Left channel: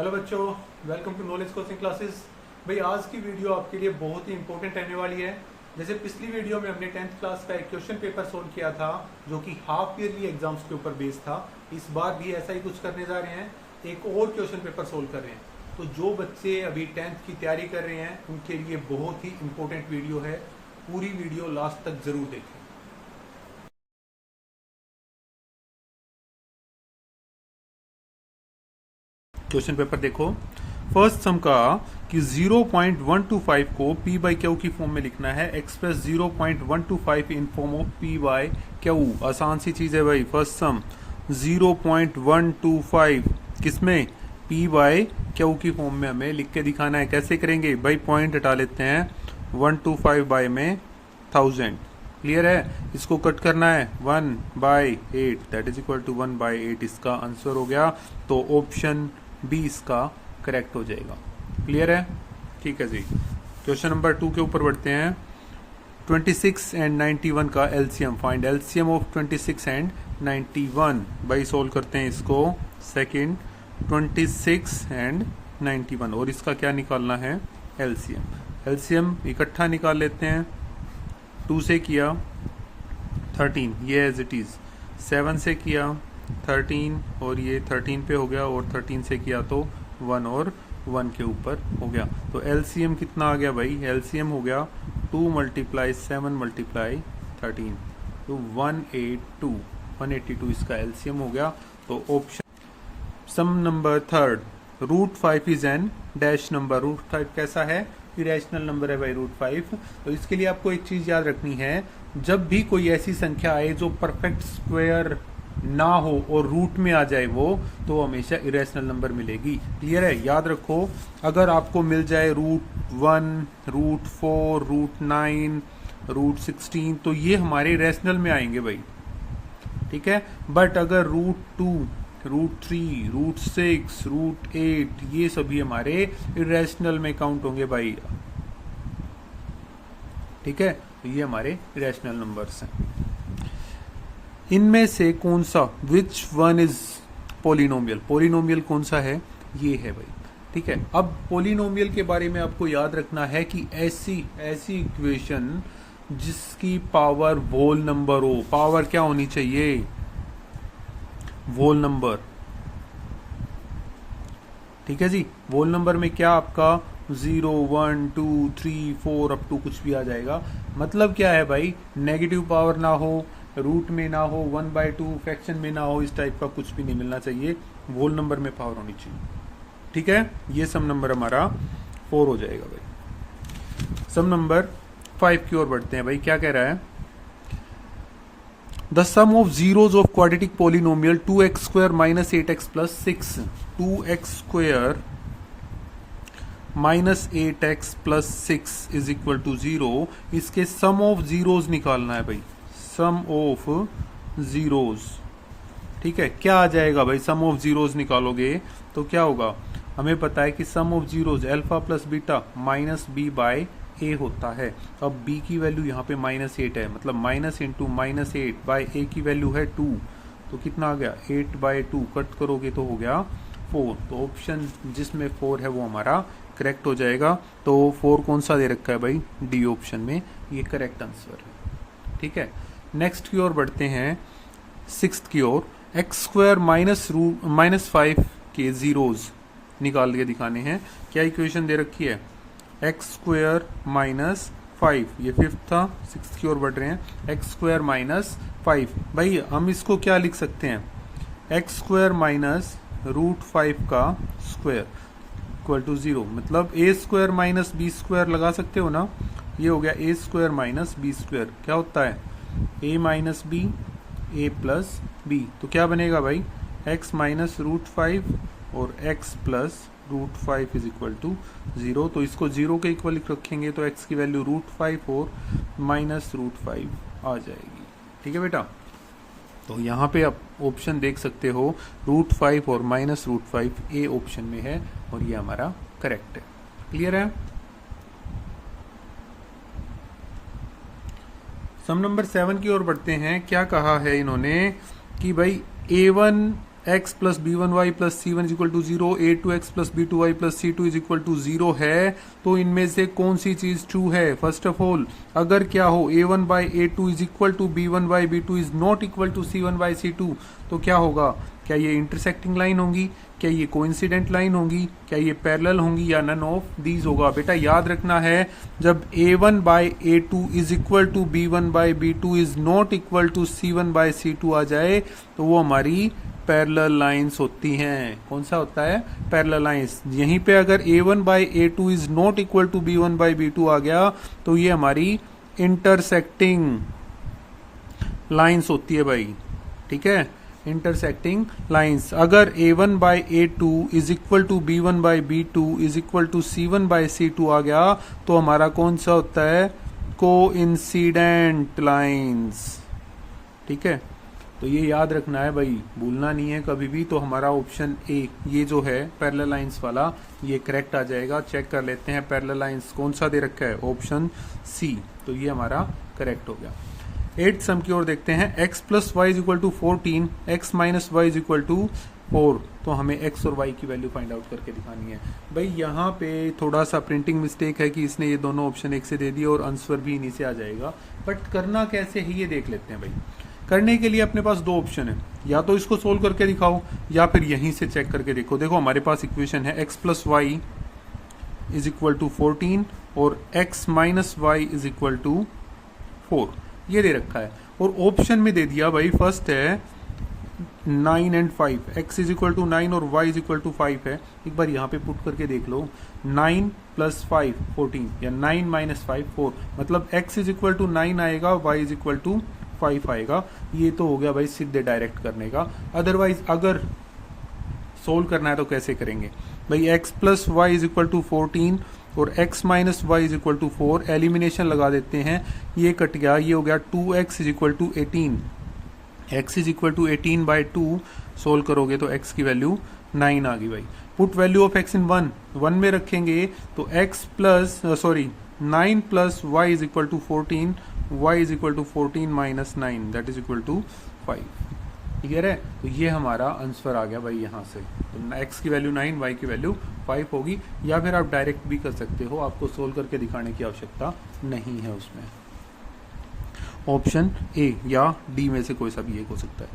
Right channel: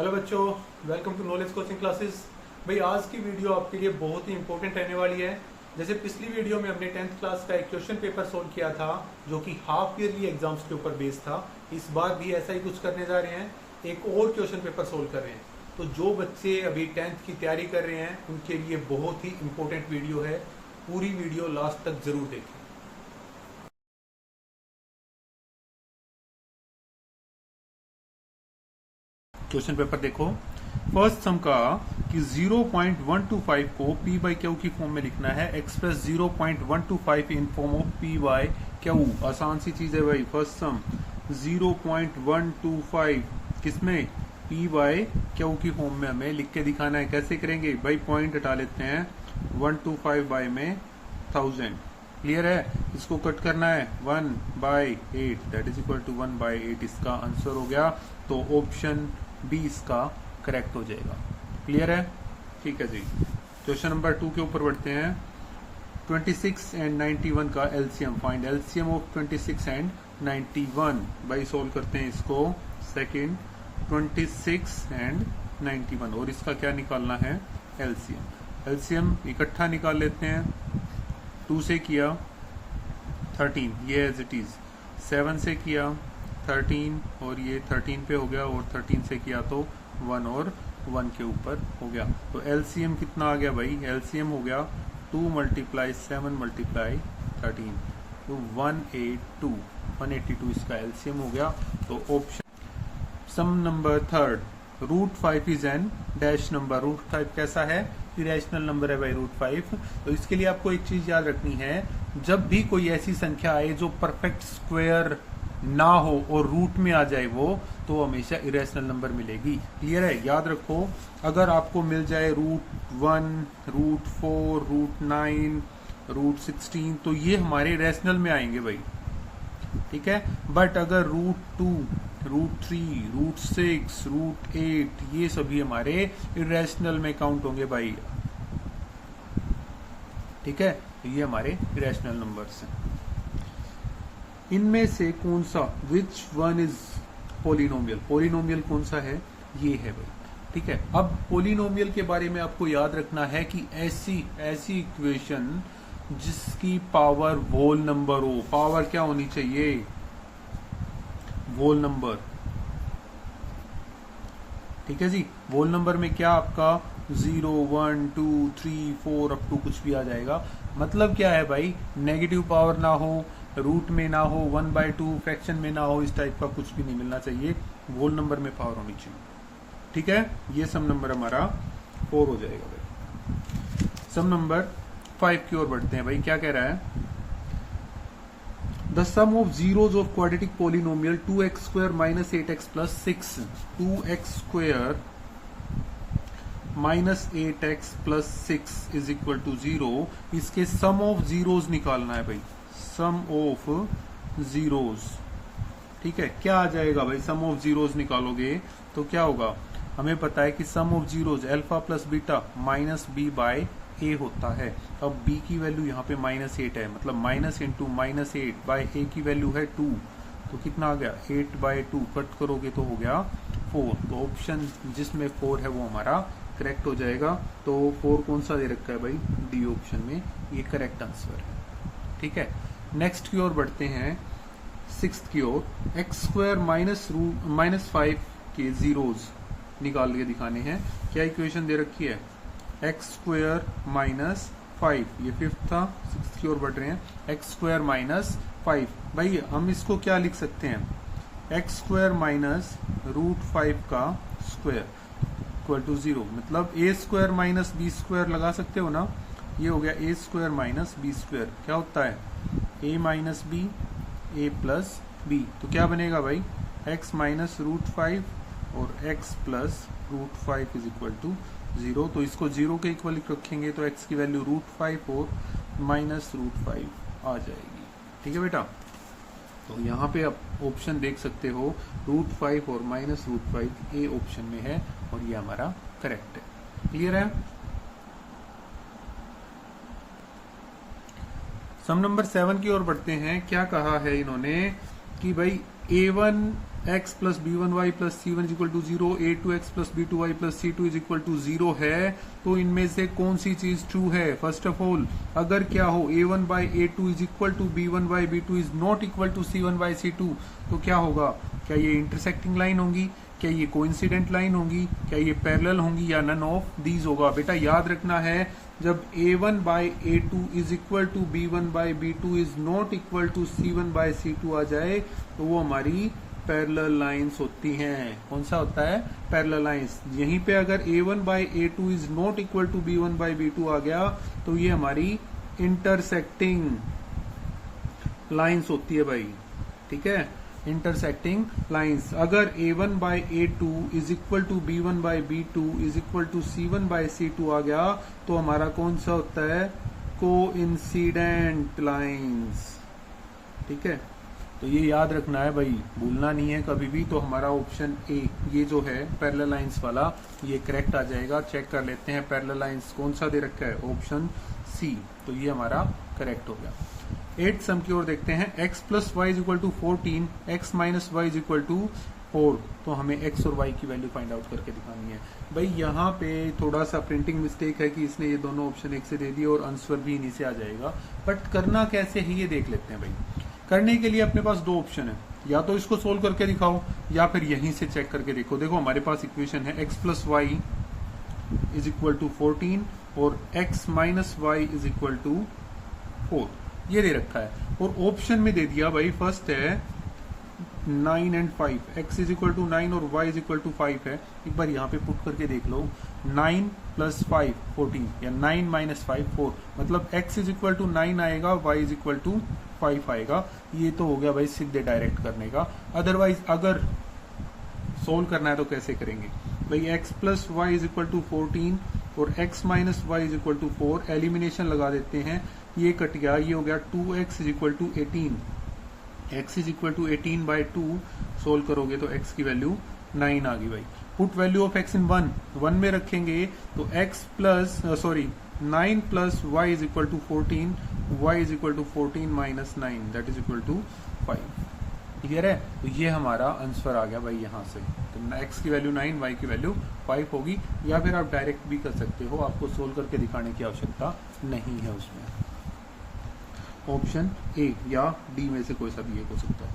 Hello बच्चों, welcome to knowledge coaching classes. भाई आज की वीडियो आपके लिए बहुत ही इंपॉर्टेंट रहने वाली है। जैसे पिछली वीडियो में हमने 10th क्लास का एक क्वेश्चन पेपर सोल्व किया था जो कि हाफ ईयरली एग्जाम्स के ऊपर बेस्ड था। इस बार भी ऐसा ही कुछ करने जा रहे हैं, एक और क्वेश्चन पेपर सोल्व कर रहे हैं। तो जो बच्चे अभी 10th की तैयारी कर रहे हैं उनके लिए बहुत ही इंपॉर्टेंट वीडियो है। पूरी वीडियो लास्ट तक जरूर देखें। क्वेश्चन पेपर देखो। फर्स्ट सम का कि 0.125 को P बाई क्यू की फॉर्म में लिखना है। Express 0.125 in form of P by Q. आसान सी चीज है भाई। फर्स्ट सम 0.125 किसमें, P बाई क्यू की फॉर्म में हमें लिख के दिखाना है। कैसे करेंगे भाई, पॉइंट हटा लेते हैं। 125 बाई में 1000, क्लियर है। इसको कट करना है 1/8, दैट इज इक्वल टू 1/8। इसका आंसर हो गया। तो ऑप्शन बी इसका करेक्ट हो जाएगा। क्लियर है, ठीक है जी। क्वेश्चन नंबर 2 के ऊपर बढ़ते हैं। 26 एंड 91 का LCM find. LCM of 26 and 91 भाई सोल्व करते हैं इसको। सेकंड 26 एंड 91 और इसका क्या निकालना है, एलसीएम। एलसीएम इकट्ठा निकाल लेते हैं। 2 से किया 13, ये एज इट इज। 7 से किया 13 और ये 13 पे हो गया, और 13 से किया तो 1 और 1 के ऊपर हो गया। तो एलसीएम कितना आ गया भाई, एलसीएम हो गया 2 × 7 × 13 तो 182 इसका एलसीएम हो गया। तो option sum number third, √5 is an dash number. √5 कैसा है, इरेशनल नंबर है भाई √5। तो इसके लिए आपको एक चीज याद रखनी है, जब भी कोई ऐसी संख्या आए जो परफेक्ट स्क्वायर ना हो और रूट में आ जाए वो, तो हमेशा इरेशनल नंबर मिलेगी। क्लियर है, याद रखो। अगर आपको मिल जाए √1, √4, √9, √16 तो ये हमारे इरेशनल में आएंगे भाई, ठीक है। बट अगर √2, √3, √6, √8 ये सभी हमारे इरेशनल में काउंट होंगे भाई, ठीक है। ये हमारे इरेशनल नंबर्स हैं। इनमें से कौन सा, which one is polynomial. Polynomial कौन सा है, ये है भाई, ठीक है। अब पोलिनोमियल के बारे में आपको याद रखना है कि ऐसी इक्वेशन जिसकी पावर होल नंबर हो। पावर क्या होनी चाहिए, होल नंबर, ठीक है जी। होल नंबर में क्या आपका 0, 1, 2, 3, 4 अप टू कुछ भी आ जाएगा। मतलब क्या है भाई, नेगेटिव पावर ना हो, रूट में ना हो, 1/2 फ्रैक्शन में ना हो, इस टाइप का कुछ भी नहीं मिलना चाहिए। होल नंबर में पावर होनी चाहिए, ठीक है। ये सम नंबर हमारा 4 हो जाएगा भाई। सम नंबर 5 की ओर बढ़ते हैं भाई। क्या कह रहा है, the sum of zeros of quadratic polynomial 2x² - 8x + 6। 2x² - 8x + 6 is equal to 0। इसके सम ऑफ जीरोज निकालना है भाई, सम ऑफ जीरोज, ठीक है। क्या आ जाएगा भाई, सम ऑफ जीरोज निकालोगे तो क्या होगा, हमें पता है कि sum of zeros alpha plus beta -b/a होता है। अब b की वैल्यू यहाँ पे -8 है, मतलब माइनस इंटू -8/a की वैल्यू है 2, तो कितना आ गया 8/2, कट करोगे तो हो गया 4। तो ऑप्शन जिसमें 4 है वो हमारा करेक्ट हो जाएगा। तो 4 कौन सा दे रखा है भाई, डी ऑप्शन में, ये करेक्ट आंसर है, ठीक है। नेक्स्ट की ओर बढ़ते हैं, 6th की ओर। x² - 5 के जीरोज निकाल के दिखाने हैं। क्या इक्वेशन दे रखी है, x² - 5, ये 5th था। 6th की ओर बढ़ रहे हैं, x² - 5 भाई हम इसको क्या लिख सकते हैं, x² - √5 का स्क्वायर इक्वल टू 0। मतलब a² - b² लगा सकते हो ना, ये हो गया a² - b²। क्या होता है a - b, a + b, तो क्या बनेगा भाई, x - √5 और x + √5 इज इक्वल टू 0। तो इसको 0 के इक्वल रखेंगे तो x की वैल्यू √5 और -√5 आ जाएगी, ठीक है बेटा। तो यहाँ पे आप ऑप्शन देख सकते हो, √5 और -√5 ए ऑप्शन में है, और ये हमारा करेक्ट है। क्लियर है। सम नंबर 7 की ओर बढ़ते हैं। क्या कहा है इन्होंने कि भाई a1 x plus B one Y plus C one is equal to zero, A two X plus B two Y plus C two is equal to zero है, तो इनमें से कौन सी चीज ट्रू है? फर्स्ट ऑफ ऑल अगर क्या हो a one by a two is equal to b one by b two is not equal to c one by c two, तो क्या होगा? क्या ये इंटरसेक्टिंग लाइन होंगी, क्या ये कोइंसिडेंट लाइन होंगी, क्या ये पैरेलल होंगी, या नन ऑफ दीज होगा? बेटा याद रखना है, जब a one by a two is equal to b one by b two is not equal to c one by c two आ जाए तो वो हमारी पैरेलल लाइंस होती हैं। कौन सा होता है? Parallel lines. यहीं पे अगर a one by a two is not equal to b one by b two आ गया तो ये हमारी इंटरसेक्टिंग लाइंस होती है भाई, ठीक है, इंटरसेक्टिंग लाइंस। अगर a one by a two is equal to b one by b two is equal to c one by c two आ गया तो हमारा कौन सा होता है? कोइंसिडेंट लाइंस, ठीक है। तो ये याद रखना है भाई, भूलना नहीं है कभी भी। तो हमारा ऑप्शन ए ये जो है पैरेलल लाइंस वाला ये करेक्ट आ जाएगा। चेक कर लेते हैं पैरेलल लाइंस कौन सा दे रखा है, ऑप्शन सी, तो ये हमारा करेक्ट हो गया। 8th सम की ओर देखते हैं। x plus Y is equal to 14, x minus Y is equal to 4, तो हमें x और y की वैल्यू फाइंड आउट करके दिखानी है। भाई यहाँ पे थोड़ा सा प्रिंटिंग मिस्टेक है कि इसने ये दोनों ऑप्शन एक से दे दिए और आंसर भी इन्हीं से आ जाएगा, बट करना कैसे है ये देख लेते हैं भाई। करने के लिए अपने पास दो ऑप्शन है, या तो इसको सोल्व करके दिखाओ या फिर यहीं से चेक करके देखो। देखो हमारे पास इक्वेशन है x plus Y is equal to 14 और x minus Y is equal to 4, ये दे रखा है। और ऑप्शन में दे दिया भाई, फर्स्ट है 9 and 5, x is equal to 9 और y इज इक्वल टू 5 है। एक बार यहाँ पे पुट करके देख लो, 9 प्लस 5 14 या 9 माइनस 5 4, मतलब x इज इक्वल टू 9 आएगा, y इज इक्वल टू 5 आएगा। ये तो हो गया भाई सीधे डायरेक्ट करने का। अदरवाइज अगर सोल्व करना है तो कैसे करेंगे भाई? x plus Y is equal to 14 और x minus Y is equal to 4, elimination लगा देते हैं, ये कट गया, ये हो गया 2x is equal to 18, x is equal to 18 by 2, solve करोगे तो x की वैल्यू 9 आ गई भाई। Put value of x in 1 में रखेंगे तो x plus 9 plus Y is equal to 14, y is equal to 14 minus 9 that is equal to 5। Clear है? तो ये हमारा आंसर आ गया भाई यहाँ से। तो x की वैल्यू 9, y की वैल्यू 5 होगी, या फिर आप डायरेक्ट भी कर सकते हो, आपको सोल्व करके दिखाने की आवश्यकता नहीं है उसमें। ऑप्शन ए या डी में से कोई सा भी एक हो सकता है।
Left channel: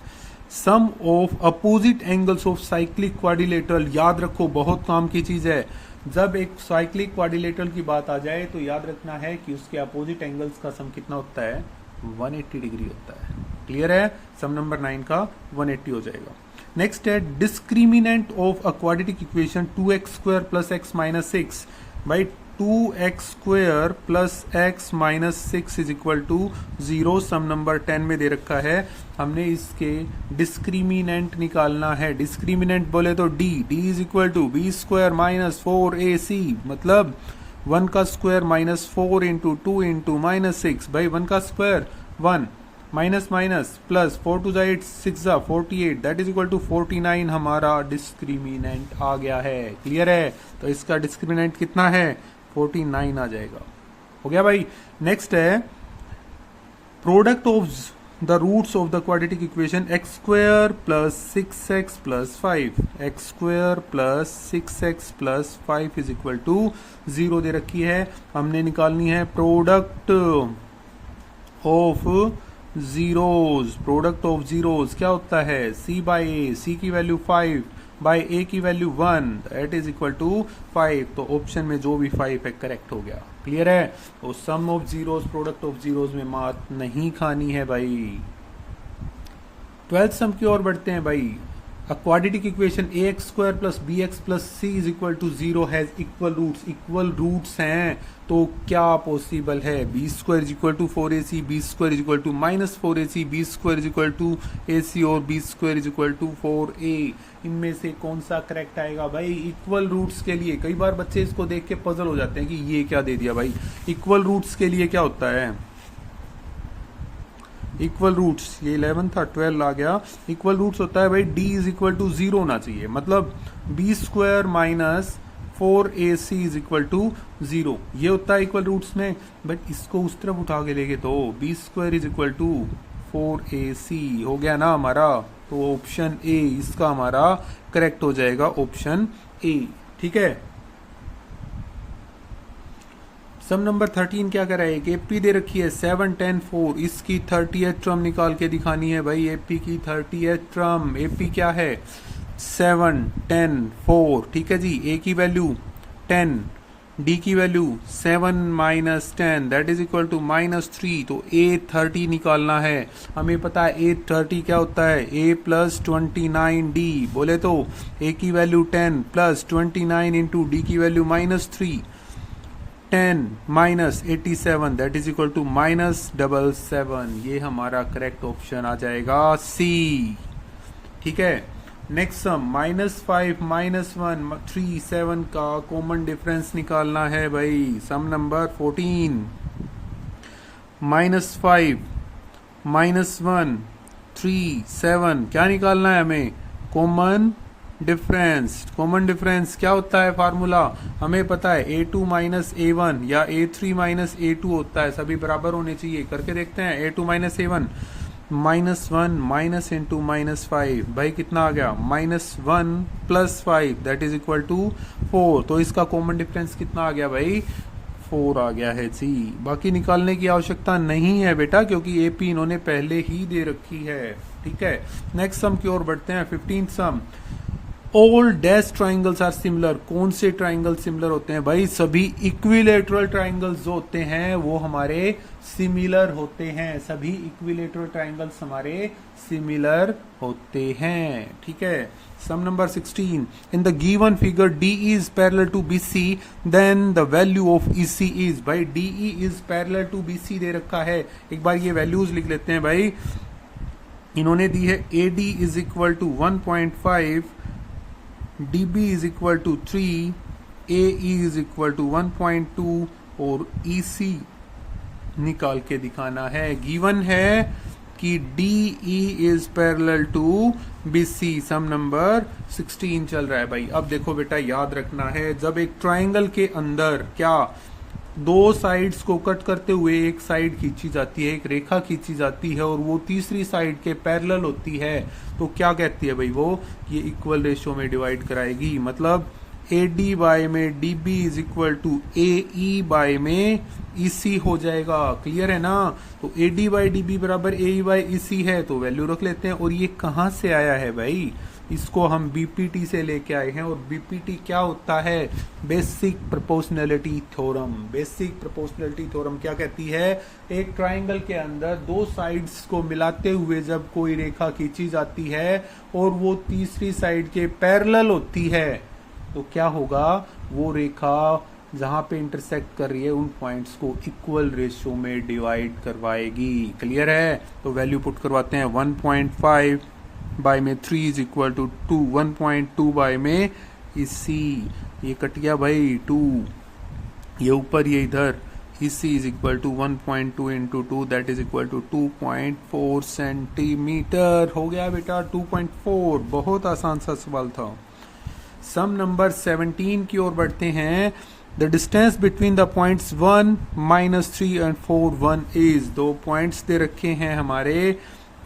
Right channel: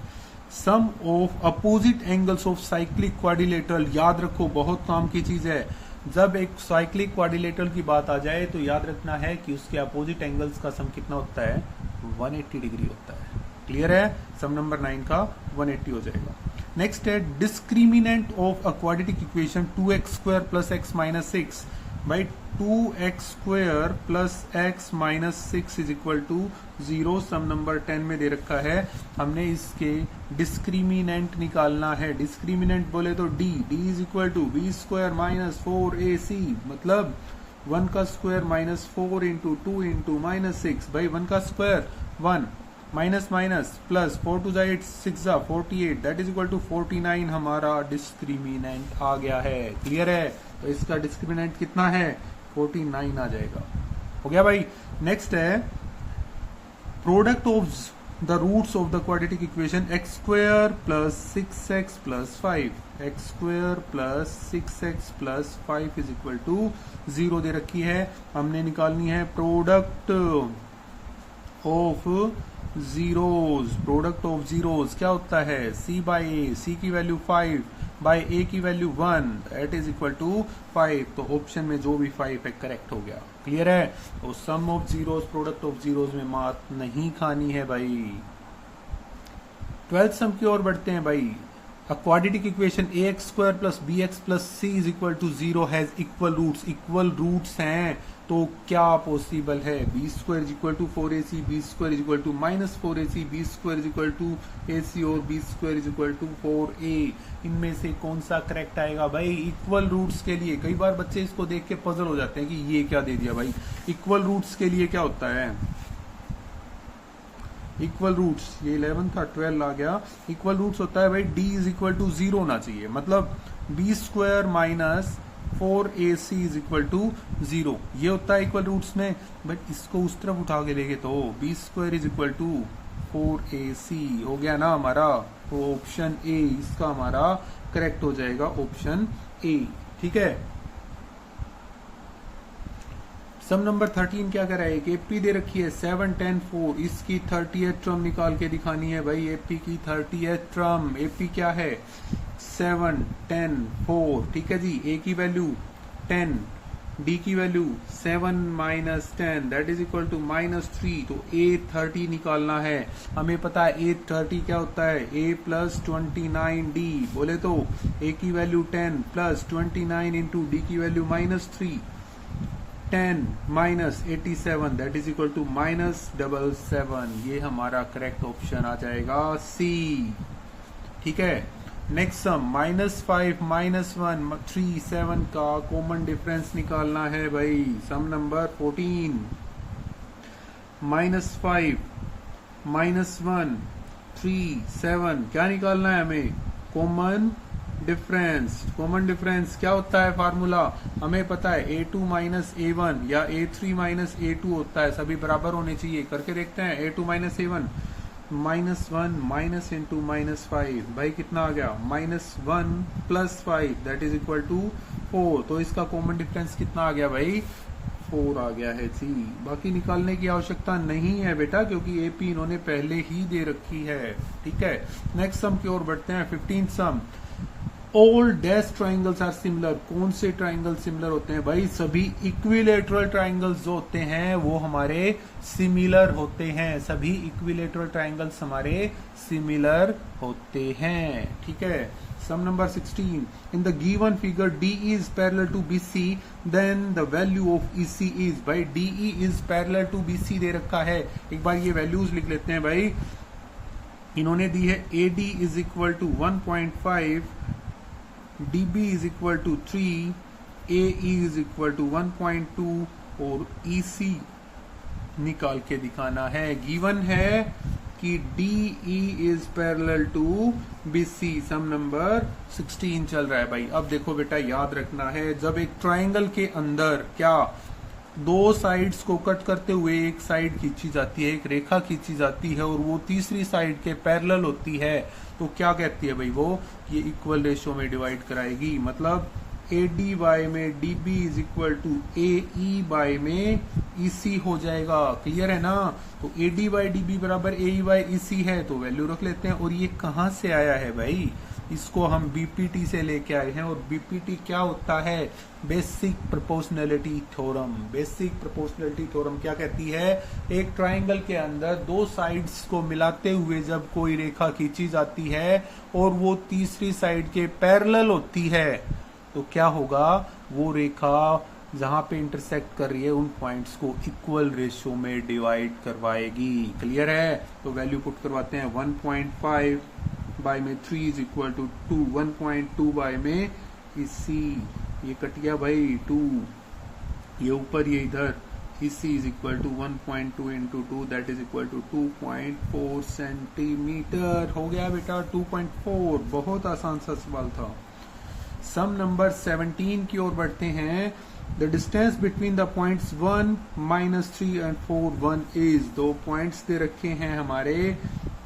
Sum of opposite angles of cyclic quadrilateral, याद रखो बहुत काम की चीज है। जब एक साइक्लिक क्वाड्रिलेटरल की बात आ जाए तो याद रखना है कि उसके अपोजिट एंगल्स का सम कितना होता है? 180 डिग्री होता है। क्लियर है? सम नंबर 9 का 180 हो जाएगा। नेक्स्ट है discriminant of a quadratic equation 2x square plus x minus 6 by 2x square plus x minus 6 is equal to 0। Sum number 10 में दे रखा है, हमने इसके डिस्क्रिमिनेंट निकालना है। डिस्क्रिमिनेंट बोले तो d is equal to B square minus 4ac, मतलब 1 का square minus 4 into 2 into minus 6, भाई 1 का square 1 minus minus plus 4 two 8 6 48 that is equal to 49 हमारा डिस्क्रिमिनेंट आ गया है। क्लियर है? तो इसका डिस्क्रिमिनेंट कितना है? 49 आ जाएगा। हो गया भाई। नेक्स्ट है product of the roots of the quadratic equation x square plus 6x plus 5, x square plus 6x plus 5 is equal to 0 दे रखी है। हमने निकालनी है product of zeros. Product of zeros क्या होता है? c बाई ए, c की वैल्यू 5 बाई ए की value 1 that is equal to 5। तो ऑप्शन में जो भी 5 है करेक्ट हो गया। क्लियर है? तो sum of zeros, product of zeros में मात नहीं खानी है भाई। 12th सम की ओर बढ़ते हैं भाई। A quadratic equation ax square plus bx plus c is equal to 0 has equal roots. Equal roots हैं तो क्या पॉसिबल है? B square is equal to 4ac, B square is equal to minus 4ac, B square is equal to ac और B square is equal to 4a। इनमें से कौन सा correct आएगा भाई? इक्वल रूट्स के लिए कई बार बच्चे इसको देख के पजल हो जाते हैं कि ये क्या दे दिया भाई। इक्वल रूट्स के लिए क्या होता है? इक्वल रूट्स, ये 11 था 12 आ गया। इक्वल रूट्स होता है भाई d इज इक्वल टू 0 होना चाहिए, मतलब B square minus 4ac is equal to 0, ये होता है इक्वल रूट्स में। बट इसको उस तरफ उठा के देखे तो B square is equal to 4AC हो गया ना हमारा। तो ऑप्शन ए इसका हमारा करेक्ट हो जाएगा, ऑप्शन ए। ठीक है। सम नंबर 13 क्या कर रहा है, एक एपी दे रखी है 7, 10, 4, इसकी 30th टर्म निकाल के दिखानी है भाई। एपी की 30th टर्म, एपी क्या है 7, 10, 4, ठीक है जी। ए की वैल्यू 10, डी की value 7 minus 10 that is equal to -3। तो ए 30 निकालना है। हमें पता है ए 30 क्या होता है, ए प्लस 29 डी। बोले तो ए की वैल्यू 10 प्लस 29 इंटू डी की value -3, 10 minus 87 that is equal to -77। ये हमारा करेक्ट ऑप्शन आ जाएगा सी। ठीक है। नेक्स्ट सम -5 -1 3 7 का कॉमन डिफरेंस निकालना है भाई। सम नंबर 14 -5 -1 3 7 क्या निकालना है हमें, कॉमन डिफरेंस। कॉमन डिफरेंस क्या होता है फार्मूला, हमें पता है A2 माइनस A1 या A3 माइनस A2 होता है, सभी बराबर होने चाहिए। करके देखते हैं। A2 minus A1 -1 minus into -5 भाई कितना आ गया, -1 plus 5 that is equal to 4। तो इसका कॉमन डिफरेंस कितना आ गया भाई, 4 आ गया है जी। बाकी निकालने की आवश्यकता नहीं है बेटा, क्योंकि एपी इन्होंने पहले ही दे रखी है। ठीक है। नेक्स्ट सम की ओर बढ़ते हैं। 15th sum, all dash triangles are similar. कौन से ट्राइंगल सिमिलर होते हैं भाई, सभी इक्विलेटरल ट्राइंगल्स जो होते हैं वो हमारे सिमिलर होते हैं। सभी इक्विलेटरल ट्राइंगल्स हमारे सिमिलर होते हैं। ठीक है। Sum number 16, in the given figure DE is parallel to BC then the value of EC is. भाई DE is parallel to BC दे रखा है। एक बार ये वैल्यूज लिख लेते हैं भाई। इन्होंने दी है AD is equal to 1.5, DB is equal to 3, AE is equal to 1.2 और EC निकाल के दिखाना है। गिवन है कि DE is parallel to BC। Sum number 16 चल रहा है भाई। अब देखो बेटा, याद रखना है, जब एक ट्राइंगल के अंदर क्या दो साइड्स को कट करते हुए एक साइड खींची जाती है, एक रेखा खींची जाती है और वो तीसरी साइड के पैरेलल होती है, तो क्या कहती है भाई वो, ये इक्वल रेशियो में डिवाइड कराएगी। मतलब AD बाय में DB is equal to AE by में EC हो जाएगा। क्लियर है ना। तो AD बाय DB बराबर AE बाय EC है, तो वैल्यू रख लेते हैं। और ये कहां से आया है भाई, इसको हम BPT से लेके आए हैं। और BPT क्या होता है, basic proportionality theorem. Basic proportionality theorem क्या कहती है, एक ट्राइंगल के अंदर दो साइड्स को मिलाते हुए जब कोई रेखा खींची जाती है और वो तीसरी साइड के पैरेलल होती है, तो क्या होगा, वो रेखा जहां पे इंटरसेक्ट कर रही है उन पॉइंट्स को इक्वल रेशियो में डिवाइड करवाएगी। क्लियर है। तो वैल्यू पुट करवाते हैं। 1.5 बाय में 3 इज इक्वल टू 2, 1.2 बाय में EC, ये कट गया भाई 2, ये ऊपर ये इधर, EC is equal to 1.2 into 2 that is equal to 2.4 centimetre. हो गया बेटा 2.4। बहुत आसान सा सवाल था। सम नंबर 17 की ओर बढ़ते हैं। The distance between the points 1, -3 and 4, 1 is. दो पॉइंट्स दे रखे हैं हमारे,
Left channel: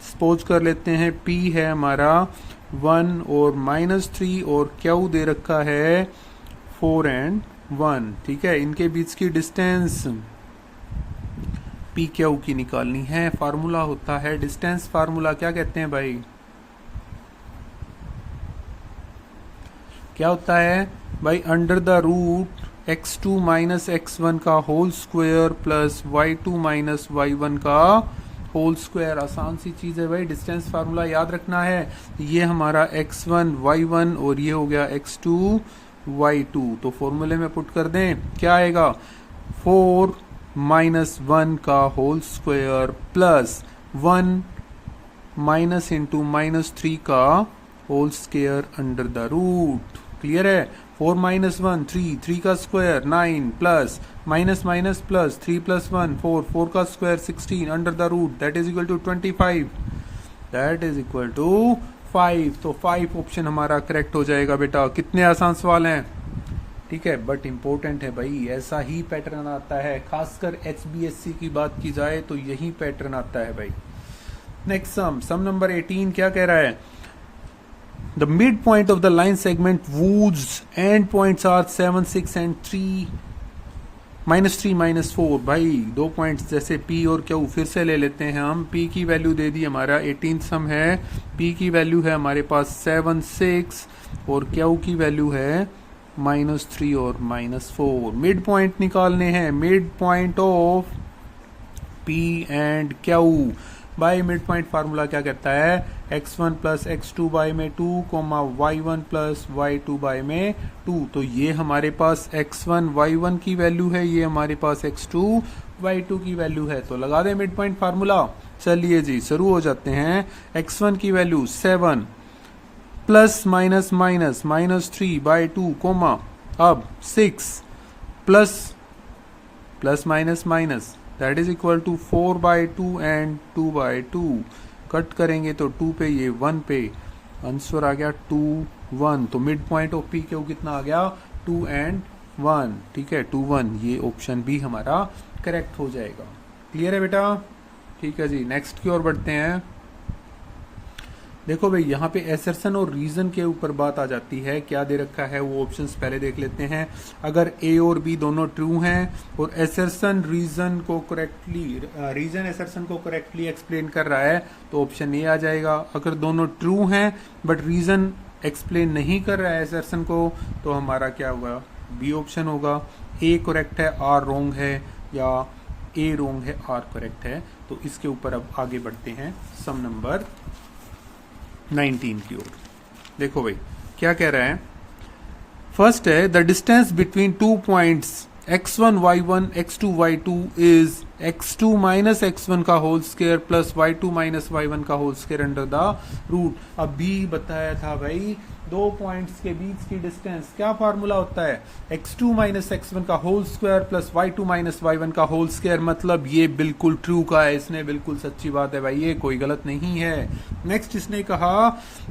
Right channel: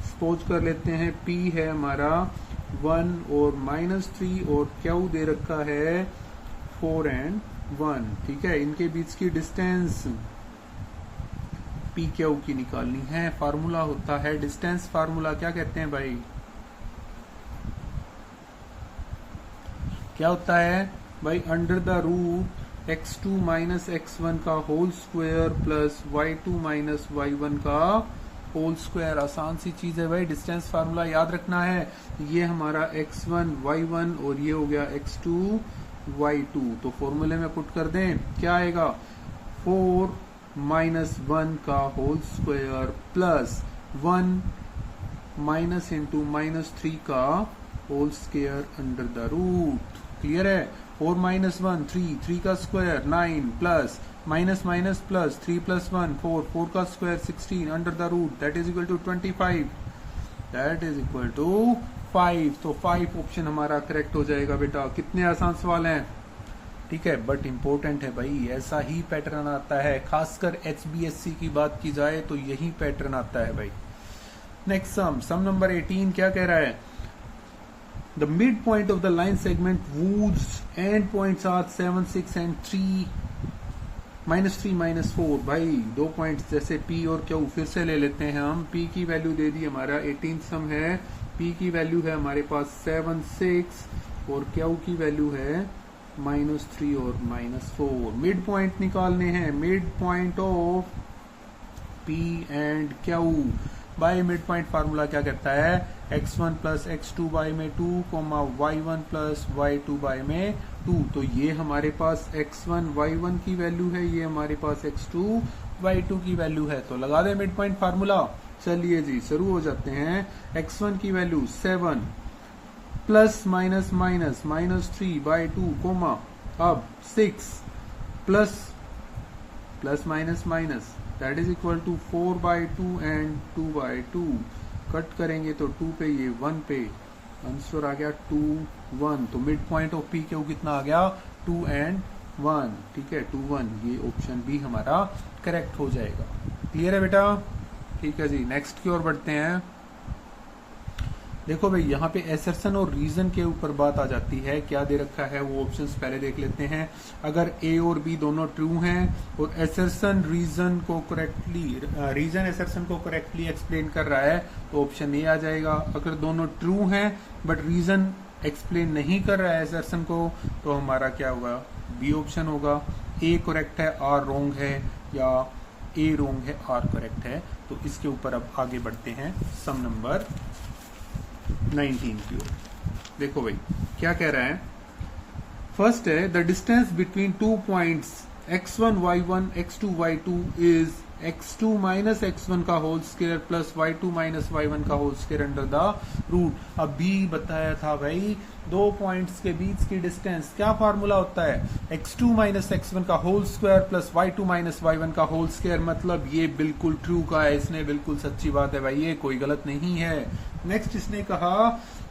सपोज कर लेते हैं P है हमारा 1 और -3 और Q दे रखा है 4 एंड 1। ठीक है। इनके बीच की डिस्टेंस PQ की निकालनी है। फार्मूला होता है डिस्टेंस फार्मूला, क्या कहते हैं भाई, क्या होता है भाई, under the root x2 minus x1 का whole square plus y2 minus y1 का होल स्क्वायर। आसान सी चीज है भाई, डिस्टेंस फार्मूला याद रखना है। ये हमारा x1 y1 और ये हो गया x2 y2। तो फॉर्मूले में पुट कर दें, क्या आएगा, 4 माइनस 1 का whole square plus 1 minus into -3 का whole square under the root. Clear है। 4 माइनस 1 3, 3 का square 9 plus minus minus plus 3 plus 1 4, 4 का square 16 under the root that is equal to 25, that is equal to 5। तो 5 option हमारा correct हो जाएगा बेटा। कितने आसान सवाल हैं। ठीक है, बट इंपॉर्टेंट है भाई, ऐसा ही पैटर्न आता है, खासकर HBSC की बात की जाए तो यही पैटर्न आता है भाई। नेक्स्ट सम नंबर 18 क्या कह रहा है? The mid point of the line segment whose endpoints are 7, 6 and 3 -3 -4। भाई दो पॉइंट्स जैसे P और Q फिर से ले लेते हैं हम। P की वैल्यू दे दी हमारा 18 सम है, P की वैल्यू है हमारे पास 7, 6 और Q की वैल्यू है -3 और -4। मिड पॉइंट निकालने हैं, mid point of P and Q। By mid point formula क्या कहता है? x1 प्लस x2 बाय में 2, y1 प्लस y2 बाय में 2। तो ये हमारे पास x1 y1 की वैल्यू है, ये हमारे पास x2 y2 की वैल्यू है। तो लगा दें मिड पॉइंट फार्मूला। चलिए जी शुरू हो जाते हैं। x1 की value 7 plus minus minus -3 by 2, अब 6 plus plus minus minus that is equal to 4 by 2 and 2 by 2। Cut करेंगे तो 2 पे, ये 1 पे, आंसर आ गया 2, 1। तो mid point of P Q कितना आ गया? 2 एंड 1। ठीक है, 2, 1। ये ऑप्शन भी हमारा करेक्ट हो जाएगा। क्लियर है बेटा? ठीक है जी, नेक्स्ट की ओर बढ़ते हैं। देखो भाई यहाँ पे एसर्शन और रीजन के ऊपर बात आ जाती है। क्या दे रखा है वो ऑप्शंस पहले देख लेते हैं। अगर ए और बी दोनों ट्रू हैं और एसर्शन रीजन को करेक्टली एक्सप्लेन कर रहा है तो ऑप्शन ए आ जाएगा। अगर दोनों ट्रू हैं बट रीजन एक्सप्लेन नहीं कर रहा है एसर्शन को तो हमारा क्या होगा? बी ऑप्शन होगा। ए करेक्ट है, आर रॉन्ग है, या ए रॉन्ग है, आर करेक्ट है। तो इसके ऊपर अब आगे बढ़ते हैं सम नंबर 19 की ओर। देखो भाई क्या कह रहा है। फर्स्ट है the distance between 2 points x1 y1 x2 y2 is x2 minus x1 का whole square plus y2 minus y1 का whole square under the root. अभी बताया था भाई दो पॉइंट्स के बीच की डिस्टेंस क्या फार्मूला होता है? x2 माइनस x1 का whole square plus y2 minus y1 का होल स्क्वायर। मतलब ये बिल्कुल ट्रू का है, इसने बिल्कुल सच्ची बात है भाई, ये कोई गलत नहीं है। नेक्स्ट इसने कहा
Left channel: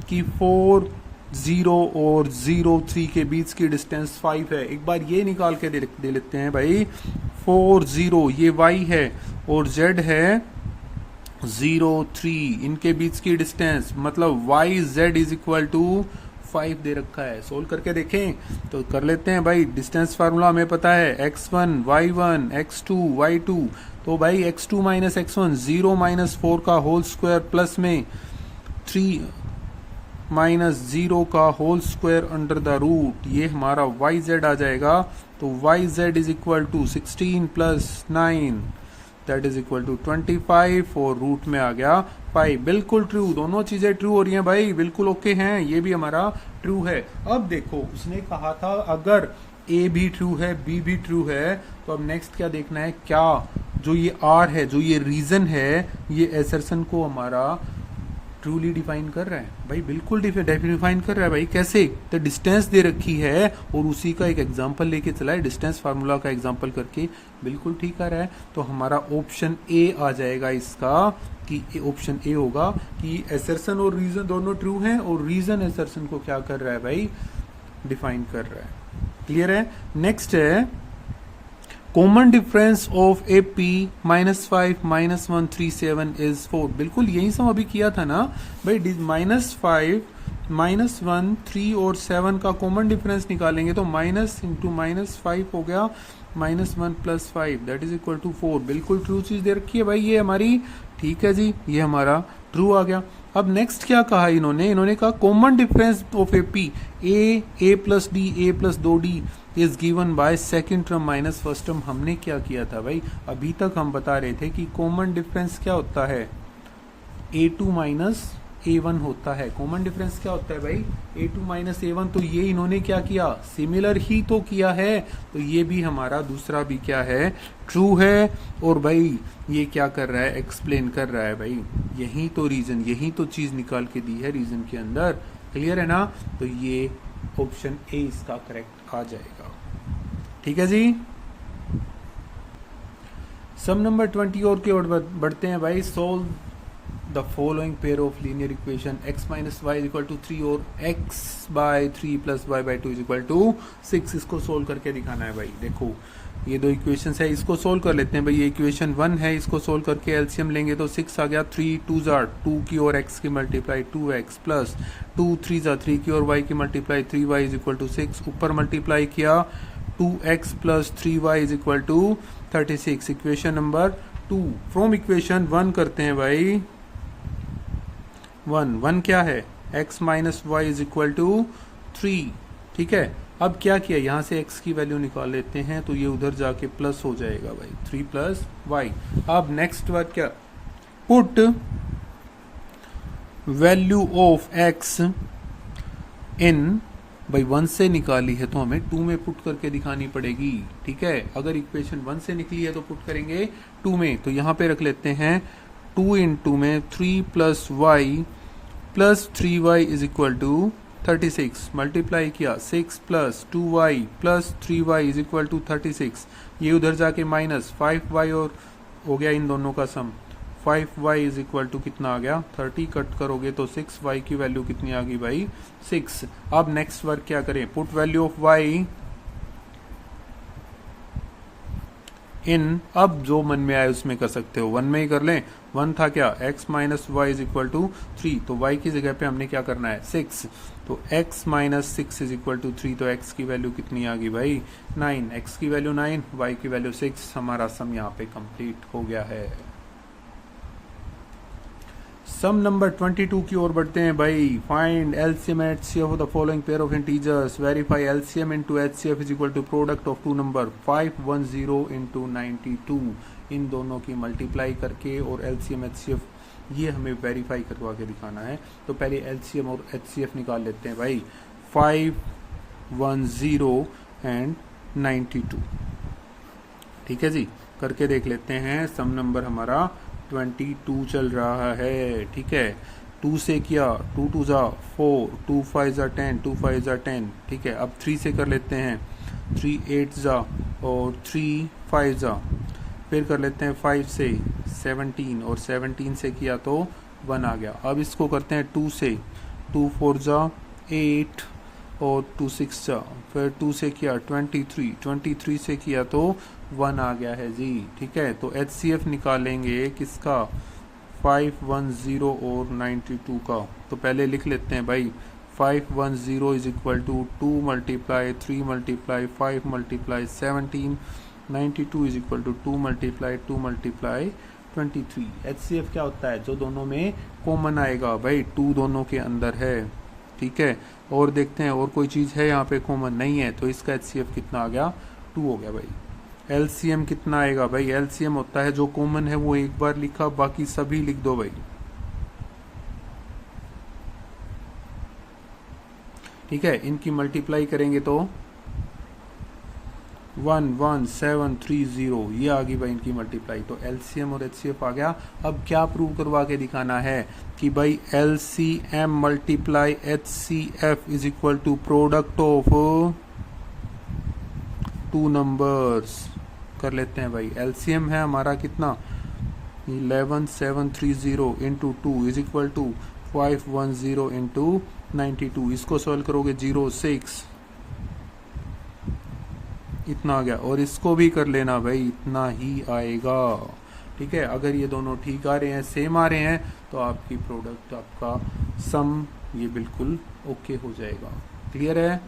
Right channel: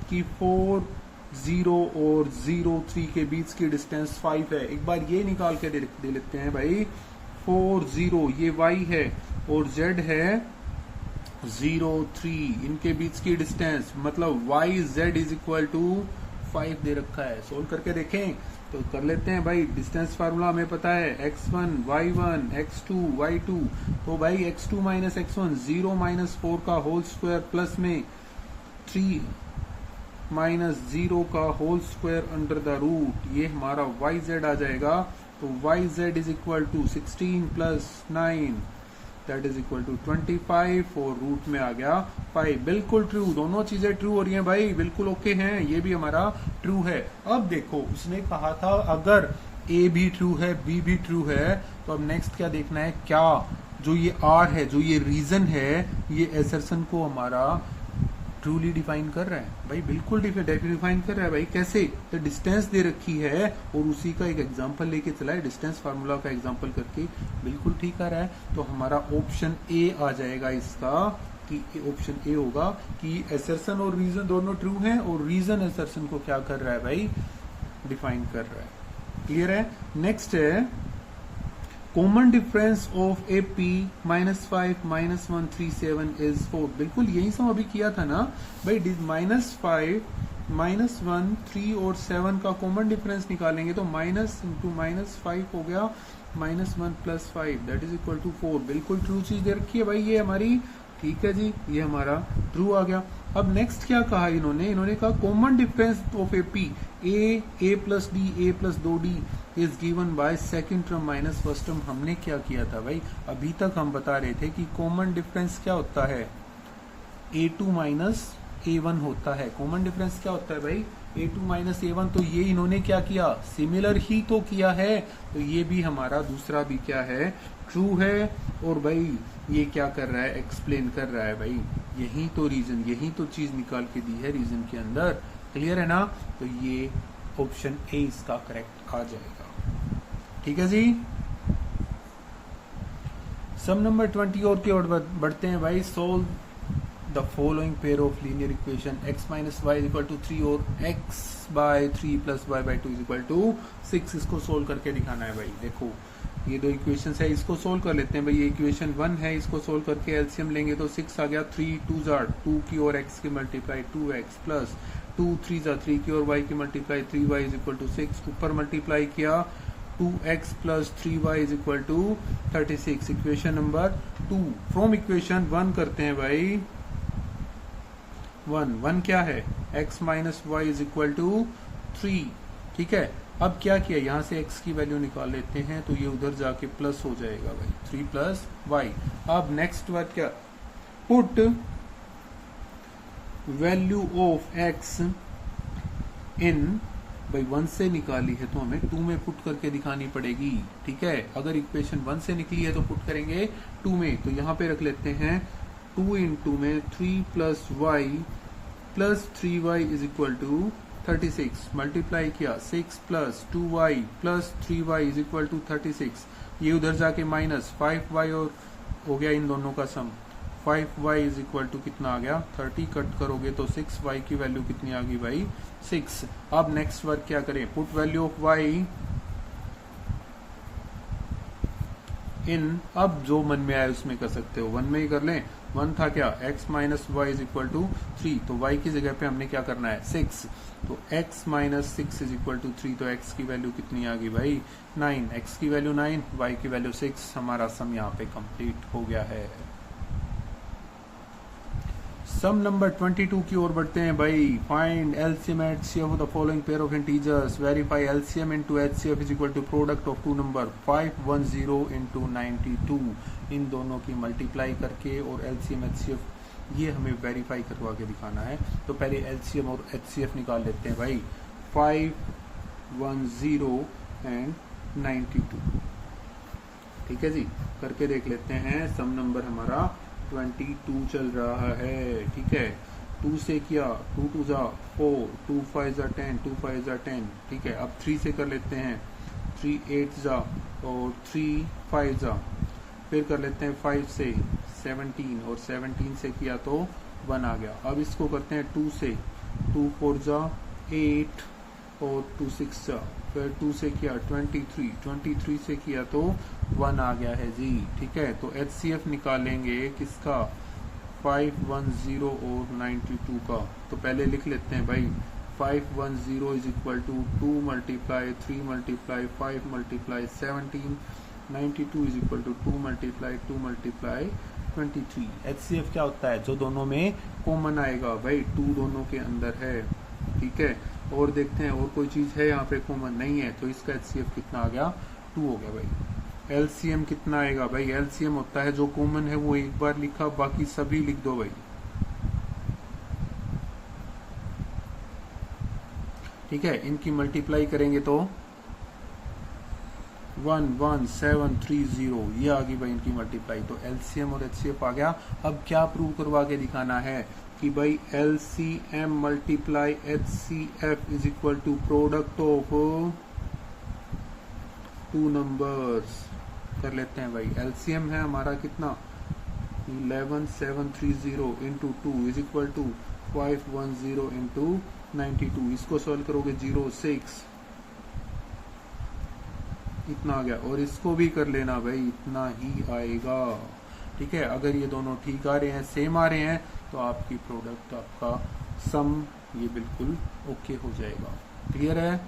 कि 4, 0 और 0, 3 के बीच की डिस्टेंस 5 है। एक बार ये निकाल के दे लेते हैं भाई। 4, 0 ये y है और z है 0, 3, इनके बीच की डिस्टेंस मतलब y z is equal to 5 दे रखा है। सोल्व करके देखें तो कर लेते हैं भाई। डिस्टेंस फार्मूला हमें पता है x1 y1 x2 y2। तो भाई x2 माइनस x1 0 माइनस 4 का होल स्क्वायर प्लस में 3 माइनस 0 का whole square under the root, ये हमारा वाई जेड आ जाएगा। तो Y Z is equal to 16 plus 9 that is equal to 25 और रूट में आ गया 5। बिल्कुल ट्रू, दोनों चीजें ट्रू हो रही हैं भाई, बिल्कुल ओके हैं। ये भी हमारा ट्रू है। अब देखो इसने कहा था अगर ए भी ट्रू है बी भी ट्रू है तो अब नेक्स्ट क्या देखना है, क्या जो ये आर है, जो ये रीजन है, ये एसर्शन को हमारा ट्रूली डिफाइन कर रहा है भाई। बिल्कुल डिफाइन कर रहा है भाई। कैसे? तो डिस्टेंस दे रखी है और उसी का एक एग्जांपल लेके चला है, डिस्टेंस फार्मूला का एग्जांपल करके बिल्कुल ठीक आ रहा है। तो हमारा ऑप्शन ए आ जाएगा इसका, कि ऑप्शन ए होगा कि एसर्शन और रीजन दोनों ट्रू हैं और रीजन एसर्शन को क्या कर रहा है भाई? डिफाइन कर रहा है। क्लियर है? नेक्स्ट है common difference of A P -5 -137 is 4। बिल्कुल यही सब अभी किया था ना भाई। -5 -1 3 और 7 का कॉमन डिफरेंस निकालेंगे तो माइनस इंटू -5 हो गया -1 plus 5 that is equal to 4। बिल्कुल ट्रू चीज दे रखी है भाई ये हमारी। ठीक है जी, ये हमारा ट्रू आ गया। अब नेक्स्ट क्या कहा इन्होंने कहा common difference of A P A plus D A plus 2d is given by second term minus first term. हमने क्या किया था भाई? अभी तक हम बता रहे थे कि कॉमन डिफरेंस क्या होता है? a2 माइनस a1 होता है। कॉमन डिफरेंस क्या होता है भाई? a2 minus a1। तो ये इन्होंने क्या किया? सिमिलर ही तो किया है। तो ये भी हमारा दूसरा भी क्या है? ट्रू है। और भाई ये क्या कर रहा है? एक्सप्लेन कर रहा है भाई। यही तो रीजन, यही तो चीज निकाल के दी है रीजन के अंदर। क्लियर है ना? तो ये ऑप्शन ए इसका करेक्ट आ जाएगा। ठीक है जी। सम नंबर 20 और की ओर बढ़ते हैं भाई। Solve the following pair of linear equation x minus Y equal to 3 और x by 3 plus Y by 2 is equal to 6। इसको सोल्व करके दिखाना है भाई। देखो ये दो इक्वेशन है, इसको सोल्व कर लेते हैं भाई। ये इक्वेशन 1 है, इसको सोल्व करके एलसीएम लेंगे तो 6 आ गया। 3 2 जार 2 की और x की मल्टीप्लाई 2x प्लस 2 3 जार 3 की और y की multiply 3y is equal to 6। ऊपर मल्टीप्लाई किया 2x plus 3y is equal to 36। Equation number 2 from equation 1 करते हैं भाई। 1 क्या है, x minus Y is equal to 3। ठीक है, अब क्या किया, यहां से x की वैल्यू निकाल लेते हैं तो ये उधर जाके प्लस हो जाएगा भाई, 3 प्लस वाई। अब नेक्स्ट बात क्या, पुट वैल्यू ऑफ x इन, भाई 1 से निकाली है तो हमें 2 में पुट करके दिखानी पड़ेगी। ठीक है, अगर इक्वेशन 1 से निकली है तो पुट करेंगे 2 में, तो यहां पे रख लेते हैं 2 इन 2 में 3 plus Y plus 3y is equal to 36। Multiply किया 6 plus 2y plus 3y is equal to 36। ये उधर जाके माइनस 5y और हो गया इन दोनों का सम। 5y इज इक्वल टू कितना आ गया 30, कट करोगे तो 6y की वैल्यू कितनी आ गई भाई 6। अब नेक्स्ट वर्क क्या करें, पुट वैल्यू ऑफ y इन, अब जो मन में आए उसमें कर सकते हो, 1 में ही कर लें। 1 था क्या, x minus Y is equal to 3, तो y की जगह पे हमने क्या करना है 6, तो x minus 6 is equal to 3, तो x की वैल्यू कितनी आ गई भाई 9। x की वैल्यू 9, y की वैल्यू 6। हमारा सम यहाँ पे कंप्लीट हो गया है। सम नंबर 22 की ओर बढ़ते हैं भाई। Find LCM at C of the following pair of integers, verify LCM into HCF is equal to product of two number 510 into 92। इन दोनों की मल्टीप्लाई करके और एलसीएम एचसीएफ ये हमें वेरीफाई करवा के दिखाना है। तो पहले एलसीएम और एचसीएफ निकाल लेते हैं भाई, 510 एंड 92। ठीक है जी, करके देख लेते हैं। सम नंबर हमारा 22 चल रहा है। ठीक है, 2 से किया 2 2 जा 4, 2 5 जा 10, 2 5 जा 10। ठीक है, अब 3 से कर लेते हैं, 3 8 जा और 3 5 जा। फिर कर लेते हैं 5 से 17 और 17 से किया तो 1 आ गया। अब इसको करते हैं 2 से, 2 4 जा 8 और 2 6 जा। फिर 2 से किया 23, 23 से किया तो 1 आ गया है जी। ठीक है, तो HCF निकालेंगे किसका, 510 और 92 का। तो पहले लिख लेते हैं भाई, 510 is equal to 2 multiply 3 multiply 5 multiply 17, 92 is equal to 2 multiply 2 multiply 23। HCF क्या होता है, जो दोनों में कॉमन आएगा भाई, 2 दोनों के अंदर है। ठीक है, और देखते हैं और कोई चीज है यहाँ पे कॉमन नहीं है, तो इसका HCF कितना आ गया 2 हो गया भाई। LCM कितना आएगा भाई, LCM होता है जो कॉमन है वो एक बार लिखा, बाकी सभी लिख दो भाई। ठीक है, इनकी मल्टीप्लाई करेंगे तो 11730, ये आ गई भाई इनकी मल्टीप्लाई। तो LCM और HCF आ गया। अब क्या प्रूव करवा के दिखाना है कि भाई LCM multiply HCF is equal to product of 2 numbers. कर लेते हैं भाई, LCM है हमारा कितना 11730 into 2 is equal to 510 into 92। इसको सॉल्व करोगे 06 इतना आ गया, और इसको भी कर लेना भाई, इतना ही आएगा। ठीक है, अगर ये दोनों ठीक आ रहे हैं, सेम आ रहे हैं, तो आपकी प्रोडक्ट, आपका सम ये बिल्कुल ओके हो जाएगा। क्लियर है।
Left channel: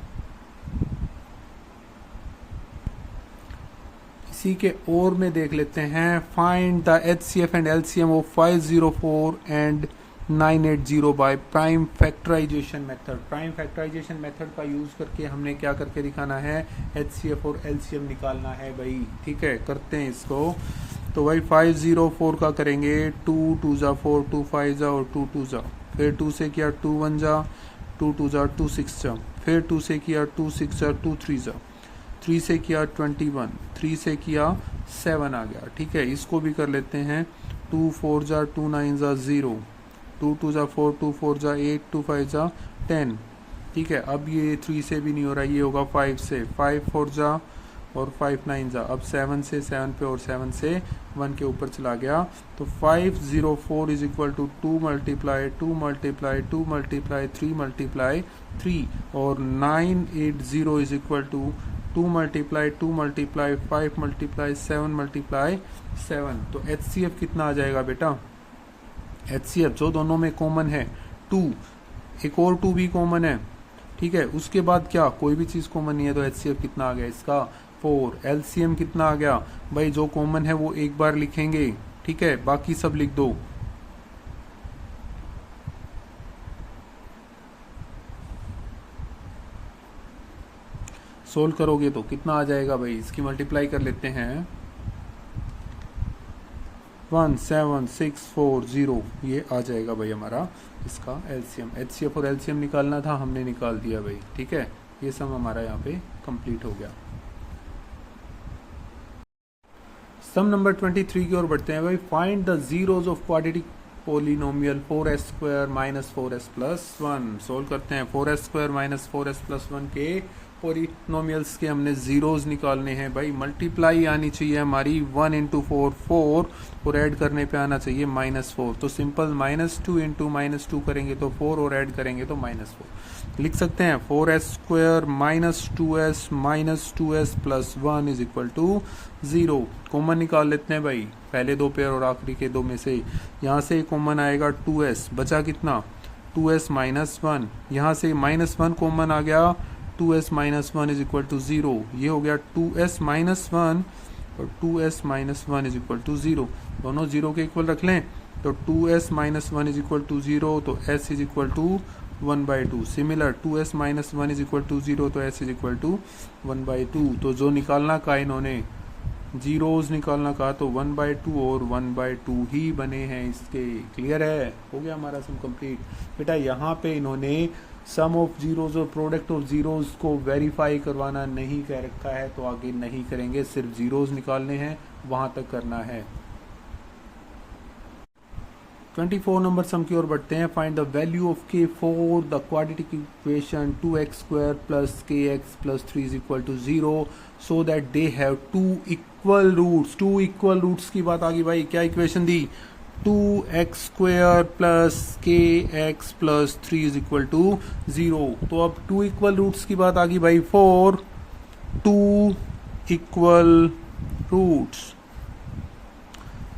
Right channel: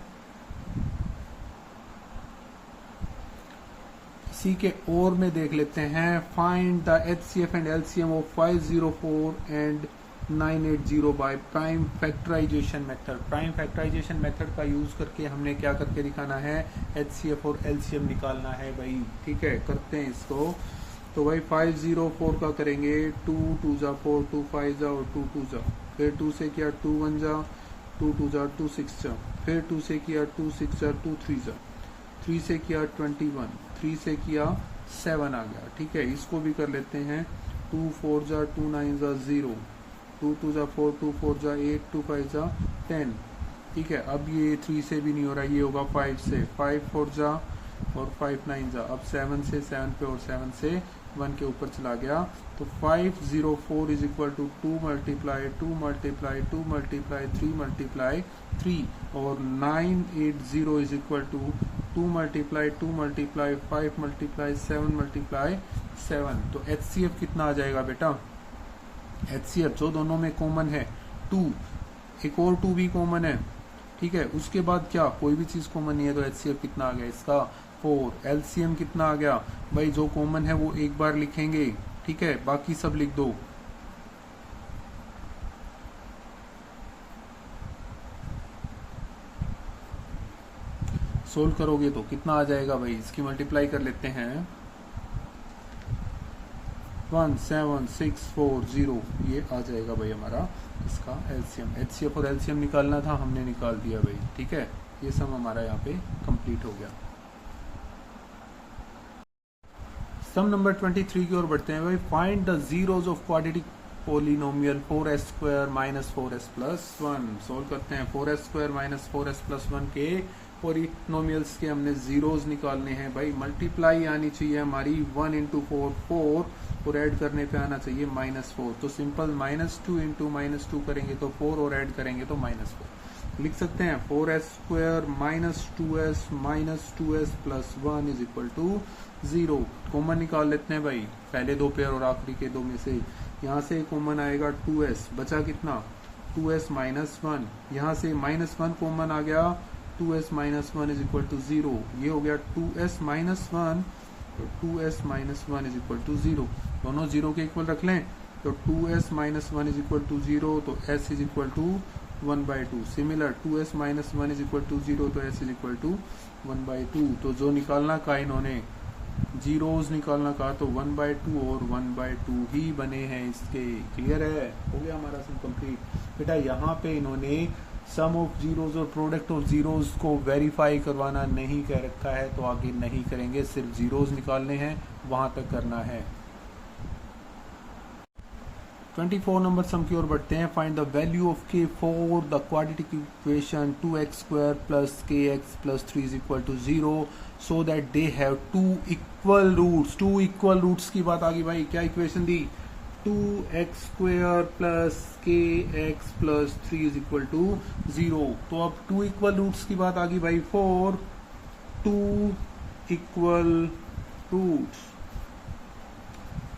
इसी के और में देख लेते हैं, find the HCF and LCM of 504 and 980 by prime factorisation method. Prime factorisation method का यूज करके हमने क्या करके दिखाना है, HCF और LCM निकालना है भाई। ठीक है, करते हैं इसको। तो भाई 504 का करेंगे, 2 2 जा 4, 2 5 जा और 2 2 जा। फिर 2 से किया 2 1 जा, 2 2 जा 2 6 जा। फिर 2 से किया 2 6 जा 2 3 जा। 3 से किया 21, 3 से किया 7 आ गया। ठीक है, इसको भी कर लेते हैं, 2 4 जा 2 9 जा 0, 2 2 जा 4, 2 4 जा 8, 2 5 जा 10। ठीक है, अब ये 3 से भी नहीं हो रहा, ये होगा 5 से, 5 4 जा और 5 9 जा। अब 7 से 7 पे और 7 से 1 के ऊपर चला गया। तो 504 is equal to 2 multiply 2 multiply 2 multiply 3 multiply 3 और 980 is equal to 2 multiply 2 multiply 5 multiply 7 multiply 7, तो HCF कितना आ जाएगा बेटा? HCF जो दोनों में कॉमन है 2, एक और 2 भी कॉमन है, ठीक है। उसके बाद क्या, कोई भी चीज कॉमन नहीं है, तो HCF कितना आ गया इसका? 4। LCM कितना आ गया भाई? जो कॉमन है वो एक बार लिखेंगे, ठीक है, बाकी सब लिख दो। सोल्व करोगे तो कितना आ जाएगा भाई? इसकी मल्टीप्लाई कर लेते हैं। 17640, ये आ जाएगा भाई हमारा इसका LCM। HCF और LCM निकालना था, हमने निकाल दिया भाई, ठीक है। ये सब हमारा यहाँ पे कंप्लीट हो गया। सम नंबर 23 की ओर बढ़ते हैं भाई। Find the zeros of quadratic polynomial 4s² minus 4s plus 1। Solve करते हैं। 4s² माइनस 4s प्लस 1 के पोलिनोमियल्स के हमने जीरोज निकालने हैं भाई। मल्टीप्लाई आनी चाहिए हमारी 1 इंटू 4 4, और ऐड करने पे आना चाहिए -4। तो सिंपल -2 इंटू -2 करेंगे तो 4, और ऐड करेंगे तो -4। लिख सकते हैं 4s² minus 2s plus 1 is equal to 0। Common निकाल लेते हैं भाई, पहले दो पेयर और आखिरी के दो में से। यहाँ से कॉमन आएगा 2s, बचा कितना? 2s minus 1। यहाँ से -1 कॉमन आ गया, 2s minus 1 is equal to 0। ये हो गया 2s माइनस 1 और 2s minus 1 is equal to 0। दोनों 0 के इक्वल रख लें, तो 2s minus 1 is equal to 0, तो s is equal to 1/2। Similar 2s minus 1 is equal to 0, तो s इज इक्वल टू 1/2। तो जो निकालना कहा इन्होंने, जीरोज निकालना कहा, तो 1/2 और 1/2 ही बने हैं इसके। क्लियर है? हो गया हमारा सम कंप्लीट। बेटा यहाँ पे इन्होंने सम ऑफ जीरोज और प्रोडक्ट ऑफ जीरोज को वेरीफाई करवाना नहीं कह रखा है, तो आगे नहीं करेंगे, सिर्फ जीरोज निकालने हैं, वहां तक करना है। 24 नंबर सम की ओर बढ़ते हैं। Find the value of k for the quadratic equation 2x² plus kx plus 3 is equal to 0 so that they have 2 equal roots. 2 equal roots की बात आ गई भाई। क्या इक्वेशन दी? 2x² plus kx plus 3 is equal to 0। तो अब 2 equal roots की बात आ गई भाई। For 2 equal roots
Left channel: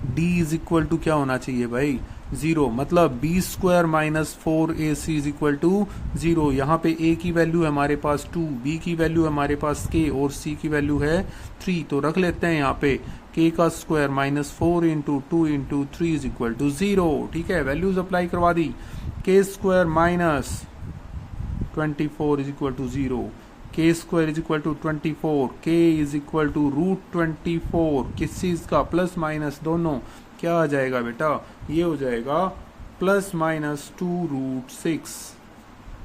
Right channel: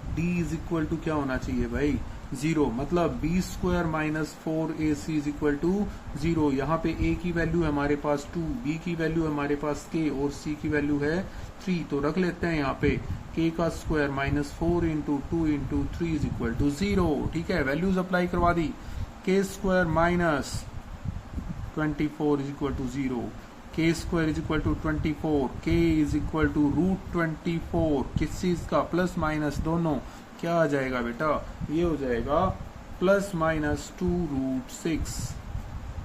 d is equal to क्या होना चाहिए भाई? 0। मतलब b² minus 4ac is equal to 0। यहाँ पे a की वैल्यू है हमारे पास 2, b की वैल्यू है हमारे पास k, और c की वैल्यू है 3। तो रख लेते हैं यहाँ पे k का square minus 4 into 2 into 3 is equal to 0। ठीक है, वैल्यूज अप्लाई करवा दी। k² minus 24 is equal to 0, k² is equal to 24, k is equal to √24। किस चीज का? प्लस माइनस दोनों। क्या आ जाएगा बेटा? ये हो जाएगा ±2√6।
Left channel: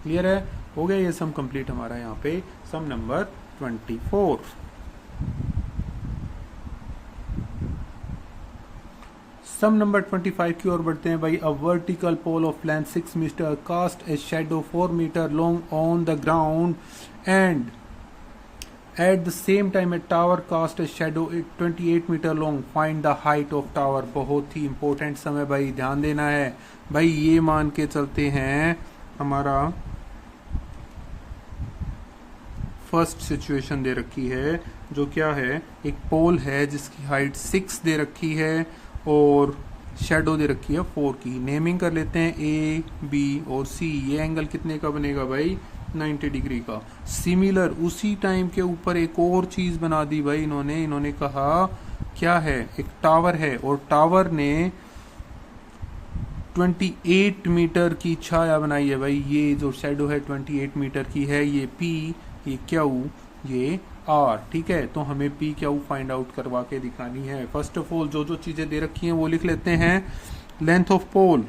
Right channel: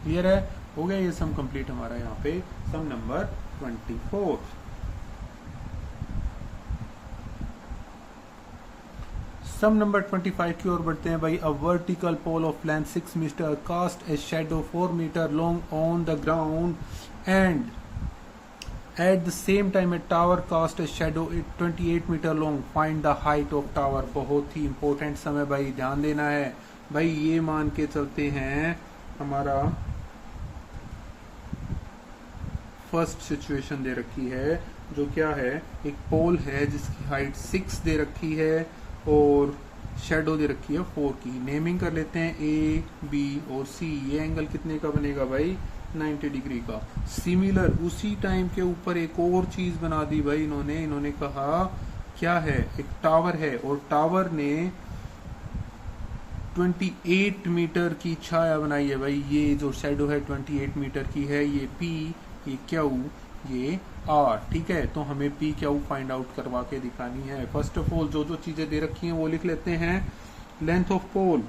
क्लियर है? हो गया ये सम कंप्लीट हमारा यहाँ पे सम नंबर 24। सम नंबर 25 की ओर बढ़ते हैं भाई। A vertical pole of length 6 metre cast a shadow 4 metre long on the ground and at the same time a tower cast a shadow 28 metre long. Find the height of tower. बहुत ही important सम है भाई, ध्यान देना है भाई। ये मान के चलते हैं हमारा फर्स्ट सिचुएशन दे रखी है, जो क्या है, एक पोल है जिसकी हाइट 6 दे रखी है और शेडो दे रखी है 4 की। नेमिंग कर लेते हैं ए, बी और सी। ये एंगल कितने का बनेगा भाई? 90 डिग्री का। सिमिलर उसी टाइम के ऊपर एक और चीज बना दी भाई इन्होंने कहा क्या है, एक टावर है, और टावर ने 28 मीटर की छाया बनाई है भाई। ये जो शेडो है 28 मीटर की है, ये पी, ये क्यू, ये आर। ठीक है, तो हमें पी क्यू फाइंड आउट करवा के दिखानी है। फर्स्ट ऑफ ऑल जो चीजें दे रखी हैं वो लिख लेते हैं। Length of pole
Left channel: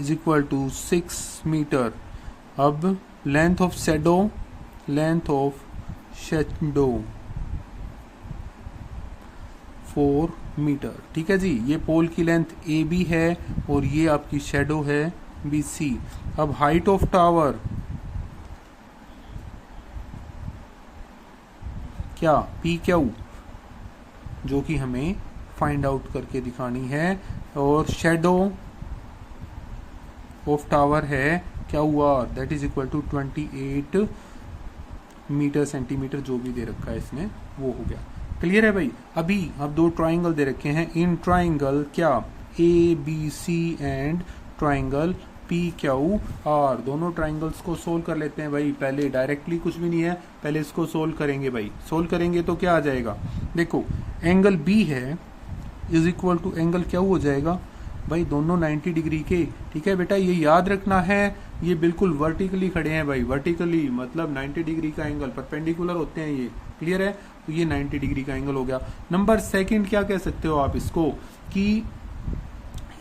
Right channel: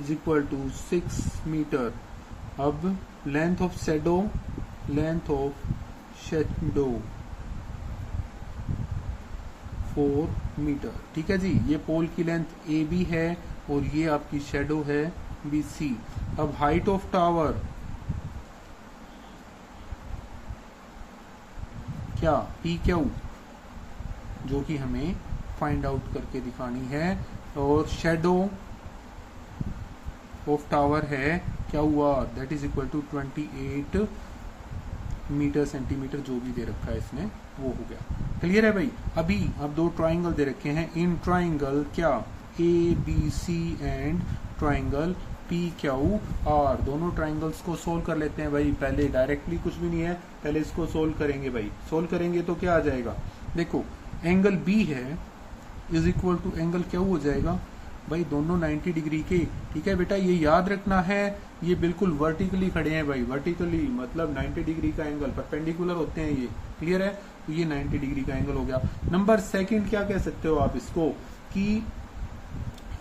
is equal to 6 metre. अब लेंथ ऑफ शेडो 4 मीटर। ठीक है जी, ये पोल की लेंथ ए बी है और ये आपकी शेडो है बी सी। अब हाइट ऑफ टावर क्या? पी क्यू, जो कि हमें फाइंड आउट करके दिखानी है। और शेडो ऑफ टावर है क्या हुआ, that is equal to 28 metre centimetre, जो भी दे रखा है इसने वो हो गया। क्लियर है भाई। अभी अब दो ट्राइंगल दे रखे हैं, इन ट्राइंगल क्या A B C and triangle P Q R, दोनों ट्राइंगल्स को सोल्व कर लेते हैं भाई। पहले डायरेक्टली कुछ भी नहीं है, पहले इसको सोल्व करेंगे भाई। सोल्व करेंगे तो क्या आ जाएगा, देखो एंगल बी है is equal to angle Q हो जाएगा भाई, दोनों 90 डिग्री के। ठीक है बेटा, ये याद रखना है, ये बिल्कुल वर्टिकली खड़े हैं भाई, वर्टिकली मतलब 90 डिग्री का एंगल, परपेंडिकुलर होते हैं ये। क्लियर है, तो ये 90 डिग्री का एंगल हो गया। नंबर सेकंड क्या कह सकते हो आप इसको, कि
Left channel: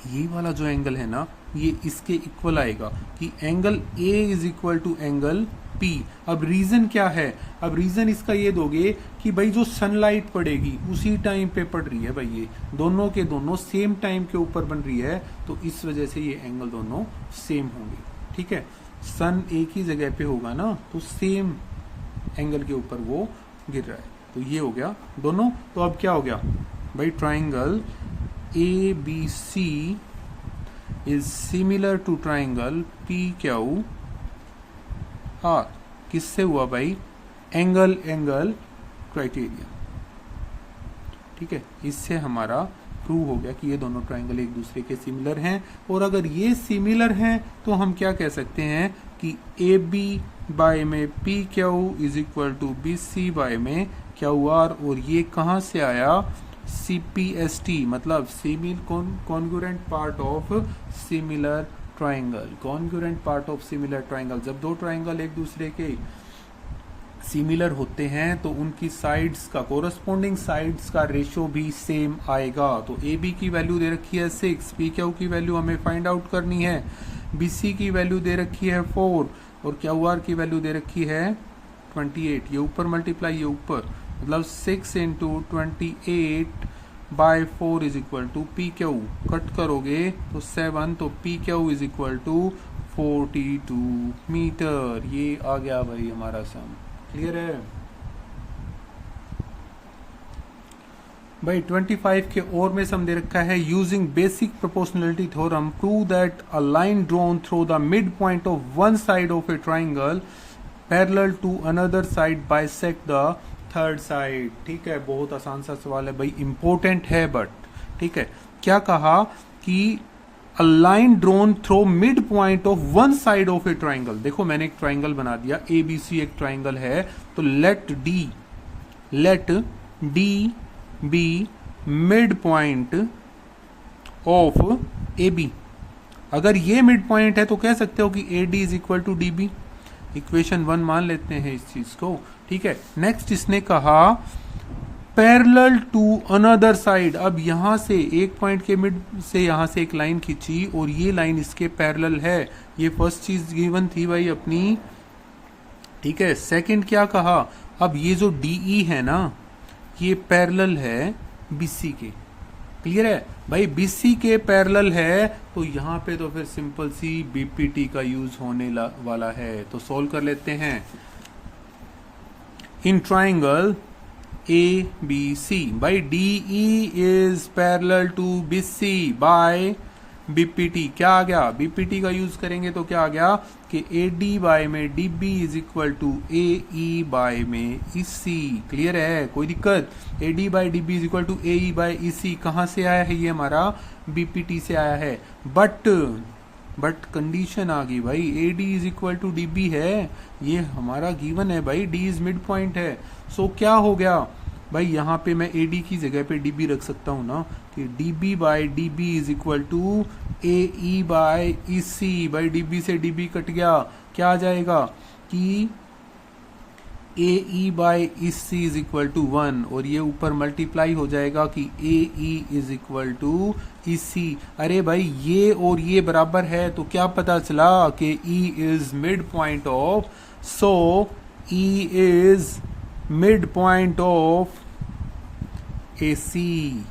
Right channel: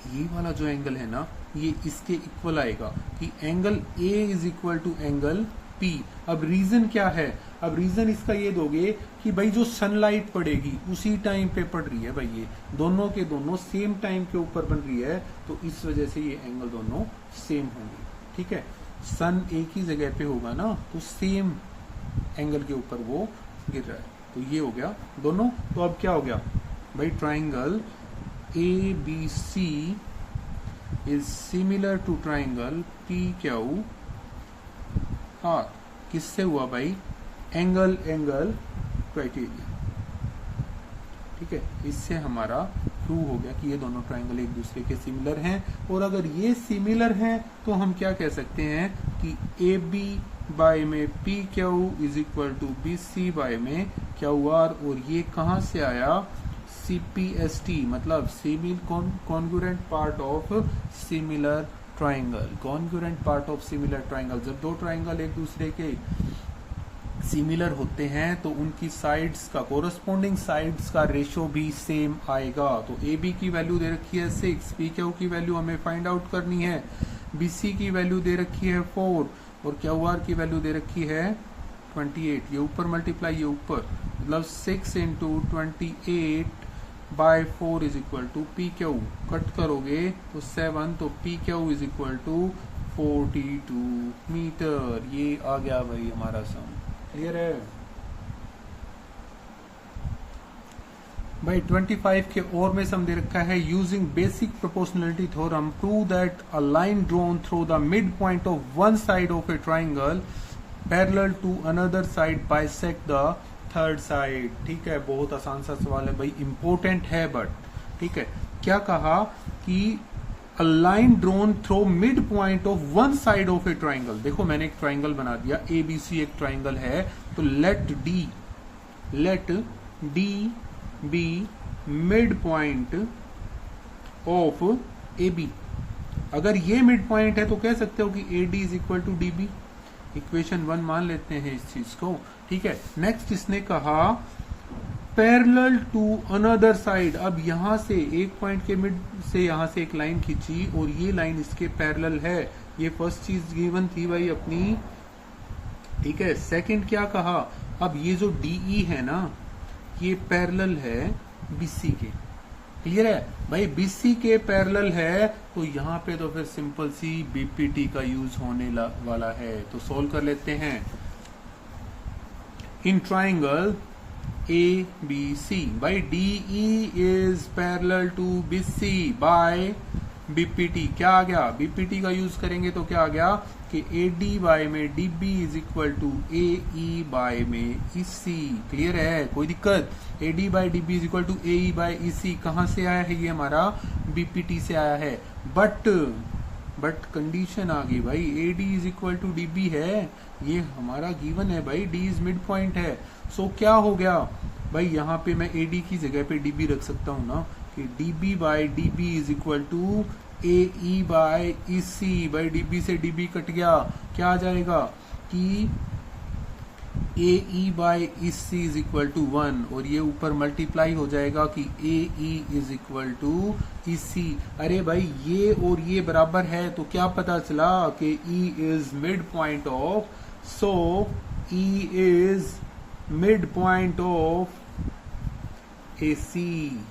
ये वाला जो एंगल है ना, ये इसके इक्वल आएगा, कि angle A is equal to angle P. अब रीजन क्या है, अब रीजन इसका ये दोगे कि भाई जो सनलाइट पड़ेगी उसी टाइम पे पड़ रही है भाई, ये दोनों के दोनों सेम टाइम के ऊपर बन रही है, तो इस वजह से ये एंगल दोनों सेम होंगे। ठीक है, सन एक ही जगह पे होगा ना, तो सेम एंगल के ऊपर वो गिर रहा है, तो ये हो गया दोनों। तो अब क्या हो गया भाई, triangle A B C is similar to triangle P Q R. किससे हुआ भाई, एंगल एंगल क्राइटेरिया। ठीक है, इससे हमारा प्रूव हो गया कि ये दोनों ट्राइंगल एक दूसरे के सिमिलर हैं। और अगर ये सिमिलर हैं तो हम क्या कह सकते हैं कि ए बी बाय में P Q is equal to B C by में क्यू आर। और ये कहां से आया, CPST मतलब semi congruent part of similar triangle. Congruent part of similar triangle, जब दो ट्राइंगल एक दूसरे के सिमिलर होते हैं तो उनकी साइड्स का, कोरस्पॉन्डिंग साइड्स का रेशो भी सेम आएगा। तो ए बी की वैल्यू दे रखी है 6, पी क्यू की वैल्यू हमें फाइंड आउट करनी है, बी सी की वैल्यू दे रखी है 4 और क्यू आर की वैल्यू दे रखी है 28। ये ऊपर मल्टीप्लाई, ये ऊपर, मतलब 6 into 28 by 4 is equal to P Q. Cut करोगे तो 7, तो P Q is equal to 42 metre. ये आ गया भाई हमारा सम। क्लियर है भाई। 25 के और में सम दे रखा है, using basic proportionality theorem prove that a line drawn through the mid point of one side of a triangle parallel to another side bisect the third side. ठीक है, बहुत आसान सा सवाल है भाई, इंपॉर्टेंट है बट। ठीक है, क्या कहा कि अ line drawn through mid point of one side of a triangle. देखो मैंने एक ट्राइंगल बना दिया, ए बी सी एक ट्राइंगल है, तो let D be mid point of A B. अगर ये मिड पॉइंट है तो कह सकते हो कि A D is equal to D B. Equation 1 मान लेते हैं इस चीज को। ठीक है, नेक्स्ट इसने कहा पैरेलल टू अनदर साइड। अब यहां से एक पॉइंट के मिड से यहां से एक लाइन खींची और ये लाइन इसके पैरेलल है। ये फर्स्ट चीज गिवन थी भाई अपनी। ठीक है, सेकंड क्या कहा, अब ये जो डीई है ना, ये पैरेलल है बीसी के। क्लियर है भाई, बीसी के पैरेलल है, तो यहाँ पे तो फिर सिंपल सी बीपीटी का यूज होने वाला है। तो सोल्व कर लेते हैं। इन triangle A B C by DE is parallel to BC by BPT. क्या आ गया, बीपीटी का यूज करेंगे तो क्या आ गया कि ए डी बाय में D B is equal to A E by में ई सी। क्लियर है, कोई दिक्कत, A D by D B is equal to A E by E C कहां से आया है, ये हमारा बीपीटी से आया है। बट कंडीशन आ गई भाई, A D is equal to D B है, ये हमारा गिवन है भाई, डी इज मिड पॉइंट है। सो क्या हो गया भाई, यहाँ पे मैं ए डी की जगह पे डी बी रख सकता हूँ ना, कि D B by D B is equal to A E by E C. By D B से डी बी कट गया, क्या आ जाएगा कि A E by E C is equal to 1, और ये ऊपर मल्टीप्लाई हो जाएगा कि A E is equal to E C. अरे भाई ये और ये बराबर है, तो क्या पता चला कि E is mid point of, so E is mid point of A C,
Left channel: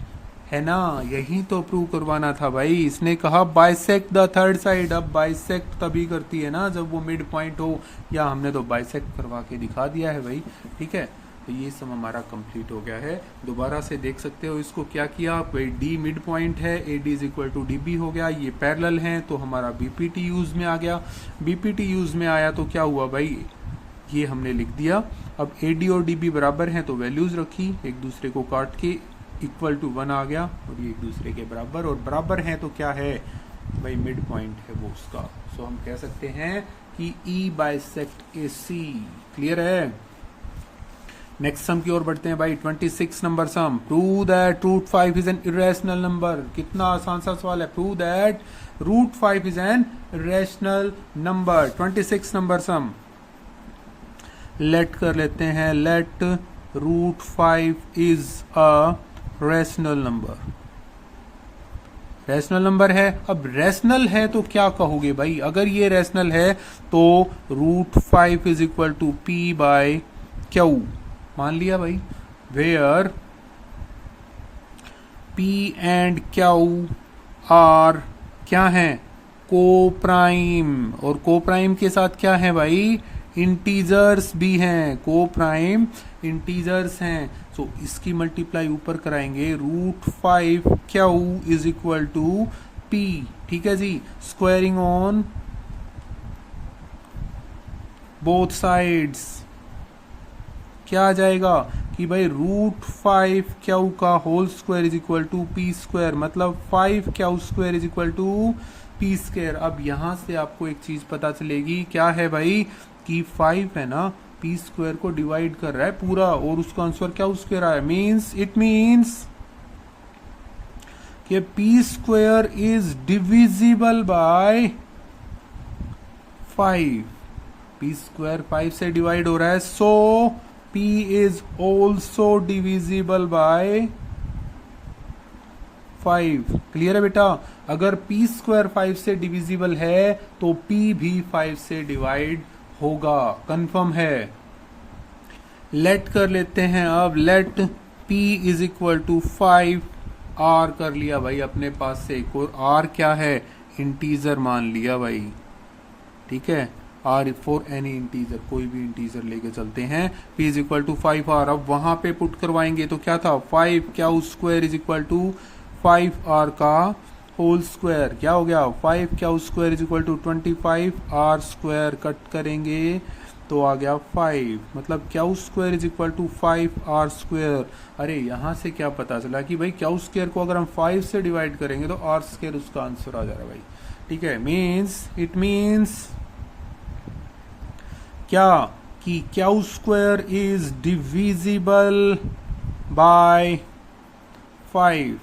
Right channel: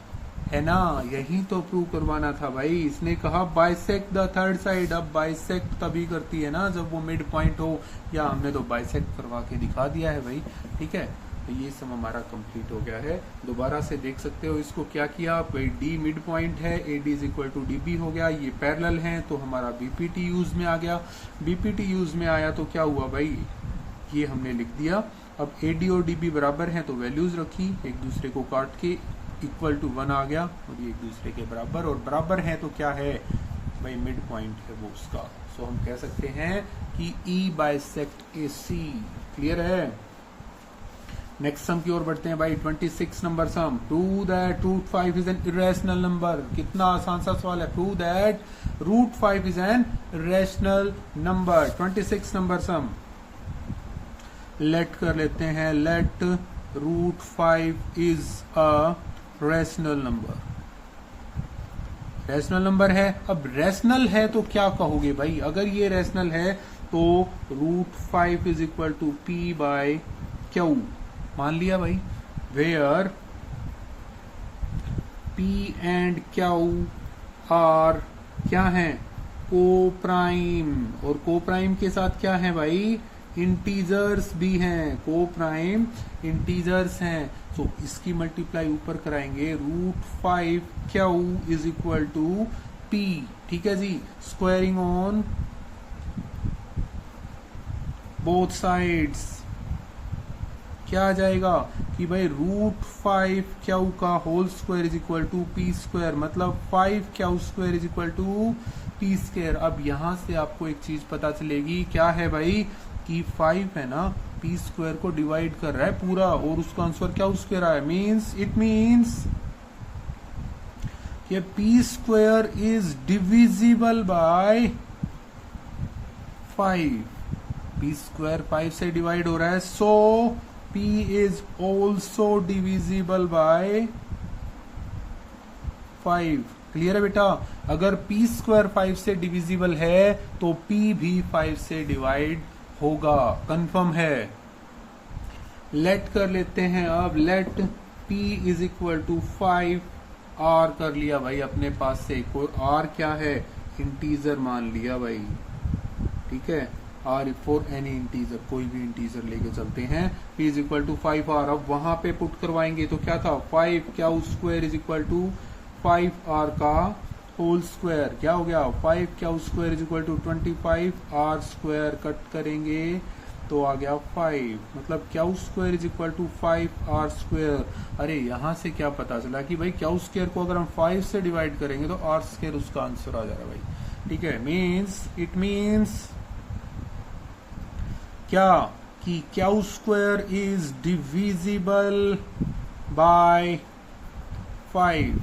है ना। यही तो प्रूव करवाना था भाई। इसने कहा बाइसेक्ट द थर्ड साइड। अब बाइसेक्ट तभी करती है ना जब वो मिड पॉइंट हो, या हमने तो बाइसेक्ट करवा के दिखा दिया है भाई। ठीक है, तो ये सम हमारा कंप्लीट हो गया है। दोबारा से देख सकते हो इसको क्या किया, डी मिड पॉइंट है, A D is equal to D B हो गया, ये पैरेलल है तो हमारा बीपीटी यूज में आ गया। बीपीटी यूज में आया तो क्या हुआ भाई, ये हमने लिख दिया। अब ए डी और डी बी बराबर हैं तो वैल्यूज रखी, एक दूसरे को काट के इक्वल टू 1 आ गया और ये एक दूसरे के बराबर, और बराबर है तो क्या है भाई, मिड पॉइंट है वो उसका। सो हम कह सकते हैं कि E bisect A C. Clear है। नेक्स्ट सम की ओर बढ़ते हैं भाई। 26 number sum, prove that root 5 is an irrational number. कितना आसान सा सवाल है, prove that root 5 is an irrational number. 26 number sum let कर लेते हैं, let root 5 is a rational number. Rational number है। अब रैशनल है तो क्या कहोगे भाई, अगर ये रैशनल है तो root 5 is equal to P by Q मान लिया भाई, where P and Q are क्या है, को प्राइम, और को प्राइम के साथ क्या है भाई, इंटीजर्स भी हैं, को प्राइम इंटीजर्स हैं। सो इसकी मल्टीप्लाई ऊपर कराएंगे, root 5 Q is equal to P. ठीक है जी, स्क्वायरिंग ऑन बोथ साइड्स क्या आ जाएगा कि भाई रूट 5 क्यू का whole square is equal to P square, मतलब 5 Q square is equal to P square. अब यहां से आपको एक चीज पता चलेगी, क्या है भाई, कि 5 है ना, पी स्क्वायर को डिवाइड कर रहा है पूरा, और उसका आंसर क्या स्क्वायर आया, मीन्स इट मीन्स कि p square is divisible by 5। P square 5 से डिवाइड हो रहा है, so p is also divisible by 5। Clear है बेटा, अगर पी स्क्वायर 5 से डिविजिबल है तो पी भी 5 से डिवाइड होगा, कंफर्म है। लेट कर लेते हैं अब, let p is equal to 5 r कर लिया भाई अपने पास से एक और, r क्या है, इंटीजर मान लिया भाई। ठीक है, r फॉर एनी इंटीजर, कोई भी इंटीजर लेके चलते हैं। p is equal to 5r, अब वहां पे पुट करवाएंगे तो क्या था, 5 Q square is equal to 5r का होल स्क्वायर, क्या हो गया, 5 Q square is equal to 25r square, cut करेंगे तो आ गया 5, मतलब Q square is equal to 5r square. अरे यहां से क्या पता चला कि भाई क्यू स्क्वायर को अगर हम 5 से डिवाइड करेंगे तो r स्क्वायर उसका आंसर आ जाएगा भाई। ठीक है, मीन्स इट मीन्स क्या, कि q square is divisible by 5।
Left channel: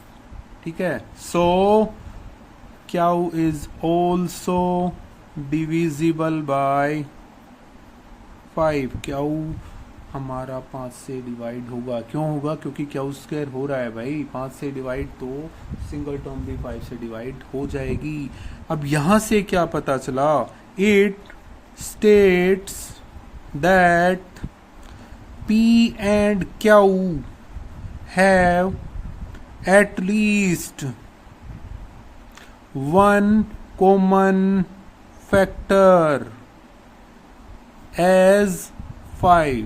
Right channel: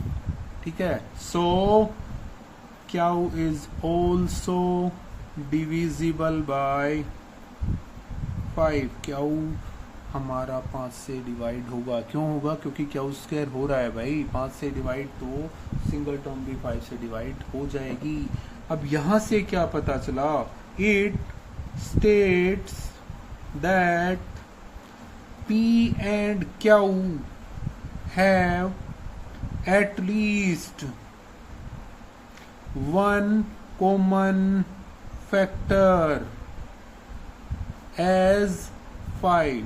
ठीक है, so q is also divisible by 5। Q हमारा 5 से डिवाइड होगा, क्यों होगा, क्योंकि क्यू स्क्वायर हो रहा है भाई 5 से डिवाइड, तो सिंगल टर्म भी 5 से डिवाइड हो जाएगी। अब यहां से क्या पता चला, it states that P and Q have at least one common factor as 5।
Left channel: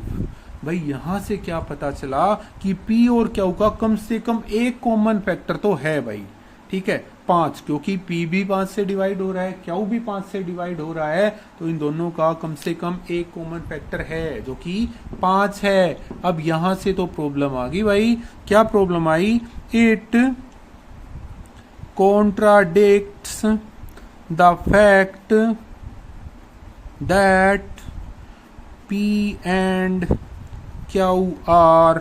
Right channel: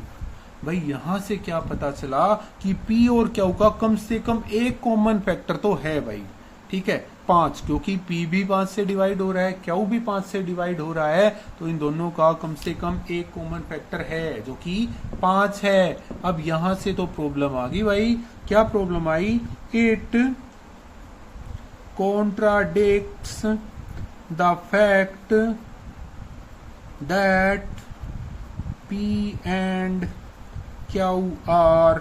भाई यहां से क्या पता चला कि P और Q का कम से कम एक कॉमन फैक्टर तो है भाई। ठीक है, 5, क्योंकि P भी 5 से डिवाइड हो रहा है, Q भी 5 से डिवाइड हो रहा है, तो इन दोनों का कम से कम एक कॉमन फैक्टर है जो कि 5 है। अब यहां से तो प्रॉब्लम आ गई भाई, क्या प्रॉब्लम आई, it contradicts the fact that P and Q are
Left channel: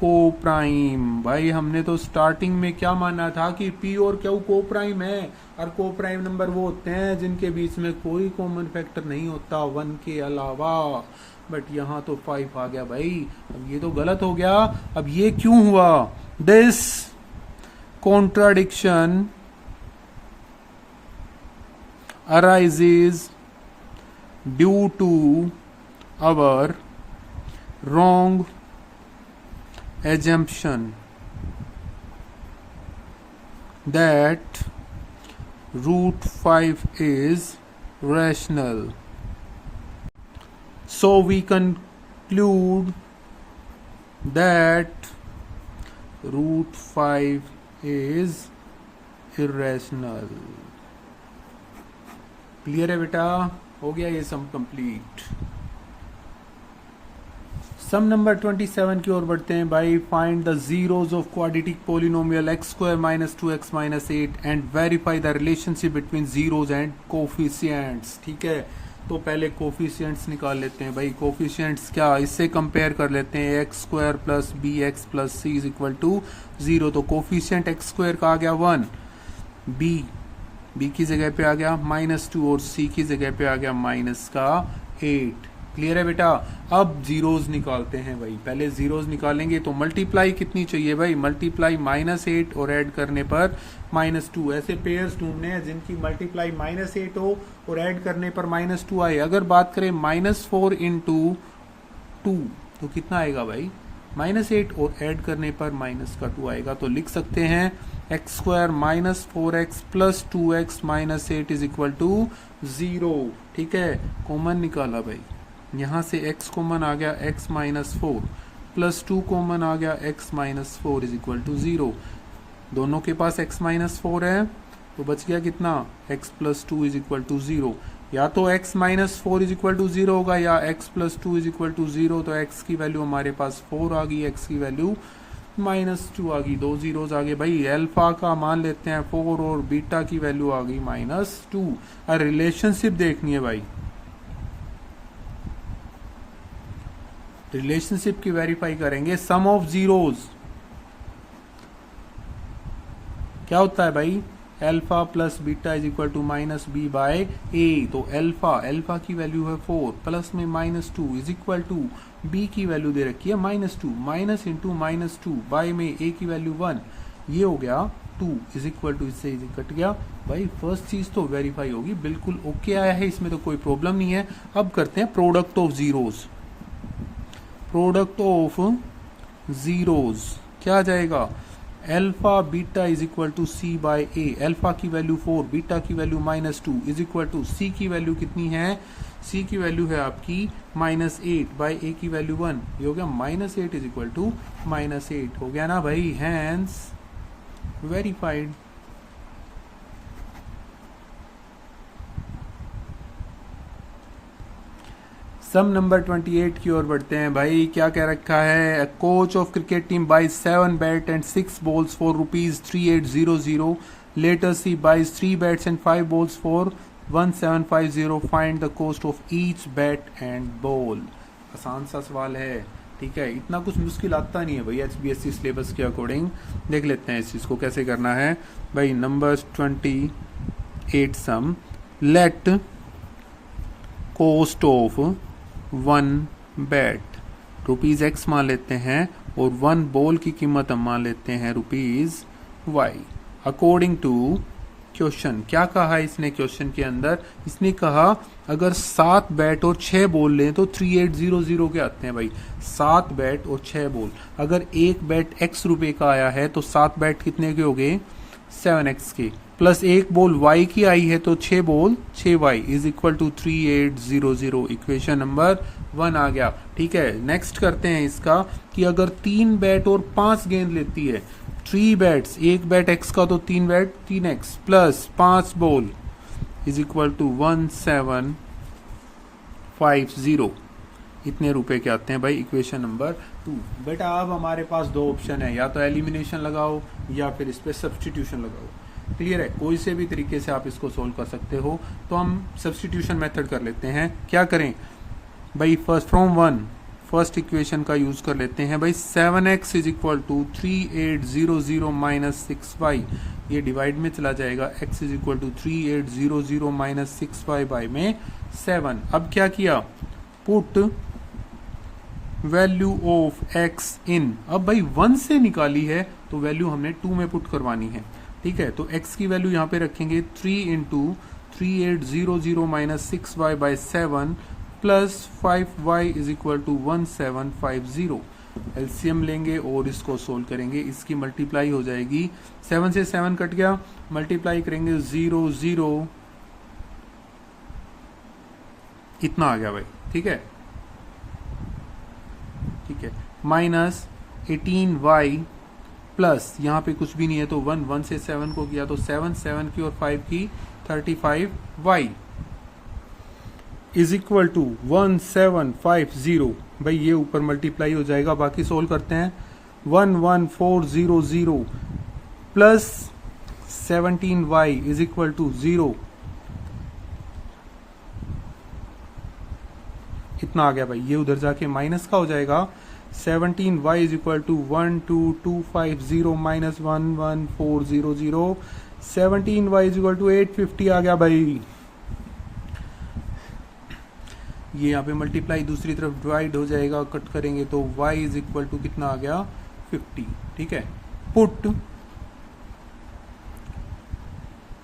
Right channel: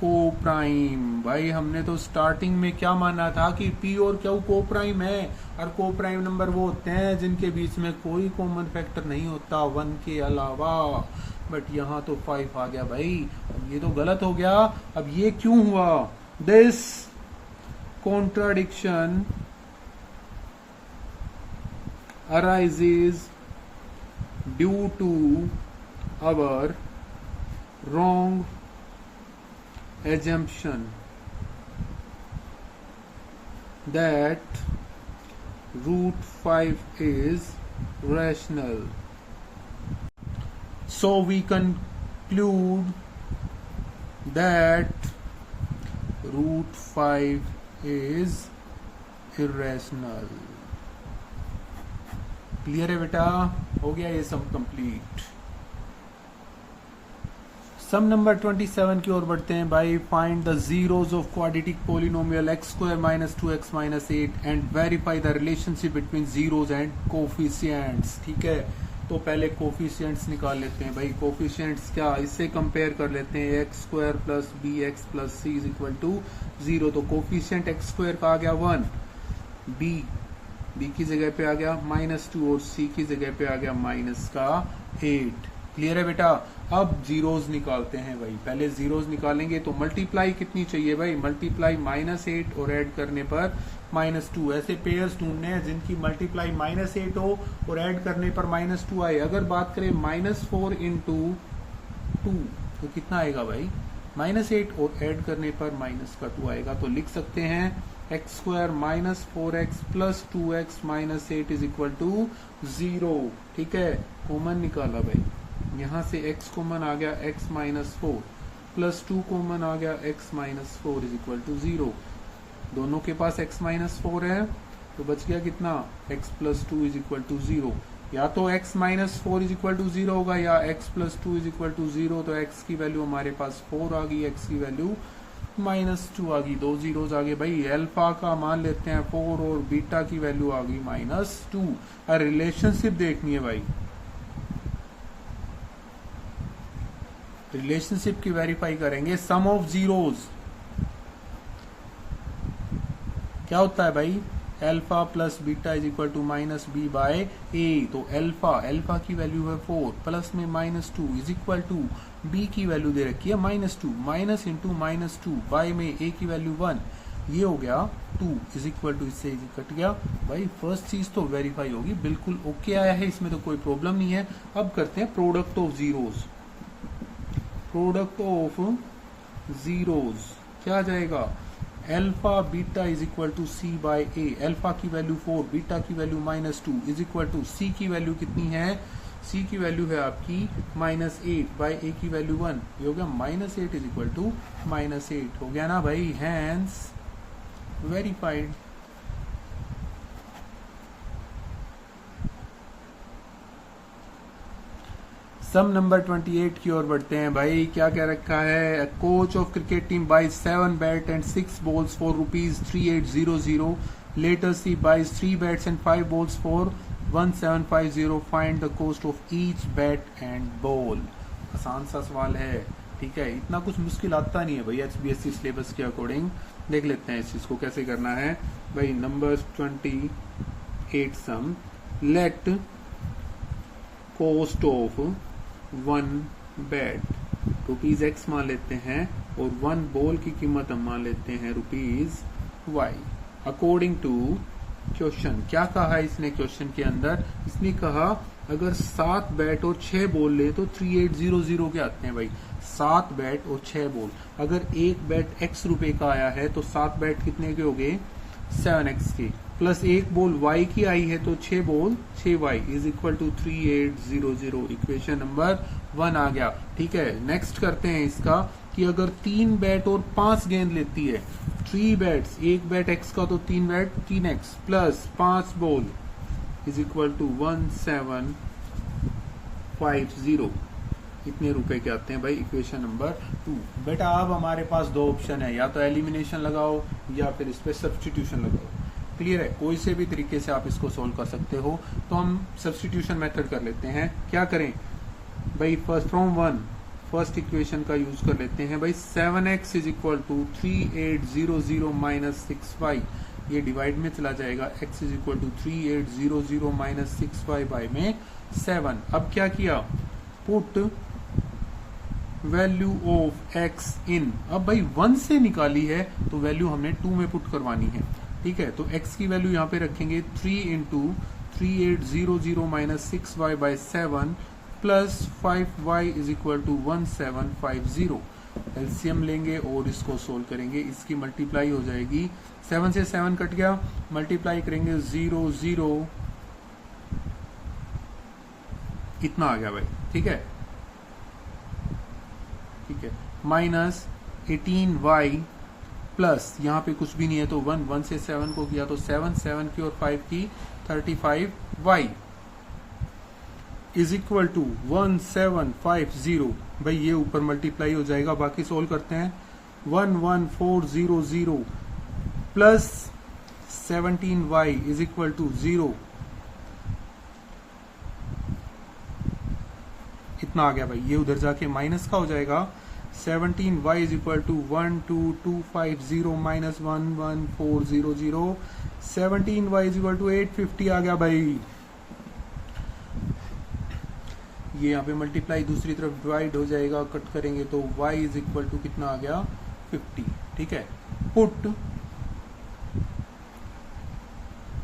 coprime. भाई हमने तो स्टार्टिंग में क्या माना था कि P और Q को प्राइम है, और को प्राइम नंबर वो होते हैं जिनके बीच में कोई कॉमन फैक्टर नहीं होता 1 के अलावा। बट यहाँ तो 5 आ गया भाई, अब ये तो गलत हो गया। अब ये क्यों हुआ, this contradiction arises due to our wrong assumption that root 5 is rational. So we conclude that √5 is irrational. Clear है बेटा? हो गया ये सम कंप्लीट। सम नंबर 27 की ओर बढ़ते हैं भाई। Find the zeros of quadratic polynomial x² - 2x - 8 and verify the relationship between zeros and coefficients. ठीक है, तो पहले कोफिशिएंट्स निकाल लेते हैं भाई। कोफिशिएंट्स क्या, इससे कंपेयर कर लेते हैं। x² + bx + c = 0। तो कोफिशिएंट x² का आ गया 1, b की जगह पे आ गया -2 और c की जगह पे आ गया -8। क्लियर है बेटा? अब जीरोज निकालते हैं भाई। पहले जीरोज निकालेंगे तो मल्टीप्लाई कितनी चाहिए भाई? मल्टीप्लाई -8 और ऐड करने पर -2। ऐसे पेयर्स ढूंढने हैं जिनकी मल्टीप्लाई -8 हो और ऐड करने पर -2 आए। अगर बात करें -4 × 2 तो कितना आएगा भाई? -8 और ऐड करने पर -2 आएगा। तो लिख सकते हैं x² - 4x + 2x - 8 = 0। ठीक है, कॉमन निकाला भाई। यहां से x कॉमन आ गया, x - 4 + 2 कॉमन आ गया, x - 4 = 0। दोनों के पास x - 4 है तो बच गया कितना? x + 2 = 0। या तो x - 4 = 0 होगा या x + 2 = 0। तो x की वैल्यू हमारे पास 4 आ गई, x की वैल्यू -2 आ गई। 2 जीरोज आ गए भाई। अल्फा का मान लेते हैं 4 और बीटा की वैल्यू आ गई -2। और रिलेशनशिप देखनी है भाई। रिलेशनशिप की वेरीफाई करेंगे। सम ऑफ जीरोज क्या होता है भाई? Alpha + beta = -b/a। तो अल्फा की वैल्यू है 4 प्लस में -2 = b की वैल्यू दे रखी है -2 -× -2 बाय में a की वैल्यू 1। ये हो गया 2 = इससे कट गया भाई। फर्स्ट चीज तो वेरीफाई होगी, बिल्कुल ओके आया है, इसमें तो कोई प्रॉब्लम नहीं है। अब करते हैं product of zeros. Product of zeros क्या आ जाएगा? Alpha beta = c/a। अल्फा की वैल्यू 4, बीटा की वैल्यू -2 = c की वैल्यू कितनी है? c की वैल्यू है आपकी -8/a की वैल्यू 1। ये हो गया -8 = -8 हो गया ना भाई। Hence verified. सम नंबर 28 की ओर बढ़ते हैं भाई। क्या क्या रखा है? Coach of cricket team buys 7 bat and 6 balls for ₹3800। Later she buys 3 bats and 5 balls for 1750। Find the cost of each bat and ball. आसान सा सवाल है, ठीक है, इतना कुछ मुश्किल आता नहीं है भाई। HBSC सिलेबस के अकॉर्डिंग देख लेते हैं इस चीज को कैसे करना है भाई। Number 28 sum. Let cost of 1 bat ₹x मान लेते हैं और 1 बॉल की कीमत हम मान लेते हैं ₹y। अकॉर्डिंग टू क्वेश्चन क्या कहा इसने? क्वेश्चन के अंदर इसने कहा अगर 7 बैट और 6 बॉल लें तो 3800 के आते हैं भाई। 7 बैट और 6 बॉल। अगर एक बैट x रुपए का आया है तो 7 बैट कितने के हो गए? 7x के, प्लस एक बॉल y की आई है तो 6 बॉल 6y = 3800। इक्वेशन नंबर 1 आ गया। ठीक है, नेक्स्ट करते हैं इसका कि अगर 3 बैट और 5 गेंद लेती है, 3 बैट्स, एक बैट x का तो 3 बैट 3x प्लस 5 बॉल = 1750। इतने रुपए के आते हैं भाई। Equation number 2। बेटा अब हमारे पास 2 ऑप्शन है, या तो एलिमिनेशन लगाओ या फिर इस पे सब्स्टिट्यूशन लगाओ। क्लियर है? कोई से भी तरीके से आप इसको सोल्व कर सकते हो। तो हम सब्स्टिट्यूशन मेथड कर लेते हैं। क्या करें भाई? फर्स्ट इक्वेशन का यूज कर लेते हैं भाई। 7x = 3800 - 6y। ये डिवाइड में चला जाएगा। x = 3800 - 6y बाय में 7। अब क्या किया? पुट वैल्यू ऑफ x इन। अब भाई 1 से निकाली है तो वैल्यू हमने 2 में पुट करवानी है। ठीक है, तो x की वैल्यू यहाँ पे रखेंगे 3 × 3800 - 6y bye 7 plus 5y = 1750। LCM लेंगे और इसको सोल्व करेंगे। इसकी मल्टीप्लाई हो जाएगी, 7 से 7 कट गया, मल्टीप्लाई करेंगे 0 0 इतना आ गया भाई। ठीक है, ठीक है, माइनस 18y प्लस यहाँ पे कुछ भी नहीं है तो 1 से 7 को किया तो 7 की और 5 की 35y इज इक्वल टू 1750। भाई ये ऊपर मल्टीप्लाई हो जाएगा, बाकी सोल्व करते हैं। 11400 plus 17y is equal to 0, इतना आ गया भाई। ये उधर जाके माइनस का हो जाएगा। 17y is equal to 12250 minus 11400, 17y is equal to 850 आ गया भाई। ये यहाँ पे मल्टीप्लाई दूसरी तरफ डिवाइड हो जाएगा, कट करेंगे तो y इज इक्वल टू कितना आ गया 50। ठीक है, पुट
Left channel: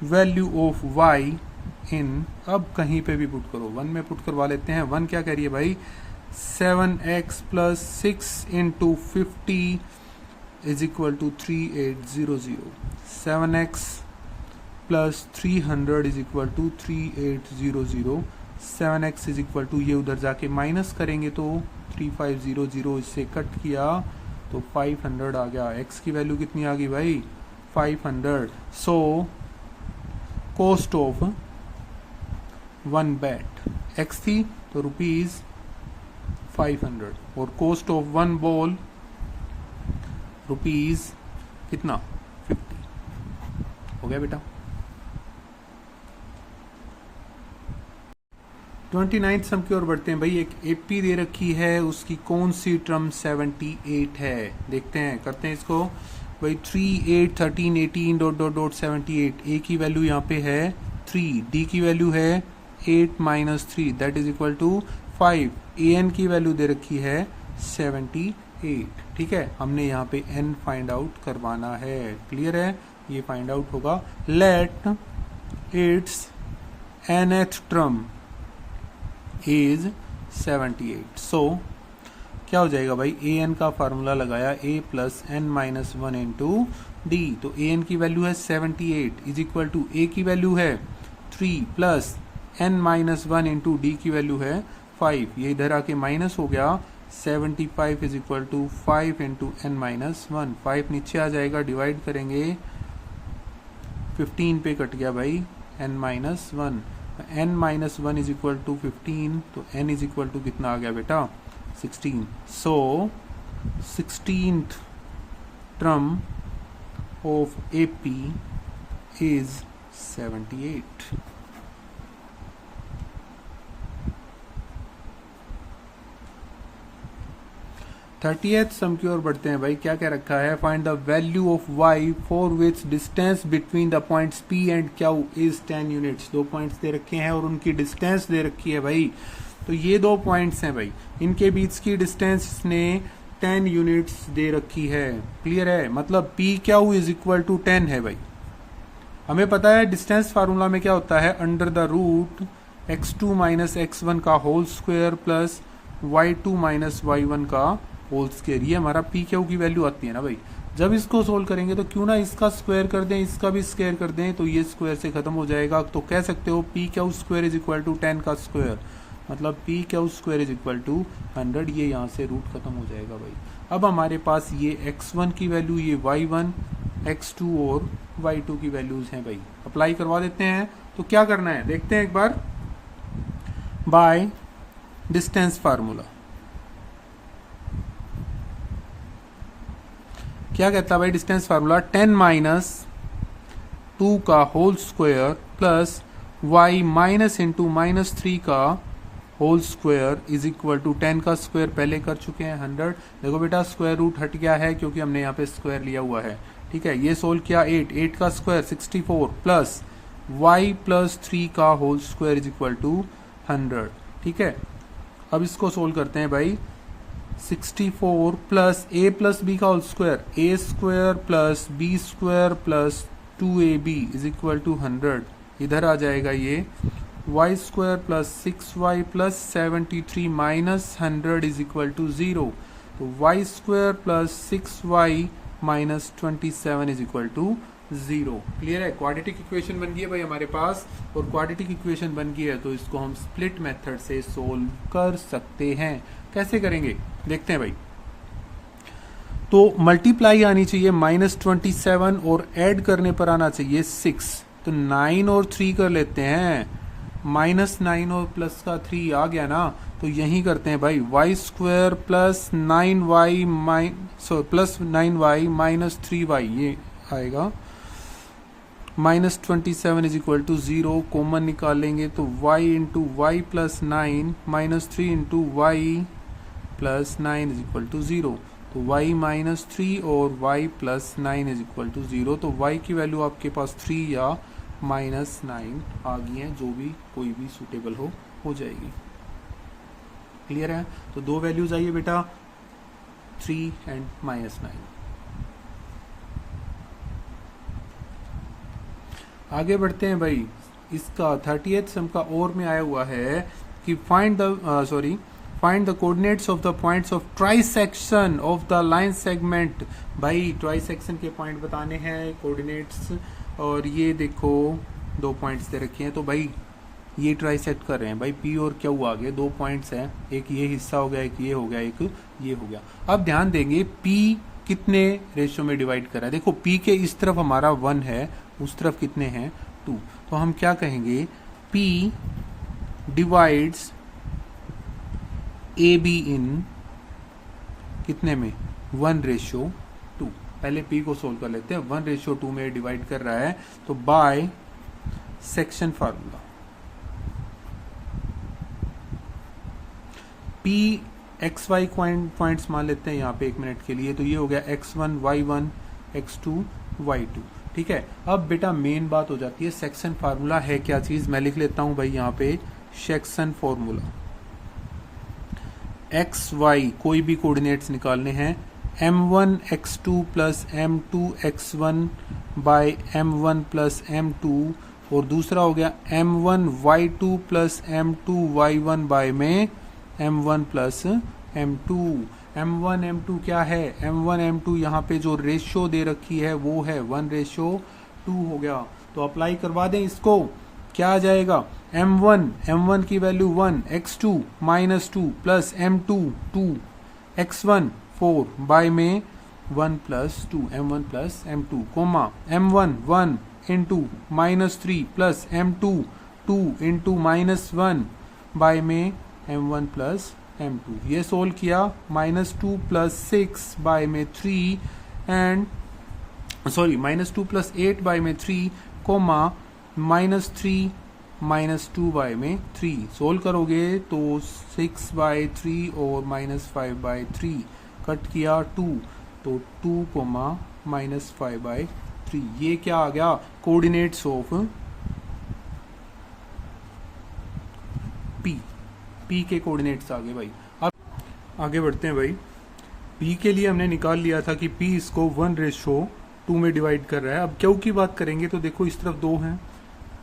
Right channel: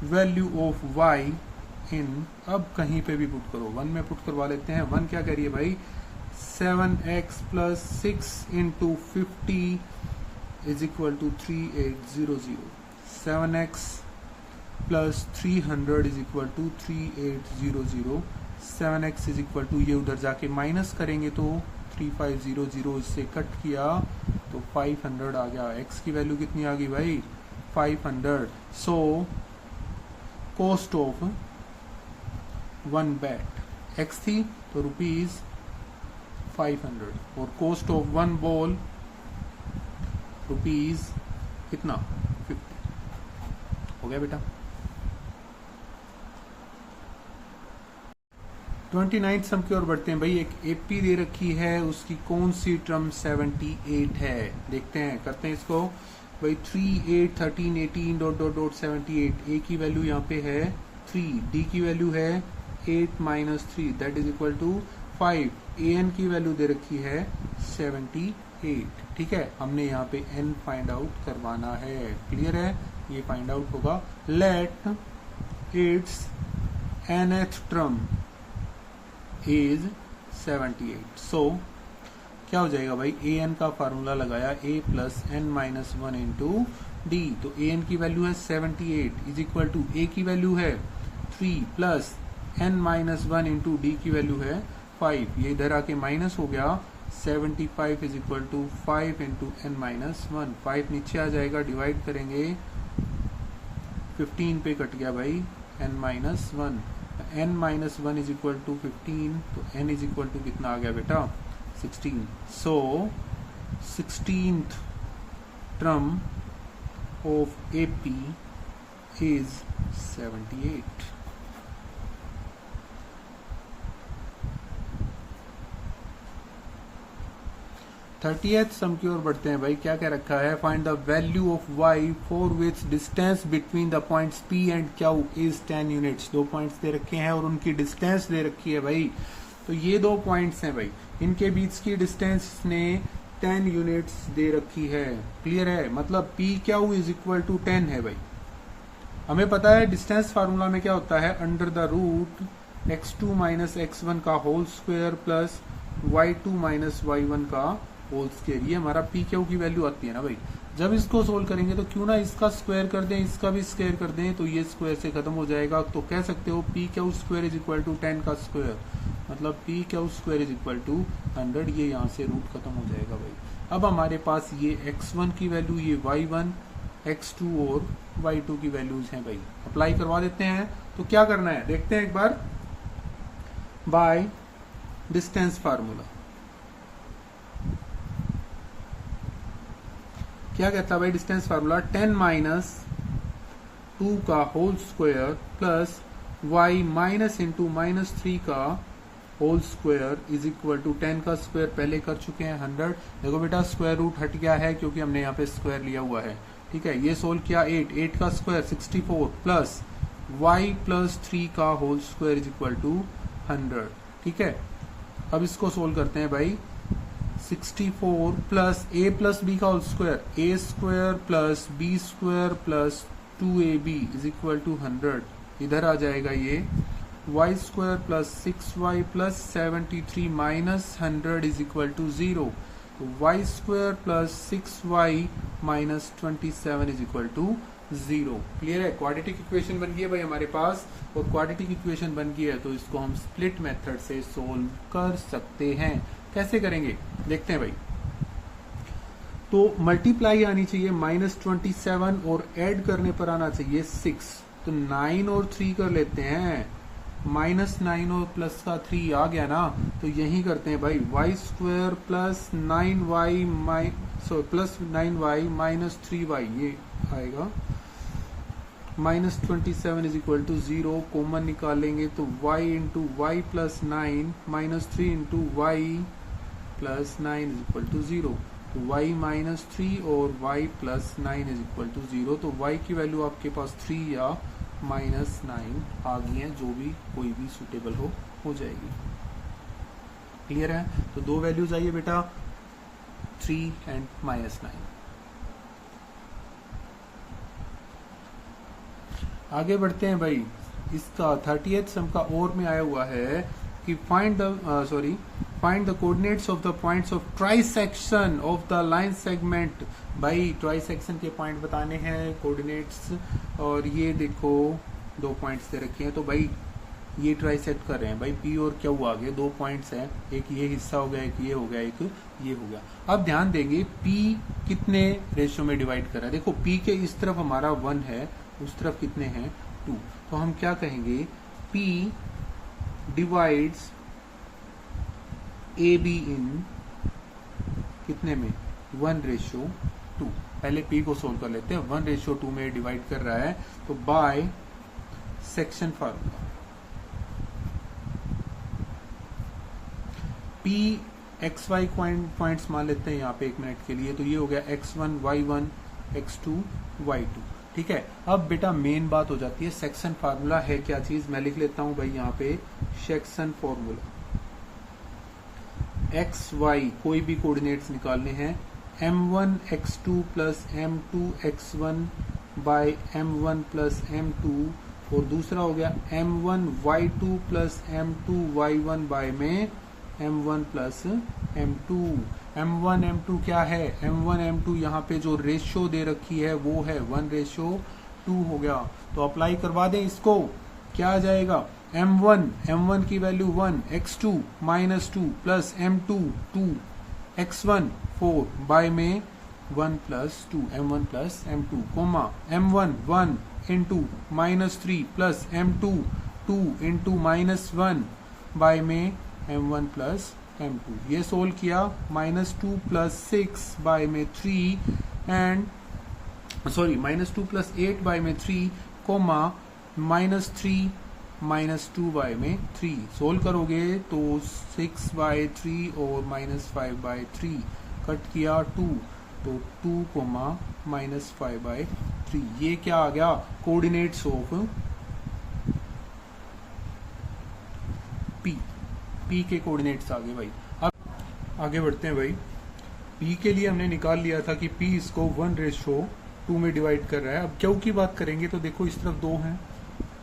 वैल्यू ऑफ y इन, अब कहीं पे भी पुट करो, 1 में पुट करवा लेते हैं। 1 क्या कह रही है भाई 7x plus 6 into 50 is equal to 3800, 7x plus 300 is equal to 3800, 7x is equal to, ये उधर जाके माइनस करेंगे तो 3500, इससे कट किया तो 500 आ गया। x की वैल्यू कितनी आ गई भाई 500। So cost of 1 bat x थी तो रुपीज 500 और कॉस्ट ऑफ 1 बॉल रुपीज कितना 50 हो गया बेटा। 29 सम की ओर बढ़ते हैं भाई। एक एपी दे रखी है, उसकी कौन सी टर्म 78 है, देखते हैं, करते हैं इसको भाई। 3 8 13 18 डॉट डॉट डॉट 78, ए की वैल्यू यहाँ पे है 3, डी की वैल्यू है 8 minus 3 that is equal to 5, A N की वैल्यू दे रखी है 78। ठीक है, हमने यहाँ पे एन फाइंड आउट करवाना है, क्लियर है, ये फाइंड आउट होगा। Let its nth term is 78। So क्या हो जाएगा भाई, ए एन का फार्मूला लगाया, a plus N minus 1 into D, तो ए एन की वैल्यू है 78 इज इक्वल टू ए की वैल्यू है 3 plus N minus 1 into D की वैल्यू है 5, ये इधर आके माइनस हो गया। 75 is equal to 5 into N minus 1, 5 नीचे आ जाएगा, डिवाइड करेंगे 15 पे कट गया भाई N minus 1, N minus 1 is equal to 15, तो एन इज इक्वल टू कितना आ गया बेटा 16। So 16th term of AP is 78। Thirtieth sum की ओर बढ़ते हैं भाई। क्या क्या रखा है, find the value of y for which distance between the points p and q is 10 units. 2 points दे रखे हैं और उनकी डिस्टेंस दे रखी है भाई। तो ये 2 पॉइंट्स हैं भाई, इनके बीच की डिस्टेंस ने 10 यूनिट्स दे रखी है, क्लियर है, मतलब P Q is equal to 10 है भाई। हमें पता है डिस्टेंस फार्मूला में क्या होता है, under the root x2 minus x1 का whole square plus y2 minus y1 का होल स्क्वायर, ये हमारा पी क्यू की वैल्यू आती है ना भाई। जब इसको सोल्व करेंगे तो क्यों ना इसका स्क्वायर कर दें, इसका भी स्क्वायर कर दें, तो ये स्क्वायर से खत्म हो जाएगा। तो कह सकते हो P Q square is equal to 10 का स्क्वायर, मतलब P Q square is equal to 100, ये यहाँ से रूट खत्म हो जाएगा भाई। अब हमारे पास ये x1 की वैल्यू, ये y1, x2 और y2 की वैल्यूज हैं भाई। अप्लाई करवा देते हैं, तो क्या करना है देखते हैं एक बार। बाय डिस्टेंस फार्मूला क्या कहता है भाई, डिस्टेंस फार्मूला 10 माइनस 2 का whole square plus y minus into minus 3 का whole square is equal to 10 का स्क्वायर पहले कर चुके हैं 100। देखो बेटा स्क्वायर रूट हट गया है क्योंकि हमने यहाँ पे स्क्वायर लिया हुआ है, ठीक है। ये सोल्व किया 8 का स्क्वायर 64 प्लस y प्लस 3 का whole square is equal to 100, ठीक है। अब इसको सोल्व करते हैं भाई। 64 प्लस a प्लस बी का whole square, a square plus b square plus 2ab is equal to 100, इधर आ जाएगा ये y square plus 6y plus 73 minus 100 is equal to 0, तो y square plus 6y minus 27 is equal to 0। Clear है, quadratic equation बन गई है भाई हमारे पास, और क्वाड्रेटिक इक्वेशन बन गई है तो इसको हम स्प्लिट मेथड से सोल्व कर सकते हैं। कैसे करेंगे देखते हैं भाई। तो मल्टीप्लाई आनी चाहिए -27 और ऐड करने पर आना चाहिए 6। तो 9 और 3 कर लेते हैं, -9 और प्लस का 3 आ गया ना। तो यही करते हैं भाई, y² plus 9y plus 9y minus 3y, ये आएगा। -27 इज इक्वल टू 0, कॉमन निकालेंगे तो y into Y plus 9 -3 into Y plus 9 is equal to 0। तो y -3 और y plus 9 is equal to 0। तो y की वैल्यू आपके पास 3 या -9 आ गई है, जो भी कोई भी सुटेबल हो जाएगी। क्लियर है? तो दो वैल्यूज आइए बेटा, 3 एंड -9। आगे बढ़ते हैं भाई। इसका 38th सम का और में आया हुआ है कि find the coordinates of the points of trisection of the line segment. भाई ट्राइसेक्शन के पॉइंट बताने हैं, कोऑर्डिनेट्स, और ये देखो दो पॉइंट्स दे रखे हैं। तो भाई ये ट्राइसेक्ट कर रहे हैं भाई, पी और क्यू आ गए, दो पॉइंट्स हैं, एक ये हिस्सा हो गया, एक ये हो गया, एक ये हो गया। अब ध्यान देंगे पी कितने रेशियो में डिवाइड कर रहा है। देखो पी के इस तरफ हमारा 1 है, उस तरफ कितने हैं 2। तो हम क्या कहेंगे, P divides A be in कितने में 1:2। पहले P को सोल्व कर लेते हैं। 1:2 में डिवाइड कर रहा है, तो by section formula P XY points मान लेते हैं यहाँ पे 1 मिनट के लिए। तो ये हो गया x1 y1 x2 y2। ठीक है, अब बेटा मेन बात हो जाती है, सेक्शन फार्मूला है क्या चीज, मैं लिख लेता हूं भाई यहाँ पे सेक्शन फार्मूला। एक्स वाई कोई भी कोऑर्डिनेट्स निकालने हैं, m1 x2 plus m2 x1 bye m1 plus m2, और दूसरा हो गया m1 y2 plus m2 y1 by में m1 plus m2। m1 m2 क्या है, m1 m2 यहाँ पे जो रेशियो दे रखी है वो है 1:2 हो गया। तो अप्लाई करवा दें इसको, क्या आ जाएगा, m1 की value 1, x2 -2 plus m2 2, x1 4 by में 1 plus 2, m1 plus m2, comma m1 1 इंटू -3 प्लस m2 2 इंटू -1 बाय में m1 प्लस m2। ये सोल्व किया, -2 प्लस 6 बाय में 3 एंड -2 प्लस 8 बाय में 3, कोमा -3 -2 बाय में 3। सोल्व करोगे तो 6 बाय 3 और -5 बाय 3 कट किया 2, तो 2 कोमा -5 बाय 3। ये क्या आ गया, कोऑर्डिनेट्स ऑफ P के कोऑर्डिनेट्स आ गए भाई। अब आगे बढ़ते हैं भाई। P के लिए हमने निकाल लिया था कि P इसको 1:2 में डिवाइड कर रहा है। अब क्यू की बात करेंगे तो देखो इस तरफ 2 हैं,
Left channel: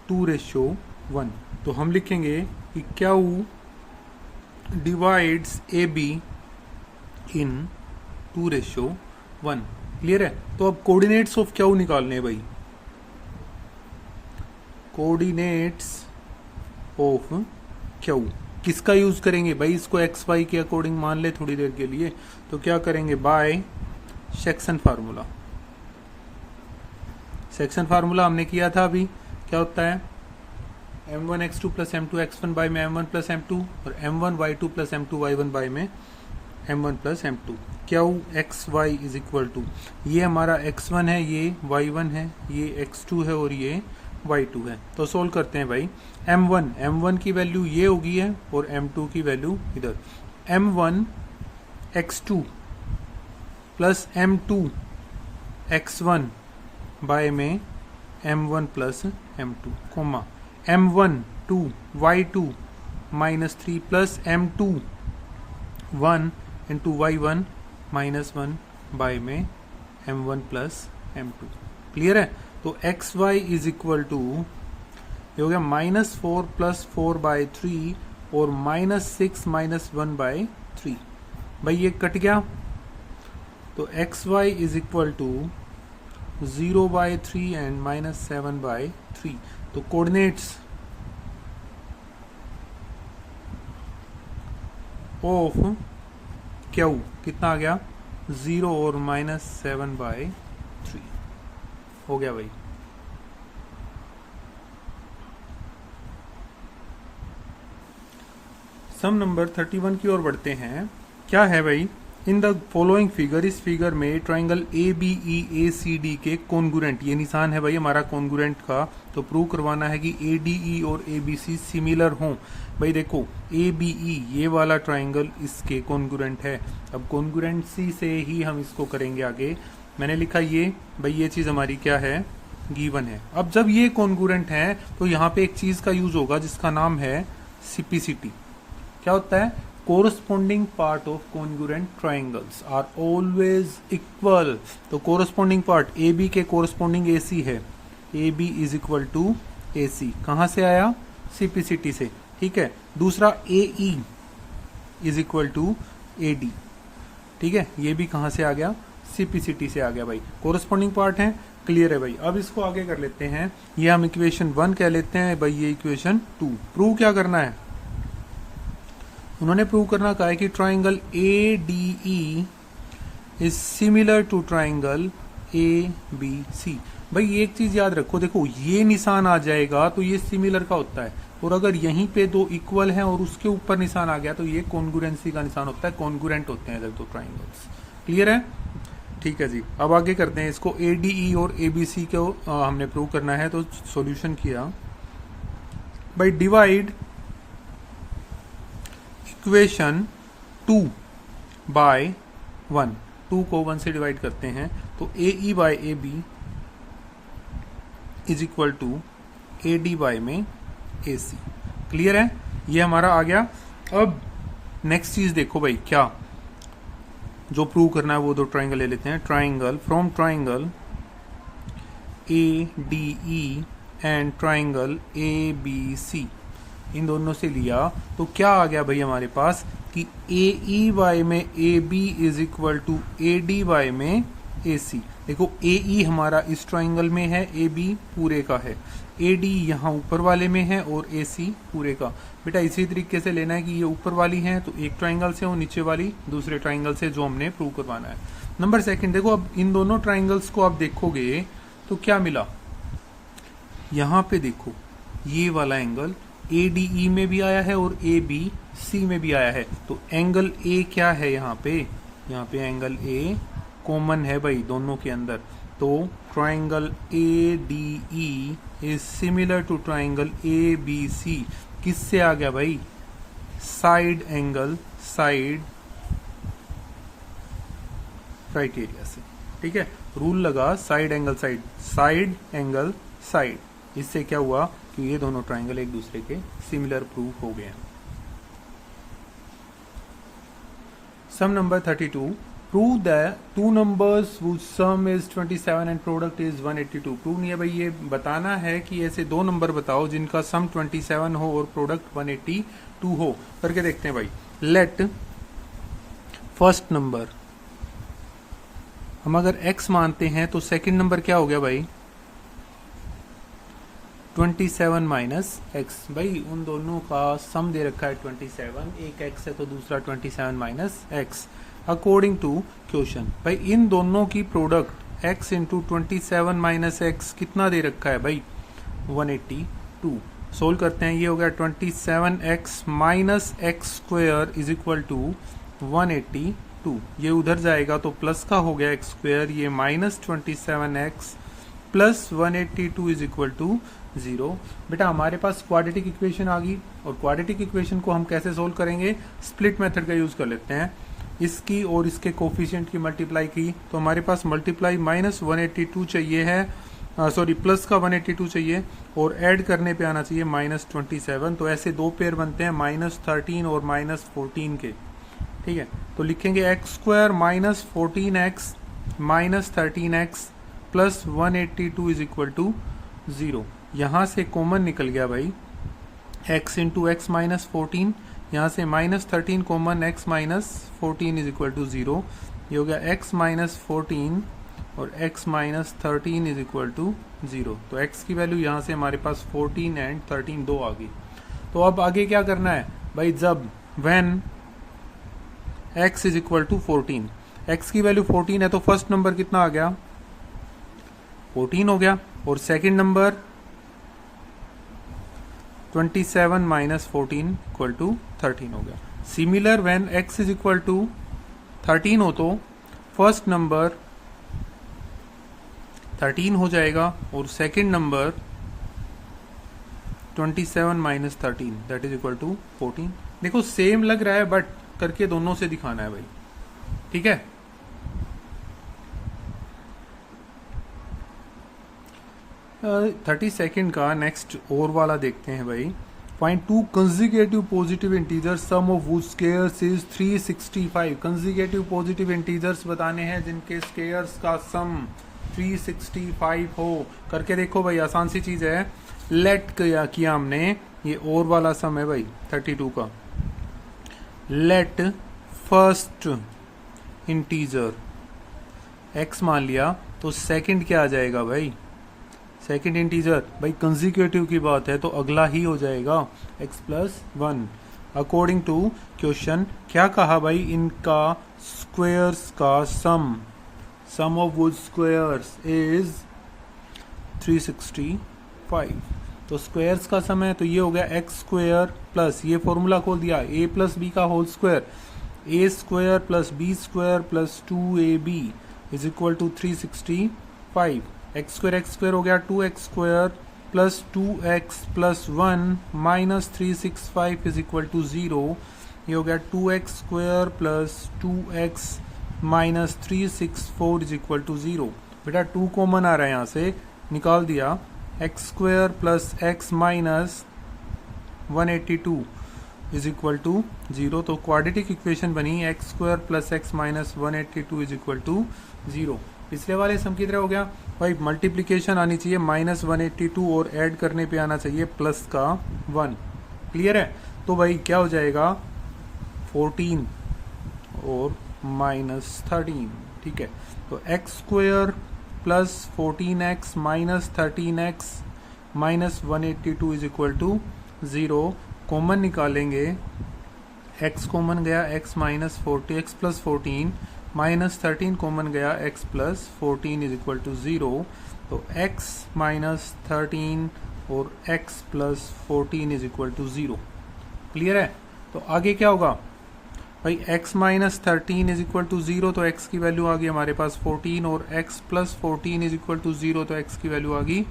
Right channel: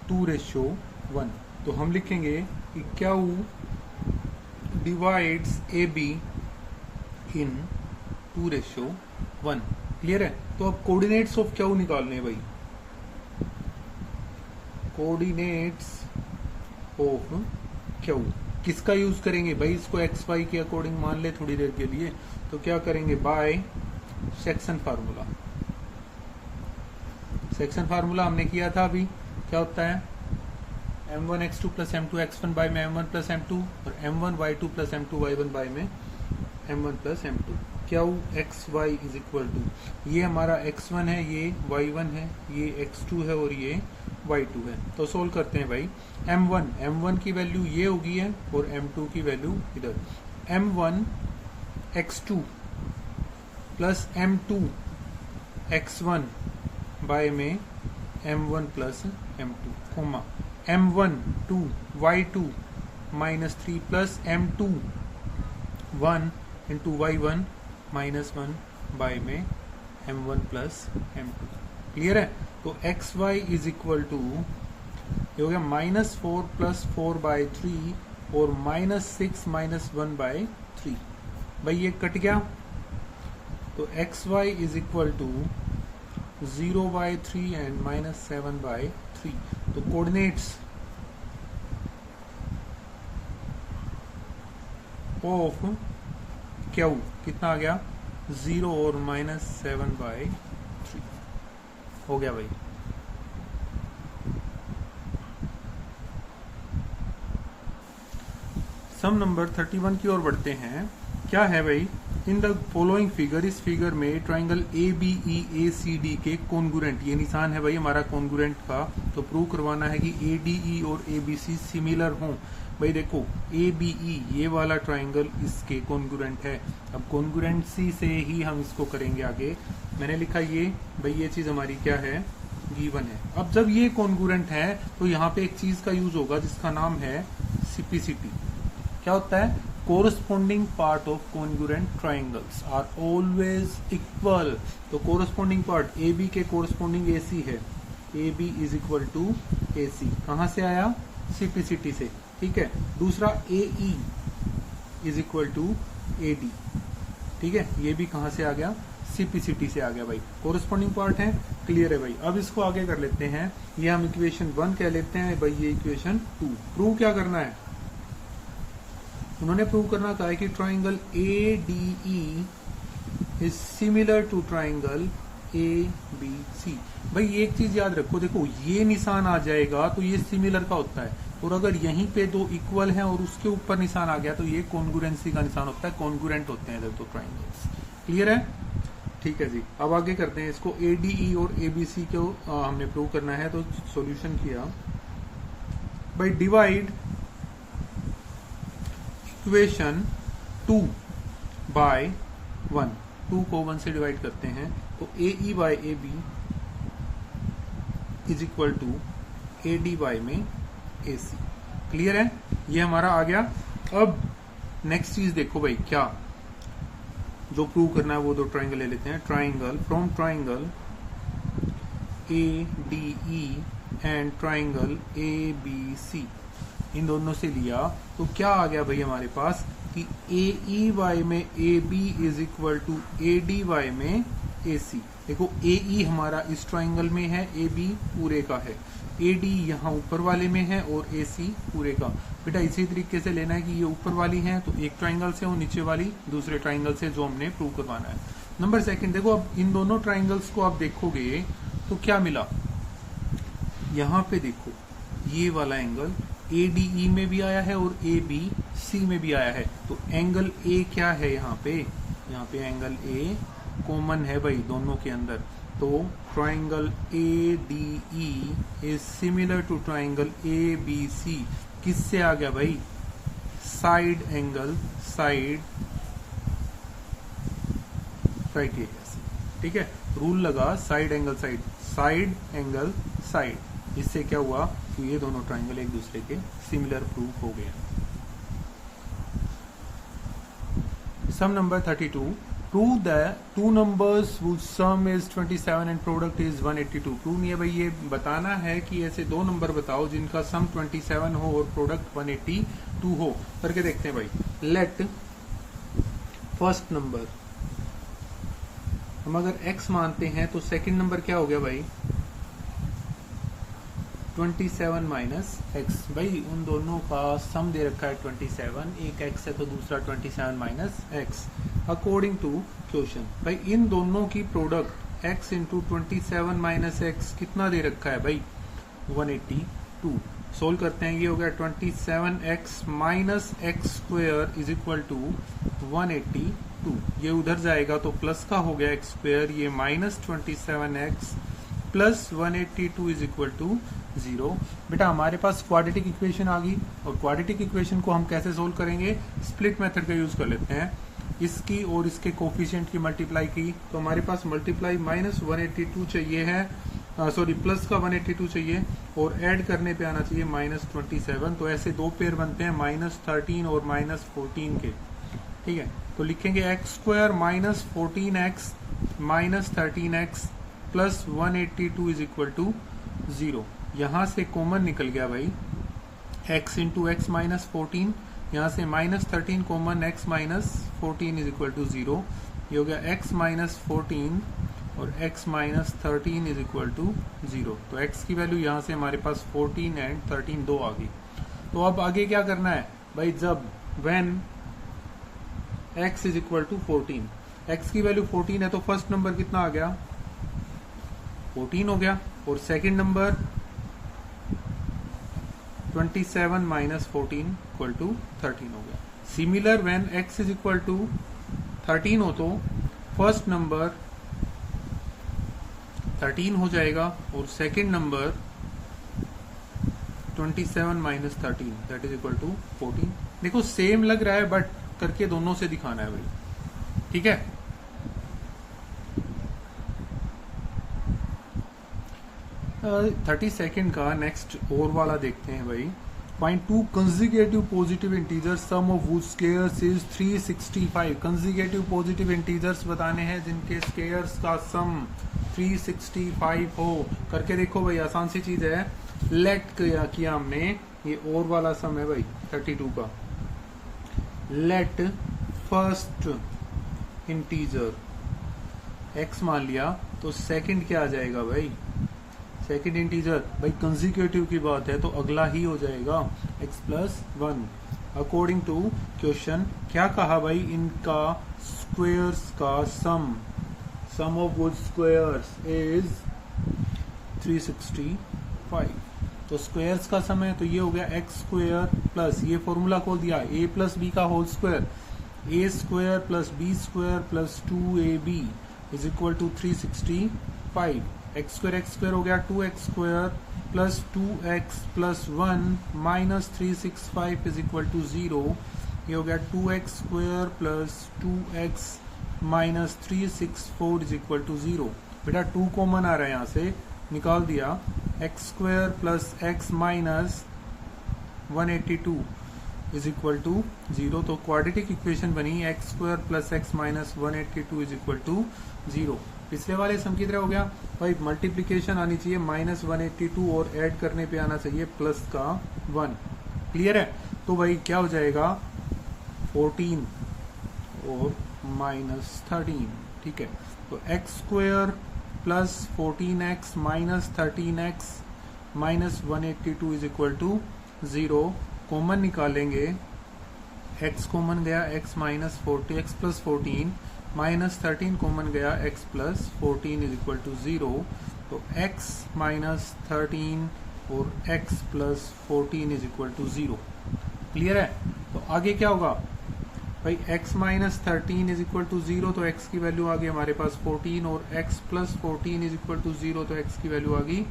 2:1। तो हम लिखेंगे कि Q divides A be in 2:1। Clear है? तो अब कोऑर्डिनेट्स ऑफ क्यू निकालने हैं भाई, कोऑर्डिनेट्स ऑफ क्यू किसका यूज करेंगे भाई, इसको एक्स वाई के अकॉर्डिंग मान ले थोड़ी देर के लिए। तो क्या करेंगे, by section formula. Section formula हमने किया था अभी, क्या होता है, m1 x2 plus m2 x1 by में m1 प्लस m2 और m1 y2 plus m2 y1 by में m1 plus m2। Q X Y is equal to, ये हमारा x1 है, ये y1 है, ये x2 है और ये y2 है। तो सोल्व करते हैं भाई। m1 की वैल्यू ये होगी है और m2 की वैल्यू इधर। m1 x2 plus m2 x1 by में m1 plus m2, comma m1 2 y2 -3 plus m2 1 into y1 -1 by में m1 प्लस m2। क्लियर है? तो X Y is equal to ये हो गया -4 प्लस 4 बाय 3 और -6 -1 बाय 3। भाई ये कट गया, तो X Y is equal to 0 by 3 and -7 by 3। तो कोऑर्डिनेट्स ऑफ क्यू कितना आ गया, 0 और -7/3 हो गया भाई। सम नंबर 31 की ओर बढ़ते हैं। क्या है भाई? इन द फॉलोइंग फिगर, इस फिगर में ट्राइंगल ABEACD के कॉन्गुरेंट, ये निशान है भाई हमारा कॉन्गुरेंट का, तो प्रूव करवाना है कि ADE और ABC सिमिलर हों। भाई देखो ABE ये वाला ट्राइंगल इसके कॉन्गुरेंट है। अब कॉन्गुरेंसी से ही हम इसको करेंगे आगे। मैंने लिखा ये भाई, ये चीज हमारी क्या है? गिवन है। अब जब ये कॉन्गुरेंट है तो यहाँ पे एक चीज का यूज होगा जिसका नाम है सिपिसिटी। क्या होता है? Corresponding part of congruent triangles are always equal. तो कोरस्पॉन्डिंग पार्ट AB के कोरस्पॉन्डिंग AC है, AB is equal to AC। कहां से आया? सिपिसिटी से। ठीक है। दूसरा AE is equal to AD। ठीक है, ये भी कहां से आ गया? सिपिसिटी से आ गया भाई। कोरस्पॉन्डिंग पार्ट है, क्लियर है भाई। अब इसको आगे कर लेते हैं, ये हम इक्वेशन 1 कह लेते हैं भाई, ये इक्वेशन 2। प्रूव क्या करना है? उन्होंने प्रूव करना कहा है कि triangle ADE is similar to triangle ABC। भाई एक चीज याद रखो, देखो ये निशान आ जाएगा तो ये सिमिलर का होता है, और अगर यहीं पे दो इक्वल हैं और उसके ऊपर निशान आ गया तो ये कॉन्गुरेंसी का निशान होता है, कॉन्गुरेंट होते हैं दो ट्राइंगल्स। क्लियर है? ठीक है जी। अब आगे करते हैं इसको। ADE और ABC को हमने प्रूव करना है, तो सॉल्यूशन किया भाई, डिवाइड इक्वेशन 2 बाय 1। 2 को 1 से डिवाइड करते हैं तो AE by AB is equal to AD by में AC। क्लियर है? ये हमारा आ गया। अब नेक्स्ट चीज देखो भाई, क्या जो प्रूव करना है वो दो ट्राइंगल ले लेते हैं। Triangle from triangle ADE and triangle ABC, इन दोनों से लिया तो क्या आ गया भाई हमारे पास कि AEY में AB is equal to ADY में AC। देखो AE हमारा इस ट्राइंगल में है, AB पूरे का है, AD यहाँ ऊपर वाले में है और AC पूरे का। बेटा इसी तरीके से लेना है कि ये ऊपर वाली है तो एक ट्राइंगल से और नीचे वाली दूसरे ट्राइंगल से, जो हमने प्रूव करवाना है। नंबर सेकंड, देखो अब इन दोनों ट्राइंगल्स को आप देखोगे तो क्या मिला? यहाँ पे देखो ये वाला एंगल ADE में भी आया है और ABC में भी आया है, तो एंगल A क्या है यहाँ पे? यहाँ पे एंगल A कॉमन है भाई दोनों के अंदर, तो triangle ADE is similar to triangle ABC। किससे आ गया भाई? साइड एंगल साइड क्राइटेरिया से। ठीक है, रूल लगा side angle side, side angle side. इससे क्या हुआ कि ये दोनों ट्राइंगल एक दूसरे के सिमिलर प्रूव हो गए। Sum number 32, prove that two numbers which sum is 27 and product is 182। Prove नहीं है भाई, ये बताना है कि ऐसे दो नंबर बताओ जिनका सम 27 हो और प्रोडक्ट 182 हो। करके देखते हैं भाई। लेट फर्स्ट नंबर हम अगर x मानते हैं तो सेकंड नंबर क्या हो गया भाई? 27 माइनस एक्स। भाई उन दोनों का सम दे रखा है 27, एक x है तो दूसरा 27 minus X. According to question भाई इन दोनों की product x into 27 minus X कितना दे रखा है भाई? 182। सोल्व करते हैं, ये हो गया 27x minus X square is equal to 182। ये उधर जाएगा तो प्लस का हो गया एक्स स्क्वेयर, ये minus 27x plus 182 is equal to 0। बेटा हमारे पास क्वाड्रेटिक इक्वेशन आ गई, और क्वाड्रेटिक इक्वेशन को हम कैसे सोल्व करेंगे? स्प्लिट मेथड का यूज कर लेते हैं। इसकी और इसके कोफिशिएंट की मल्टीप्लाई की तो हमारे पास मल्टीप्लाई माइनस 182 चाहिए है, सॉरी प्लस का 182 चाहिए, और ऐड करने पे आना चाहिए माइनस 27। तो ऐसे दो पेयर बनते हैं माइनस 13 और माइनस 14 के। ठीक है, तो लिखेंगे X square minus 14x minus 13x plus 182 is equal to 0। यहां से कॉमन निकल गया भाई x इंटू एक्स माइनस 14, यहां से minus 13 common x minus 14 is equal to 0। ये हो गया x माइनस 14 और x minus 13 is equal to 0। तो x की वैल्यू यहां से हमारे पास 14 एंड 13 दो आ गई। तो अब आगे क्या करना है भाई? जब when x is equal to 14, x की वैल्यू 14 है तो फर्स्ट नंबर कितना आ गया, 14 हो गया, और second number 27 minus 14 equal to 13 हो गया। Similar when x is equal to 13 हो तो फर्स्ट नंबर 13 हो जाएगा और second number 27 minus 13 that is equal to 14। देखो सेम लग रहा है बट करके दोनों से दिखाना है भाई, ठीक है। 32 का नेक्स्ट और वाला देखते हैं भाई। Find two consecutive positive integers sum of which squares is 365। Consecutive positive integers बताने हैं जिनके स्क्वायर्स का सम 365 हो। करके देखो भाई, आसान सी चीज है। लेट किया हमने, ये और वाला सम है भाई 32 का। लेट फर्स्ट इंटीजर x मान लिया तो सेकंड क्या आ जाएगा भाई, सेकंड इंटीजर भाई कंसेक्यूटिव की बात है तो अगला ही हो जाएगा x plus 1। According to question क्या कहा भाई, इनका स्क्वायर्स का sum of would squares is 365। तो स्क्वायर्स का सम है तो ये हो गया एक्स स्क्वायर प्लस, ये फॉर्मूला खोल दिया, a प्लस बी का whole square, a square plus B square plus 2ab is equal to 365। X square हो गया 2x square plus 2x plus 1 minus 365 is equal to 0। ये हो गया 2x square plus 2x minus 364 is equal to 0। बेटा 2 common आ रहा है यहाँ से, निकाल दिया। X square plus X minus 182 is equal to 0। तो क्वाड्रेटिक इक्वेशन बनी X square plus X minus 182 is equal to 0। पिछले वाले सम की तरह हो गया भाई, मल्टीप्लीकेशन आनी चाहिए माइनस 182 और ऐड करने पे आना चाहिए प्लस का 1। क्लियर है? तो भाई क्या हो जाएगा 14 और माइनस 13, ठीक है। तो X square plus 14x minus 13x minus 182 is equal to 0। Common निकालेंगे, x कॉमन गया x minus 40, x plus 14 minus 13 common गया x plus 14 is equal to 0। तो x माइनस 13 और x plus 14 is equal to 0। Clear है? तो आगे क्या होगा भाई, x minus 13 is equal to 0 तो x की वैल्यू आ गई हमारे पास 14, और x plus 14 is equal to 0 तो x की वैल्यू आ गई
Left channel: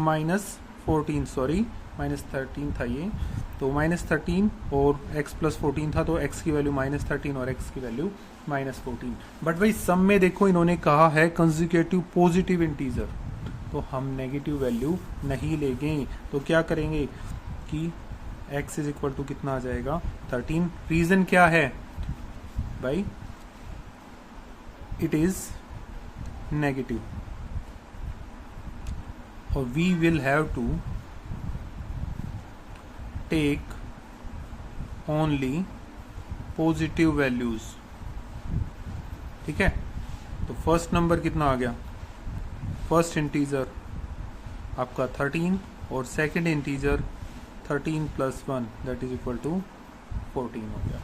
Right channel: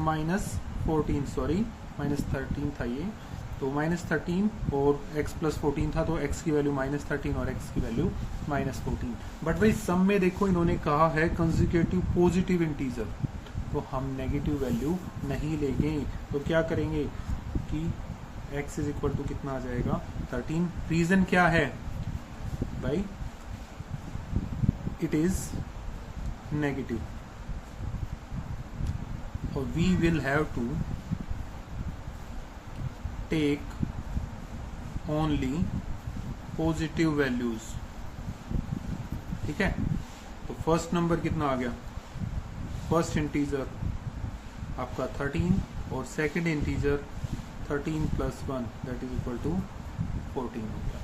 माइनस 14, सॉरी माइनस 13 था ये, तो माइनस 13 और x प्लस 14 था तो x की वैल्यू माइनस 13 और x की वैल्यू माइनस 14। बट भाई सम में देखो इन्होंने कहा है कंसेक्यूटिव पॉजिटिव इंटीजर, तो हम नेगेटिव वैल्यू नहीं लेंगे। तो क्या करेंगे कि x इज इक्वल टू कितना आ जाएगा 13। रीजन क्या है भाई, इट इज नेगेटिव और we will have to take only positive values, ठीक है। तो फर्स्ट नंबर कितना आ गया, फर्स्ट इंटीजर आपका 13 और second integer 13 plus 1 that is equal to 14 हो गया,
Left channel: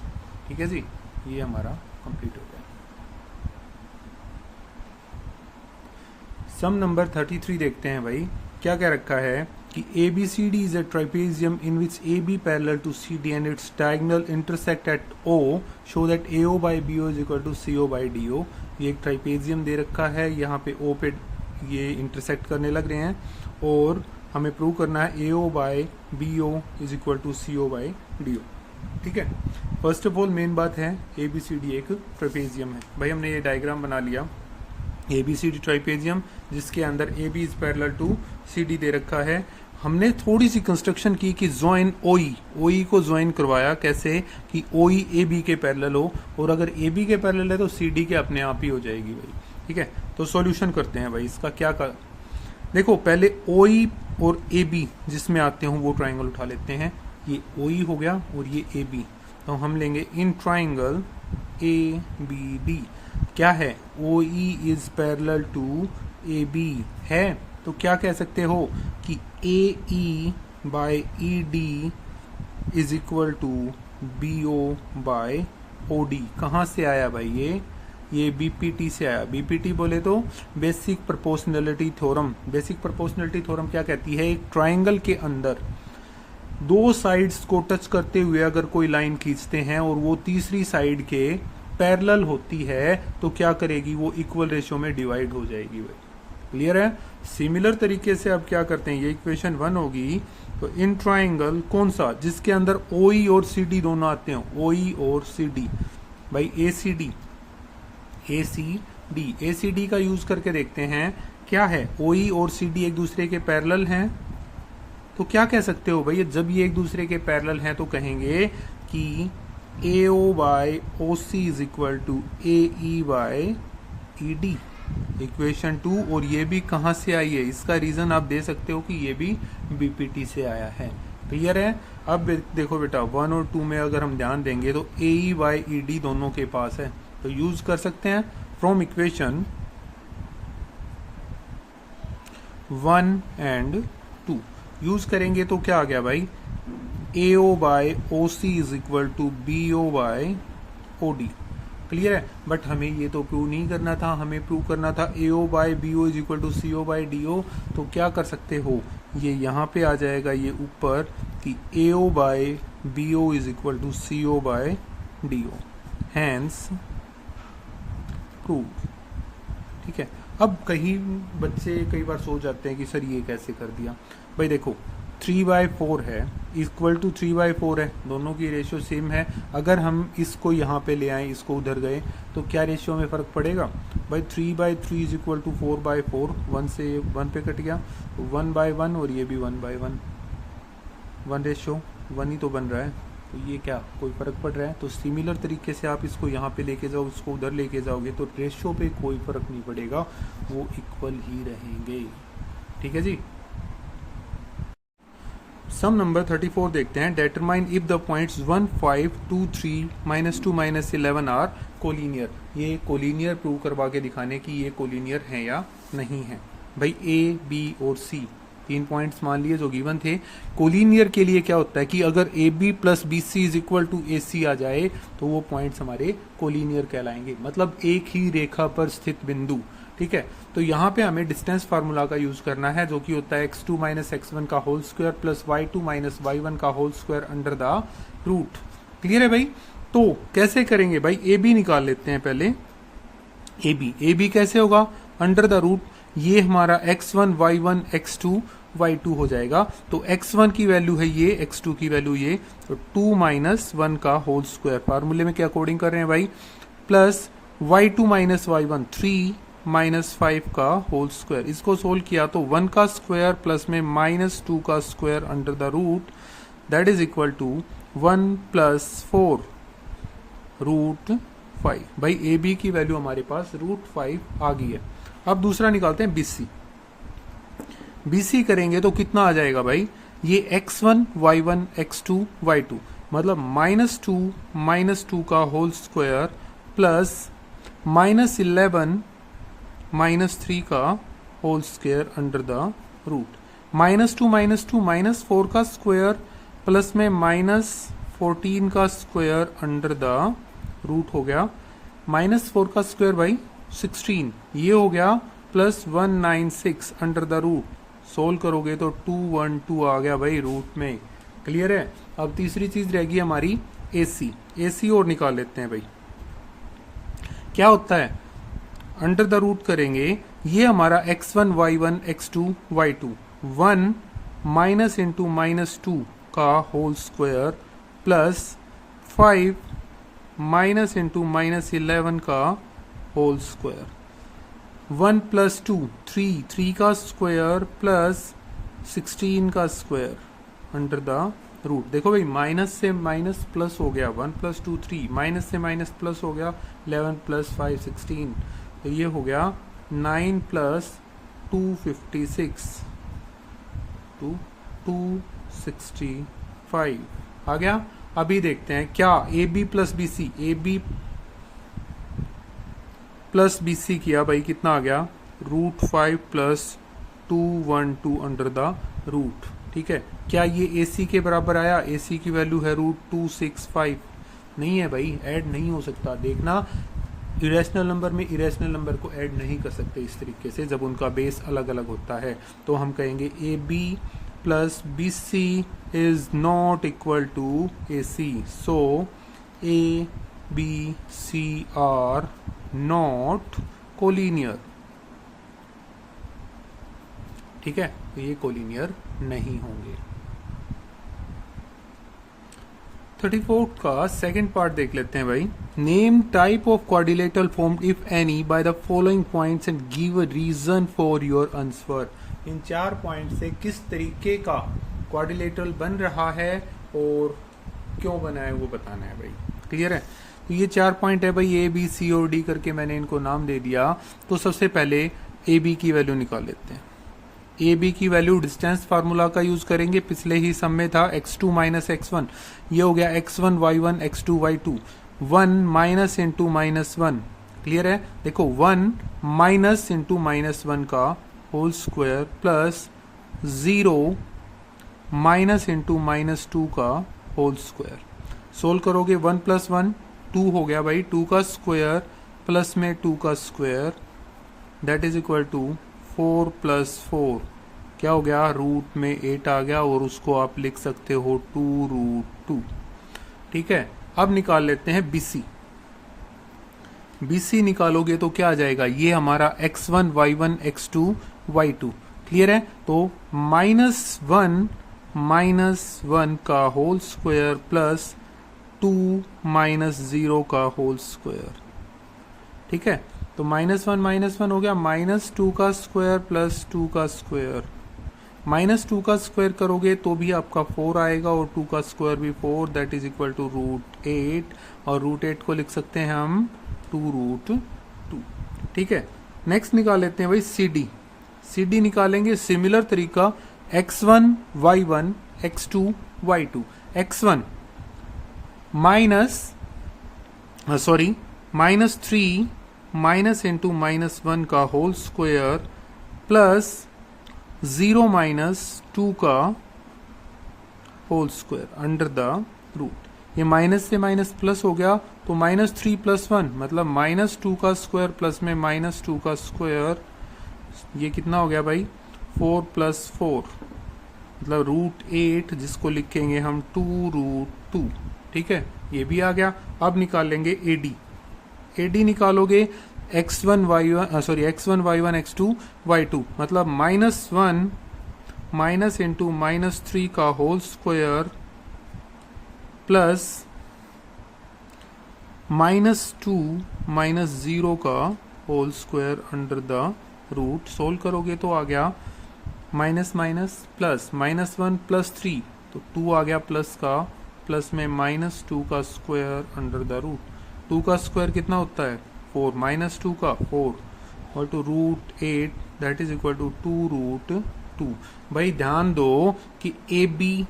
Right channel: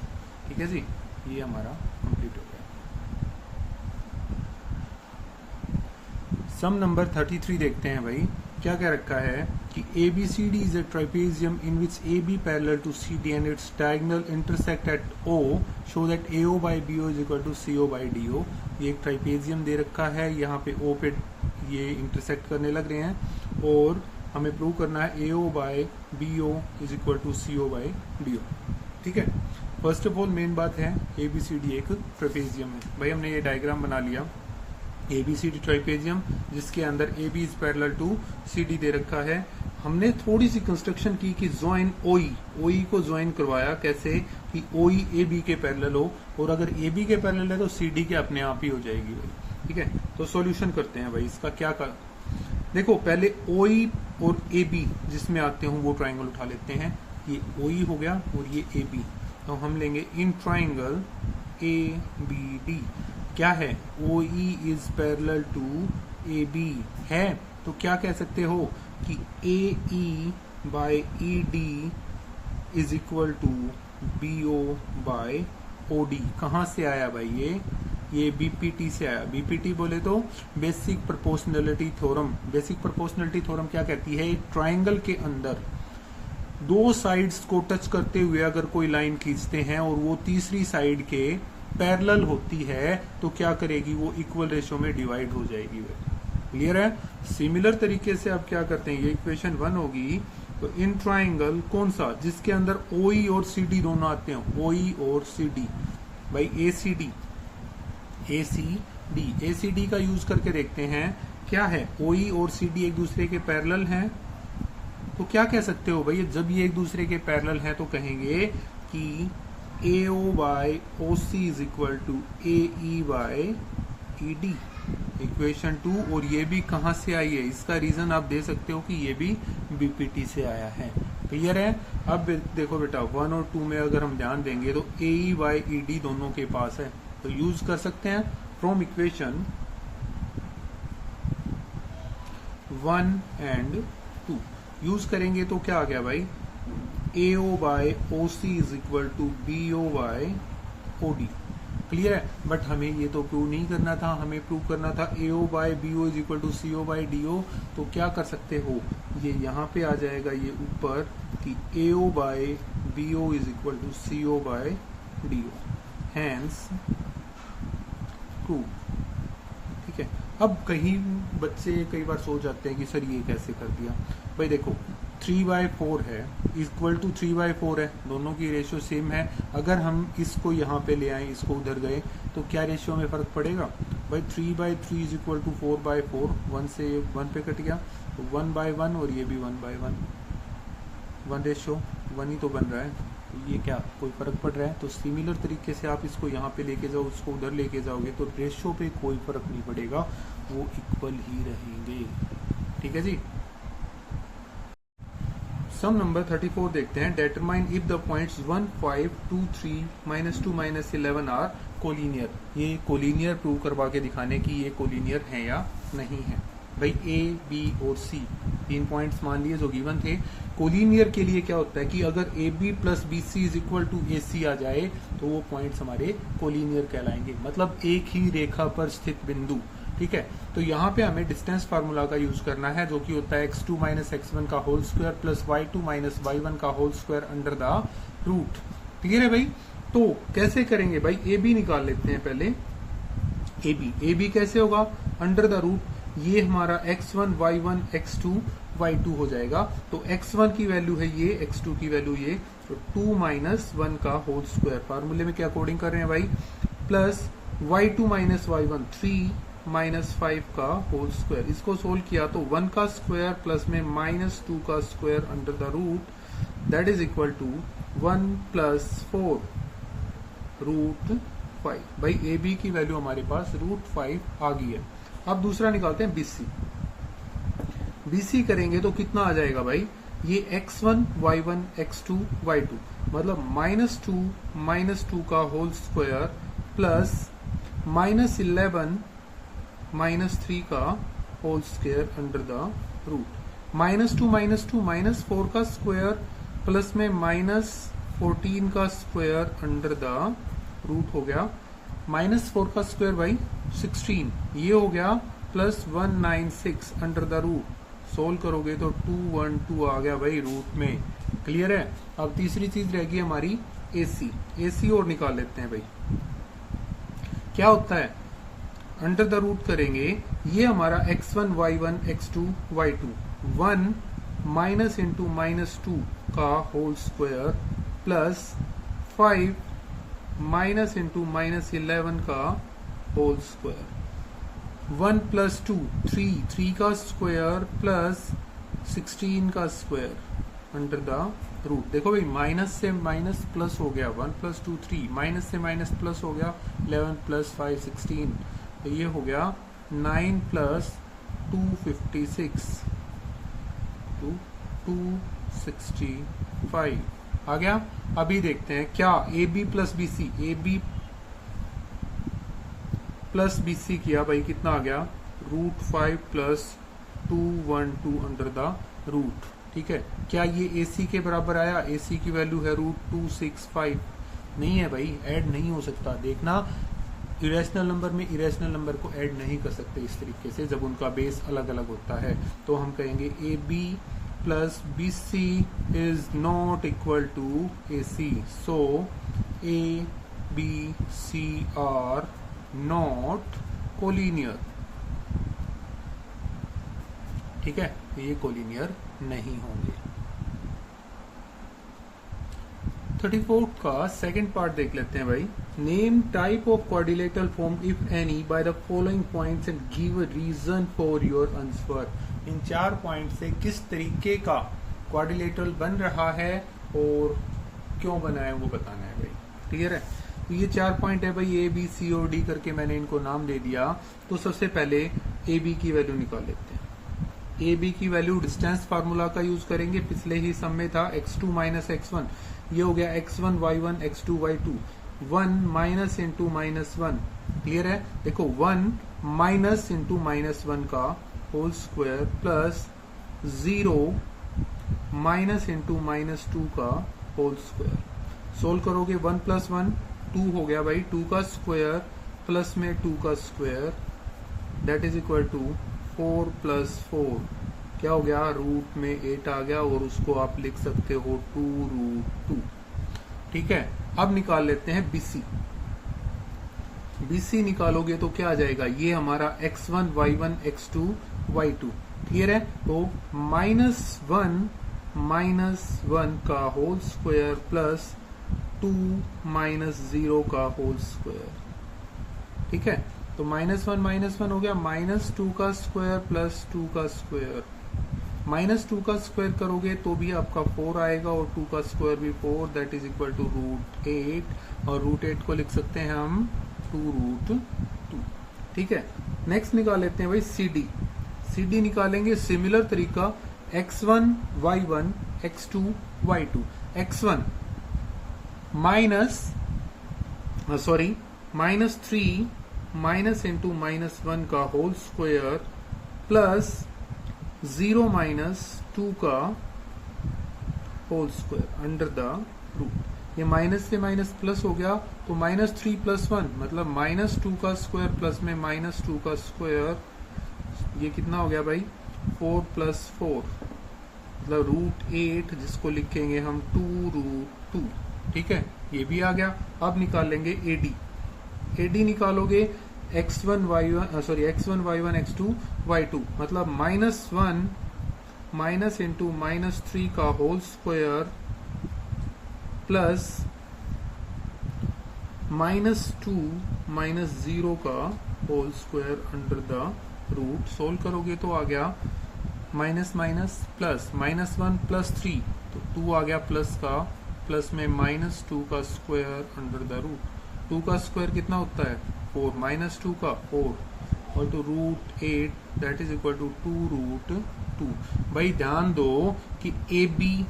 ठीक है जी। ये हमारा कंप्लीट हो गया। सम नंबर 33 देखते हैं भाई, क्या क्या रखा है कि ABCD is a trapezium in which AB parallel to CD and its diagonal intersect at O, show that AO by BO is equal to CO by DO। ये एक ट्राइपेजियम दे रखा है, यहाँ पे O पे ये इंटरसेक्ट करने लग रहे हैं और हमें प्रूव करना है AO by BO is equal to CO by DO, ठीक है। फर्स्ट ऑफ ऑल मेन बात है ABCD एक ट्राइपेजियम है। भाई हमने ये डायग्राम बना लिया ABCD ट्राइपेजियम जिसके अंदर AB is parallel to CD दे रखा है। हमने थोड़ी सी कंस्ट्रक्शन की कि ज्वाइन OE को ज्वाइन करवाया, कैसे कि OE AB के पैरेलल हो, और अगर AB के पैरेलल है तो CD के अपने आप ही हो जाएगी भाई, ठीक है। तो सॉल्यूशन करते हैं भाई इसका। क्या कर देखो, पहले OE और AB जिसमें आते हो वो ट्राइंगल उठा लेते हैं। ये OE हो गया और ये AB, तो हम लेंगे इन ट्राइंगल ABD। क्या है, OE is parallel to AB है, तो क्या कह सकते हो कि AE by ED is equal to BO by OD। कहाँ से आया भाई ये बीपीटी से आया। बीपीटी बोले तो basic proportionality theorem. Basic proportionality theorem क्या कहती है, एक ट्राइंगल के अंदर दो साइड्स को टच करते हुए अगर कोई लाइन खींचते हैं और वो तीसरी साइड के पैरेलल होती है तो क्या करेगी, वो इक्वल रेशियो में डिवाइड हो जाएगी। क्लियर है। सिमिलर तरीके से अब क्या करते हैं, ये इक्वेशन 1 होगी। तो इन ट्राइंगल कौन सा, जिसके अंदर ओई और सीडी दोनों आते हैं, ओई और सीडी, भाई एसीडी, एसीडी का यूज करके देखते हैं क्या है, ओई और सीडी एक दूसरे के पैरेलल हैं। तो क्या कह सकते हो भाई, जब ये एक दूसरे के पैरेलल हैं तो कहेंगे कि AO by OC is equal to AE by ED, equation 2। और ये भी कहां से आई है, इसका रीजन आप दे सकते हो कि ये भी बीपीटी से आया है। क्लियर है। अब देखो बेटा 1 और 2 में अगर हम ध्यान देंगे तो AE बाय ED दोनों के पास है, तो यूज कर सकते हैं फ्रॉम इक्वेशन 1 एंड 2। यूज करेंगे तो क्या आ गया भाई, AO by OC is equal to BO by OD। Clear है। बट हमें ये तो प्रूव नहीं करना था, हमें प्रूव करना था AO by BO is equal to CO by DO। तो क्या कर सकते हो, ये यहाँ पे आ जाएगा ये ऊपर कि AO by BO is equal to CO by DO, hence prove. ठीक है। अब कहीं बच्चे कई बार सोच जाते हैं कि सर ये कैसे कर दिया। भाई देखो 3/4 है इक्वल टू 3/4 है, दोनों की रेशियो सेम है। अगर हम इसको यहाँ पे ले आए, इसको उधर गए तो क्या रेशियो में फर्क पड़ेगा भाई, 3/3 इज इक्वल टू 4/4, 1 से 1 पे कट गया, 1/1 और ये भी 1/1, 1 रेशियो 1 ही तो बन रहा है, तो ये क्या कोई फर्क पड़ रहा है। तो सिमिलर तरीके से आप इसको यहाँ पे लेके जाओ, उसको उधर लेके जाओगे तो रेशियो पे कोई फर्क नहीं पड़ेगा, वो इक्वल ही रहेंगे। ठीक है जी। सम नंबर 34 देखते हैं। Determine if the points 1, 5, 2, 3, -2, -11 are collinear. ये कोलिनियर प्रूव करवा के दिखाने की ये कोलिनियर है या नहीं है। भाई A, B और C 3 पॉइंट्स मान लिए जो गिवन थे। कोलिनियर के लिए क्या होता है कि अगर AB plus BC is equal to AC आ जाए तो वो पॉइंट्स हमारे कोलिनियर कहलाएंगे, मतलब एक ही रेखा पर स्थित बिंदु। ठीक है। तो यहाँ पे हमें डिस्टेंस फार्मूला का यूज करना है, जो कि होता है x2 माइनस x1 का whole square plus y2 minus y1 का whole square under the root. Clear है भाई। तो कैसे करेंगे भाई, AB निकाल लेते हैं पहले। AB कैसे होगा, अंडर द रूट, ये हमारा x1 y1 x2 y2 हो जाएगा। तो x1 की वैल्यू है ये, x2 की वैल्यू ये, तो 2 माइनस 1 का होल स्क्वायर फार्मूले में क्या कोडिंग कर रहे हैं भाई, प्लस y2 माइनस y1 3 -5 का होल स्क्वायर। इसको सोल्व किया तो 1 का स्क्वायर प्लस में -2 का square under the root, that is equal to 1 + 4 √5। भाई AB की वैल्यू हमारे पास √5 आ गई है। अब दूसरा निकालते हैं BC करेंगे तो कितना आ जाएगा भाई, ये x1 y1 x2 y2, मतलब -2 का होल स्क्वायर प्लस -11 -3 का whole square under the root, -2 -4 का स्क्वायर प्लस में -14 का स्क्वायर अंडर द रूट हो गया, -4 का स्क्वायर भाई 16 ये हो गया, plus 196 under the root. Solve करोगे तो 212 आ गया भाई रूट में। क्लियर है। अब तीसरी चीज रहेगी हमारी AC और निकाल लेते हैं भाई। क्या होता है, अंडर द रूट करेंगे, ये हमारा x1 y1 x2 y2, 1 minus into -2 का whole square plus 5 minus into -11 का होल स्क्वायर, 1 + 2 3 का स्क्वायर प्लस 16 का स्क्वायर अंडर द रूट। देखो भाई माइनस से माइनस प्लस हो गया, 1 + 2 3, माइनस से माइनस प्लस हो गया 11 + 5 16, तो ये हो गया 9 + 256 265 आ गया। अभी देखते हैं क्या AB प्लस BC किया भाई, कितना आ गया, √5 + 212 अंडर द रूट। ठीक है। क्या ये AC के बराबर आया, AC की वैल्यू है √265, नहीं है भाई, ऐड नहीं हो सकता। देखना इरेशनल नंबर में इरेशनल नंबर को ऐड नहीं कर सकते इस तरीके से जब उनका बेस अलग अलग होता है, तो हम कहेंगे A B plus B C is not equal to A C, so A B C are not collinear. ठीक है, तो ये कोलिनियर नहीं होंगे। 34 का सेकंड पार्ट देख लेते हैं भाई। Name type of quadrilateral formed if any by the following points and give a reason for your answer. इन 4 पॉइंट से किस तरीके का क्वाड्रिलेटरल बन रहा है और क्यों बना है वो बताना है भाई। क्लियर है? तो ये 4 पॉइंट है भाई, ए बी सी और डी करके मैंने इनको नाम दे दिया। तो सबसे पहले ए बी की वैल्यू निकाल लेते हैं। ए बी की वैल्यू डिस्टेंस फार्मूला का यूज करेंगे, पिछले ही सम में था x2 माइनस x1, ये हो गया x1 y1 x2 y2, 1 minus into minus 1। Clear है? देखो 1 माइनस इंटू माइनस 1 का whole square plus 0 minus into minus 2 का होल स्क्वायर। सोल्व करोगे 1 प्लस 1 2 हो गया भाई, 2 का स्क्वायर प्लस में 2 का square that is equal to 4 plus 4 क्या हो गया, रूट में 8 आ गया और उसको आप लिख सकते हो 2 रूट 2। ठीक है, अब निकाल लेते हैं BC। BC निकालोगे तो क्या आ जाएगा, ये हमारा x1 y1 x2 y2। Clear है? तो -1 का होल स्क्वायर प्लस 2 -0 का होल स्क्वायर। ठीक है, तो -1 हो गया, -2 का स्क्वायर प्लस 2 का स्क्वायर। -2 का स्क्वायर करोगे तो भी आपका 4 आएगा और 2 का स्क्वायर भी 4 दैट इज इक्वल टू √8, और √8 को लिख सकते हैं हम 2√2। ठीक है, नेक्स्ट निकाल लेते हैं भाई CD। CD निकालेंगे सिमिलर तरीका, x1 y1 x2 y2। x1 -3 minus into -1 का होल स्क्वायर प्लस 0 -2 का whole square under the root. ये माइनस से माइनस प्लस हो गया, तो -3 + 1 मतलब -2 का स्क्वायर प्लस में -2 का स्क्वायर, ये कितना हो गया भाई 4 + 4 मतलब √8, जिसको लिखेंगे हम 2√2। ठीक है, ये भी आ गया। अब निकाल लेंगे AD निकालोगे x1 y1 x2 y2 मतलब -1 माइनस इंटू -3 का होल स्क्वायर प्लस -2 -0 का whole square under the root. Solve करोगे तो आ गया माइनस प्लस -1 + 3 तो 2 आ गया प्लस का, प्लस में -2 का स्क्वायर अंडर द रूट। 2 का स्क्वायर कितना होता है 4, -2 का 4 और two √8 that is equal to 2√2। भाई ध्यान दो कि AB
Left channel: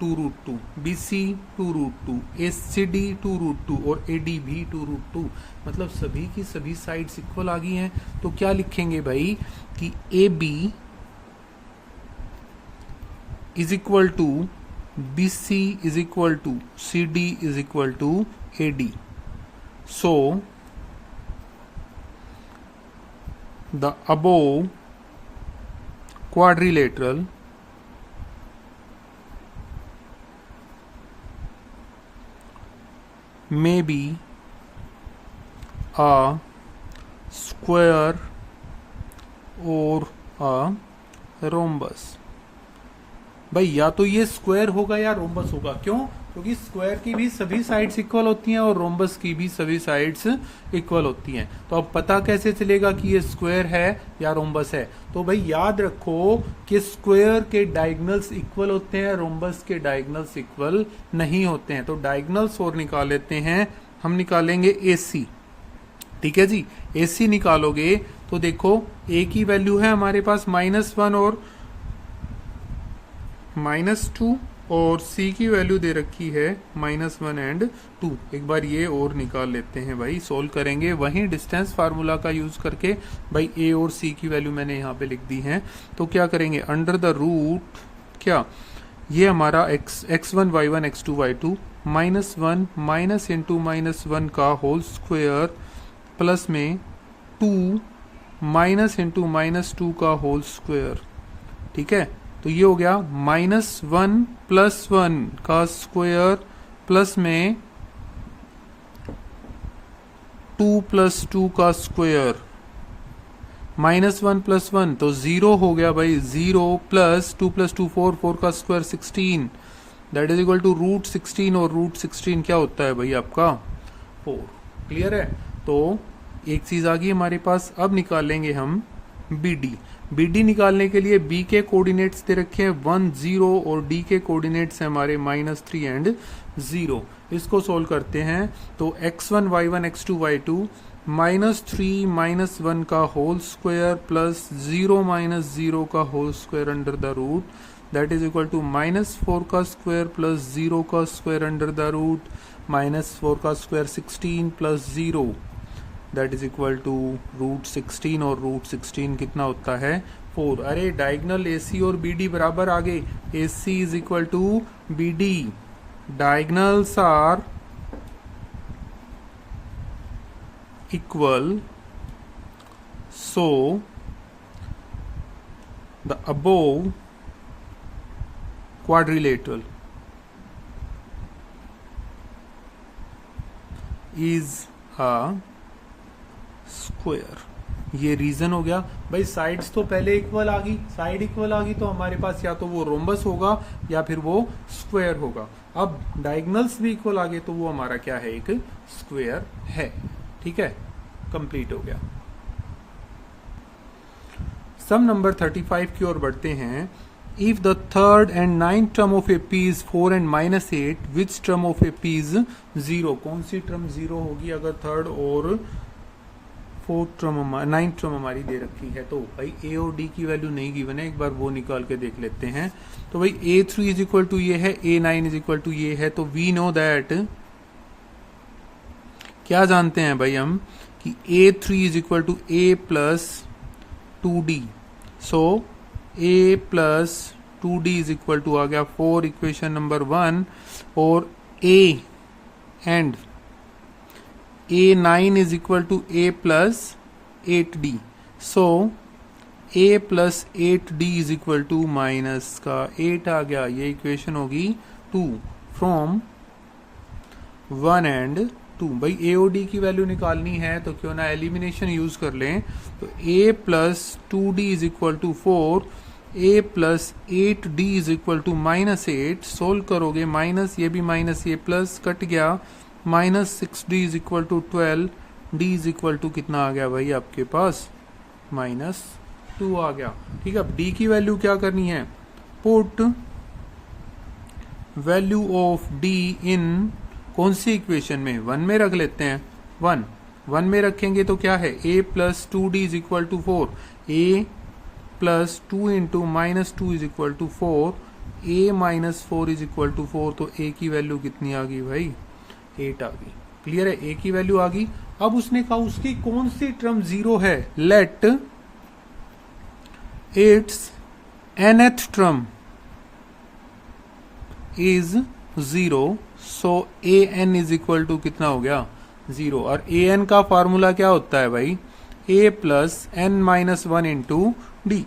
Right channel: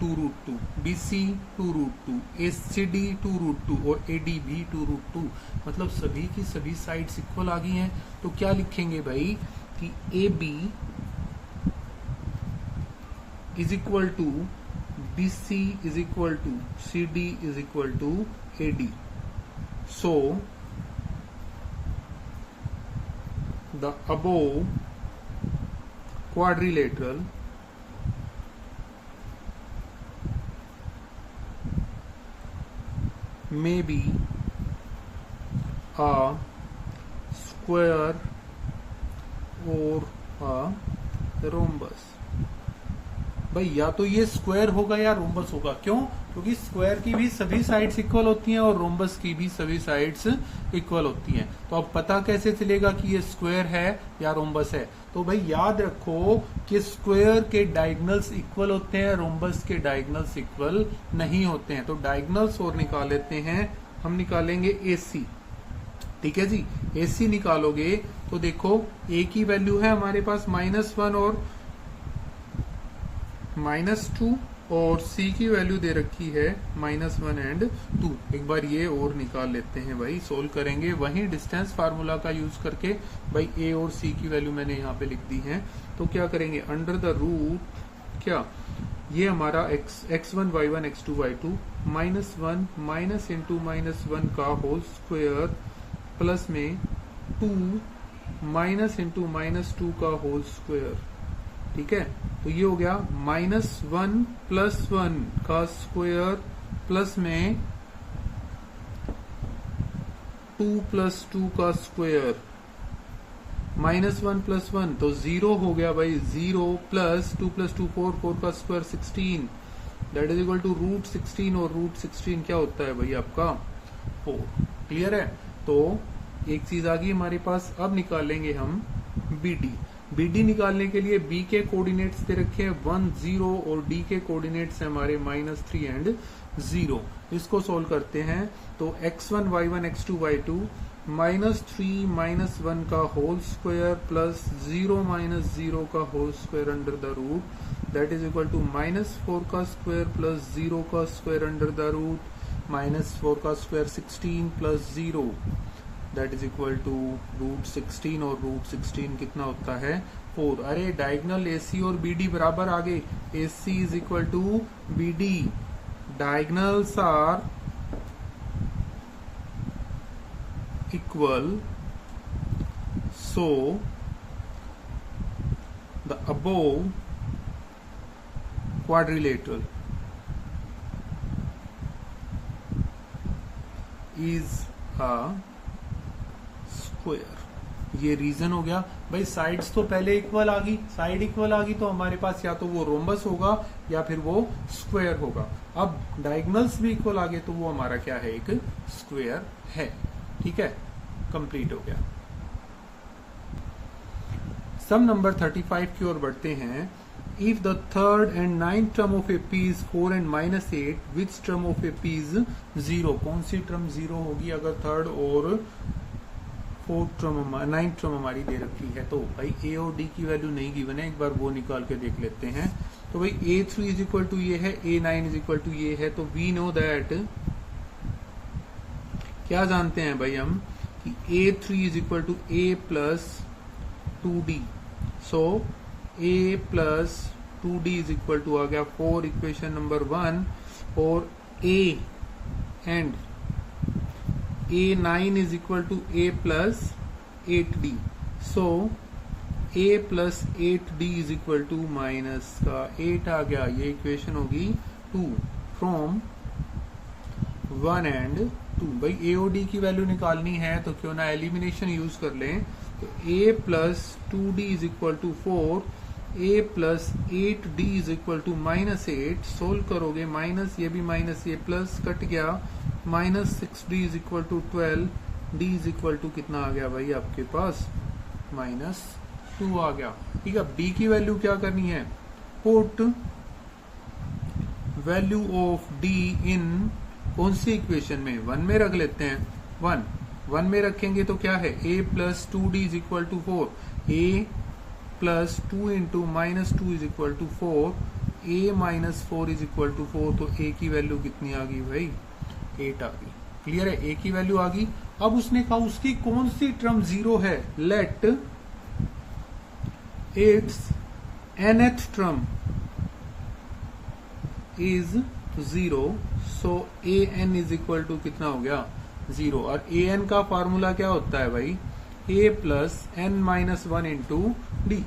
2√2, BC 2√2, ACD 2√2 और AD भी 2√2, मतलब सभी की सभी साइड्स इक्वल आ गई हैं। तो क्या लिखेंगे भाई कि AB is equal to BC is equal to CD is equal to AD। So, the above quadrilateral may be a square or a rhombus। भाई या तो ये स्क्वायर होगा या रोम्बस होगा। क्यों? क्योंकि स्क्वायर की भी सभी साइड्स इक्वल होती हैं और रोम्बस की भी सभी साइड्स इक्वल होती हैं। तो अब पता कैसे चलेगा कि ये स्क्वायर है या रोम्बस है? तो भाई याद रखो कि स्क्वायर के डायगोनल्स इक्वल होते हैं, रोम्बस के डायगोनल्स इक्वल नहीं होते हैं। तो डायगोनल्स और निकाल लेते हैं, हम निकालेंगे AC। ठीक है जी, AC निकालोगे तो देखो A की वैल्यू है हमारे पास -1 और -2 और C की वैल्यू दे रखी है -1 एंड 2। एक बार ये और निकाल लेते हैं भाई, सोल्व करेंगे वहीं डिस्टेंस फार्मूला का यूज करके। भाई A और C की वैल्यू मैंने यहाँ पे लिख दी है। तो क्या करेंगे अंडर द रूट, क्या ये हमारा x1 y1 x2 y2 -1 minus into -1 का होल स्क्वायर प्लस में 2 माइनस इंटू -2 का होल स्क्वायर, ठीक है। तो ये हो गया -1 + 1 का स्क्वायर प्लस में 2 + 2 का स्क्वायर, -1 + 1 तो 0 हो गया भाई। 0 + 2 + 2 4, 4 का square 16, that is equal to √16, और √16 क्या होता है भाई आपका 4। क्लियर है। तो एक चीज आ गई हमारे पास। अब निकालेंगे हम BD निकालने के लिए B के कोऑर्डिनेट्स दे रखे हैं 1 0 और D के कोऑर्डिनेट्स हैं हमारे -3 एंड 0। इसको सोल्व करते हैं तो x1 y1 x2 y2 -3 - 1 का होल स्क्वायर प्लस 0 - 0 का whole square under the root, that is equal to -4 का स्क्वायर प्लस 0 का स्क्वायर अंडर द रूट, -4 का square 16 plus 0, that is equal to √16, और √16 कितना होता है 4। अरे डायगोनल AC और BD बराबर आ गए। AC is equal to BD, diagonals are equal, so the above quadrilateral is a square. ये रीजन हो गया भाई। साइड्स तो पहले इक्वल आ गई, साइड इक्वल आ गई तो हमारे पास या तो वो रोम्बस होगा या फिर वो स्क्वायर होगा। अब डायगोनल्स भी इक्वल आ गए तो वो हमारा क्या है, एक स्क्वायर है। ठीक है, कंप्लीट हो गया। सम नंबर 35 की ओर बढ़ते हैं। If the third and 9th term of AP is 4 and -8, which term of AP is 0? कौन सी टर्म 0 होगी अगर थर्ड और 9th टर्म हमारी दे रखी है? तो भाई A और D की वैल्यू नहीं गिवन है, एक बार वो निकाल के देख लेते हैं। तो भाई A3 इज इक्वल टू ये है, A9 इज इक्वल टू ये है, तो वी नो दैट, क्या जानते हैं भाई हम कि A3 is equal to A plus 2D। So A plus 2D is equal to आ गया 4, इक्वेशन नंबर 1, और A and A9 is equal to A plus 8D. So A plus 8D is equal to minus का 8 आ गया। ये equation होगी 2 from 1 and 2। भाई A और D की वैल्यू निकालनी है तो क्यों ना एलिमिनेशन यूज कर लें। तो A plus 2D is equal to 4, A plus 8D is equal to -8। Solve करोगे माइनस, ये भी माइनस, ये प्लस कट गया, -6D is equal to 12, D is equal to कितना आ गया भाई आपके पास -2 आ गया। ठीक है, अब D की वैल्यू क्या करनी है, पुट वैल्यू ऑफ D इन कौन सी इक्वेशन में, 1 में रख लेते हैं। 1 में रखेंगे तो क्या है, A plus 2D is equal to 4, A plus 2 into -2 is equal to 4, A minus 4 is equal to 4, तो A की वैल्यू कितनी आ गई भाई 8 आ गई। क्लियर है, A की वैल्यू आ गई। अब उसने कहा उसकी कौन सी टर्म 0 है, let its nth term is 0, so an is equal to कितना हो गया 0। और an का फॉर्मूला क्या होता है भाई, A plus n-1 into D।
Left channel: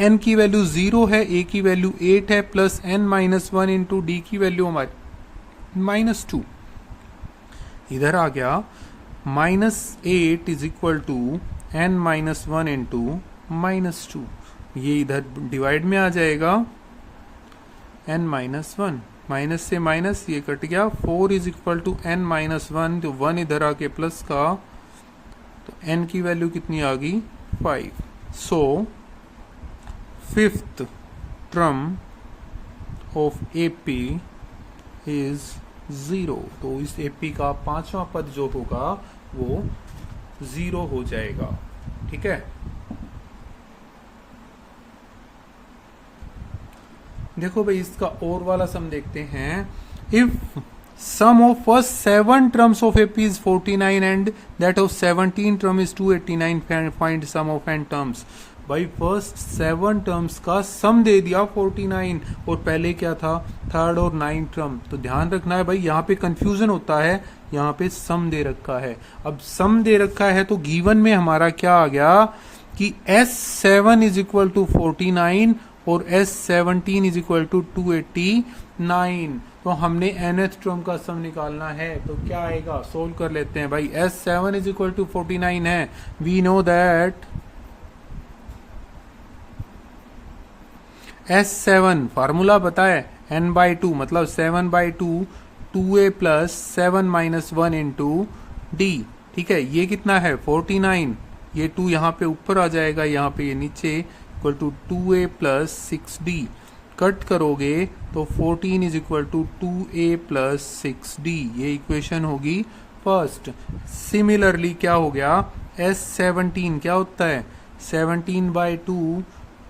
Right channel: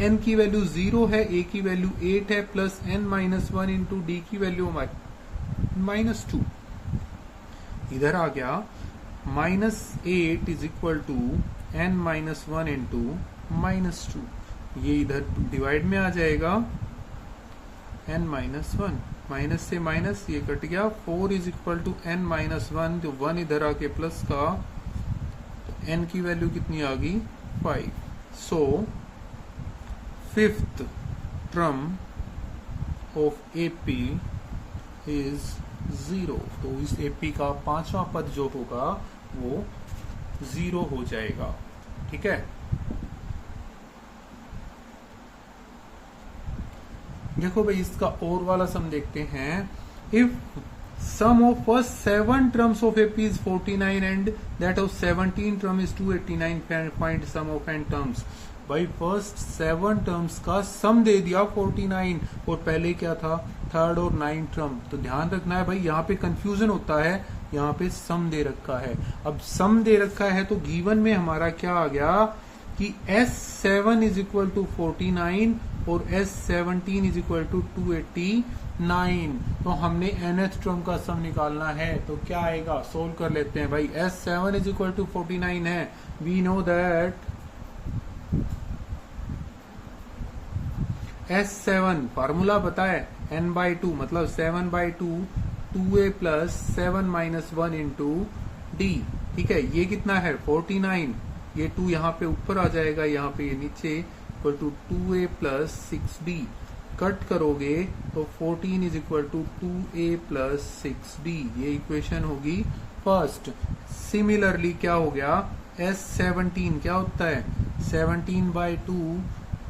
an की वैल्यू 0 है, A की वैल्यू 8 है, प्लस n-1 इंटू D की वैल्यू हमारी -2। इधर आ गया -8 is equal to n-1 into -2। ये इधर डिवाइड में आ जाएगा, n-1 माइनस से माइनस ये कट गया, 4 इज इक्वल टू n-1, तो 1 इधर आके प्लस का, तो n की वैल्यू कितनी आ गई 5। सो 5th term of AP is 0। तो इस AP का 5वां पद जो होगा वो 0 हो जाएगा। ठीक है, देखो भाई इसका और वाला सम देखते हैं। If sum of first 7 terms of AP is 49 and that of 17 term is 289, find sum of n terms. भाई फर्स्ट 7 टर्म्स का सम दे दिया 49, और पहले क्या था, थर्ड और 9th टर्म। तो ध्यान रखना है भाई, यहाँ पे कंफ्यूजन होता है यहाँ पे सम दे रखा है। अब सम दे रखा है तो गिवन में हमारा क्या आ गया कि S7 इज इक्वल टू 49 और S17 इज इक्वल टू 289। तो हमने nth टर्म का सम निकालना है, तो क्या आएगा, सोल्व कर लेते हैं भाई। S7 इज इक्वल टू 49 है, we know that S7 formula पता है, n/2 मतलब 7/2 2a plus 7 minus 1 into D. ठीक है, ये कितना है 49, ये 2 यहाँ पे ऊपर आ जाएगा, यहाँ पे ये नीचे, equal to 2a plus 6d। Cut करोगे तो 14 is equal to 2a plus 6d, ये इक्वेशन होगी फर्स्ट। सिमिलरली क्या हो गया, S17 क्या होता है 17/2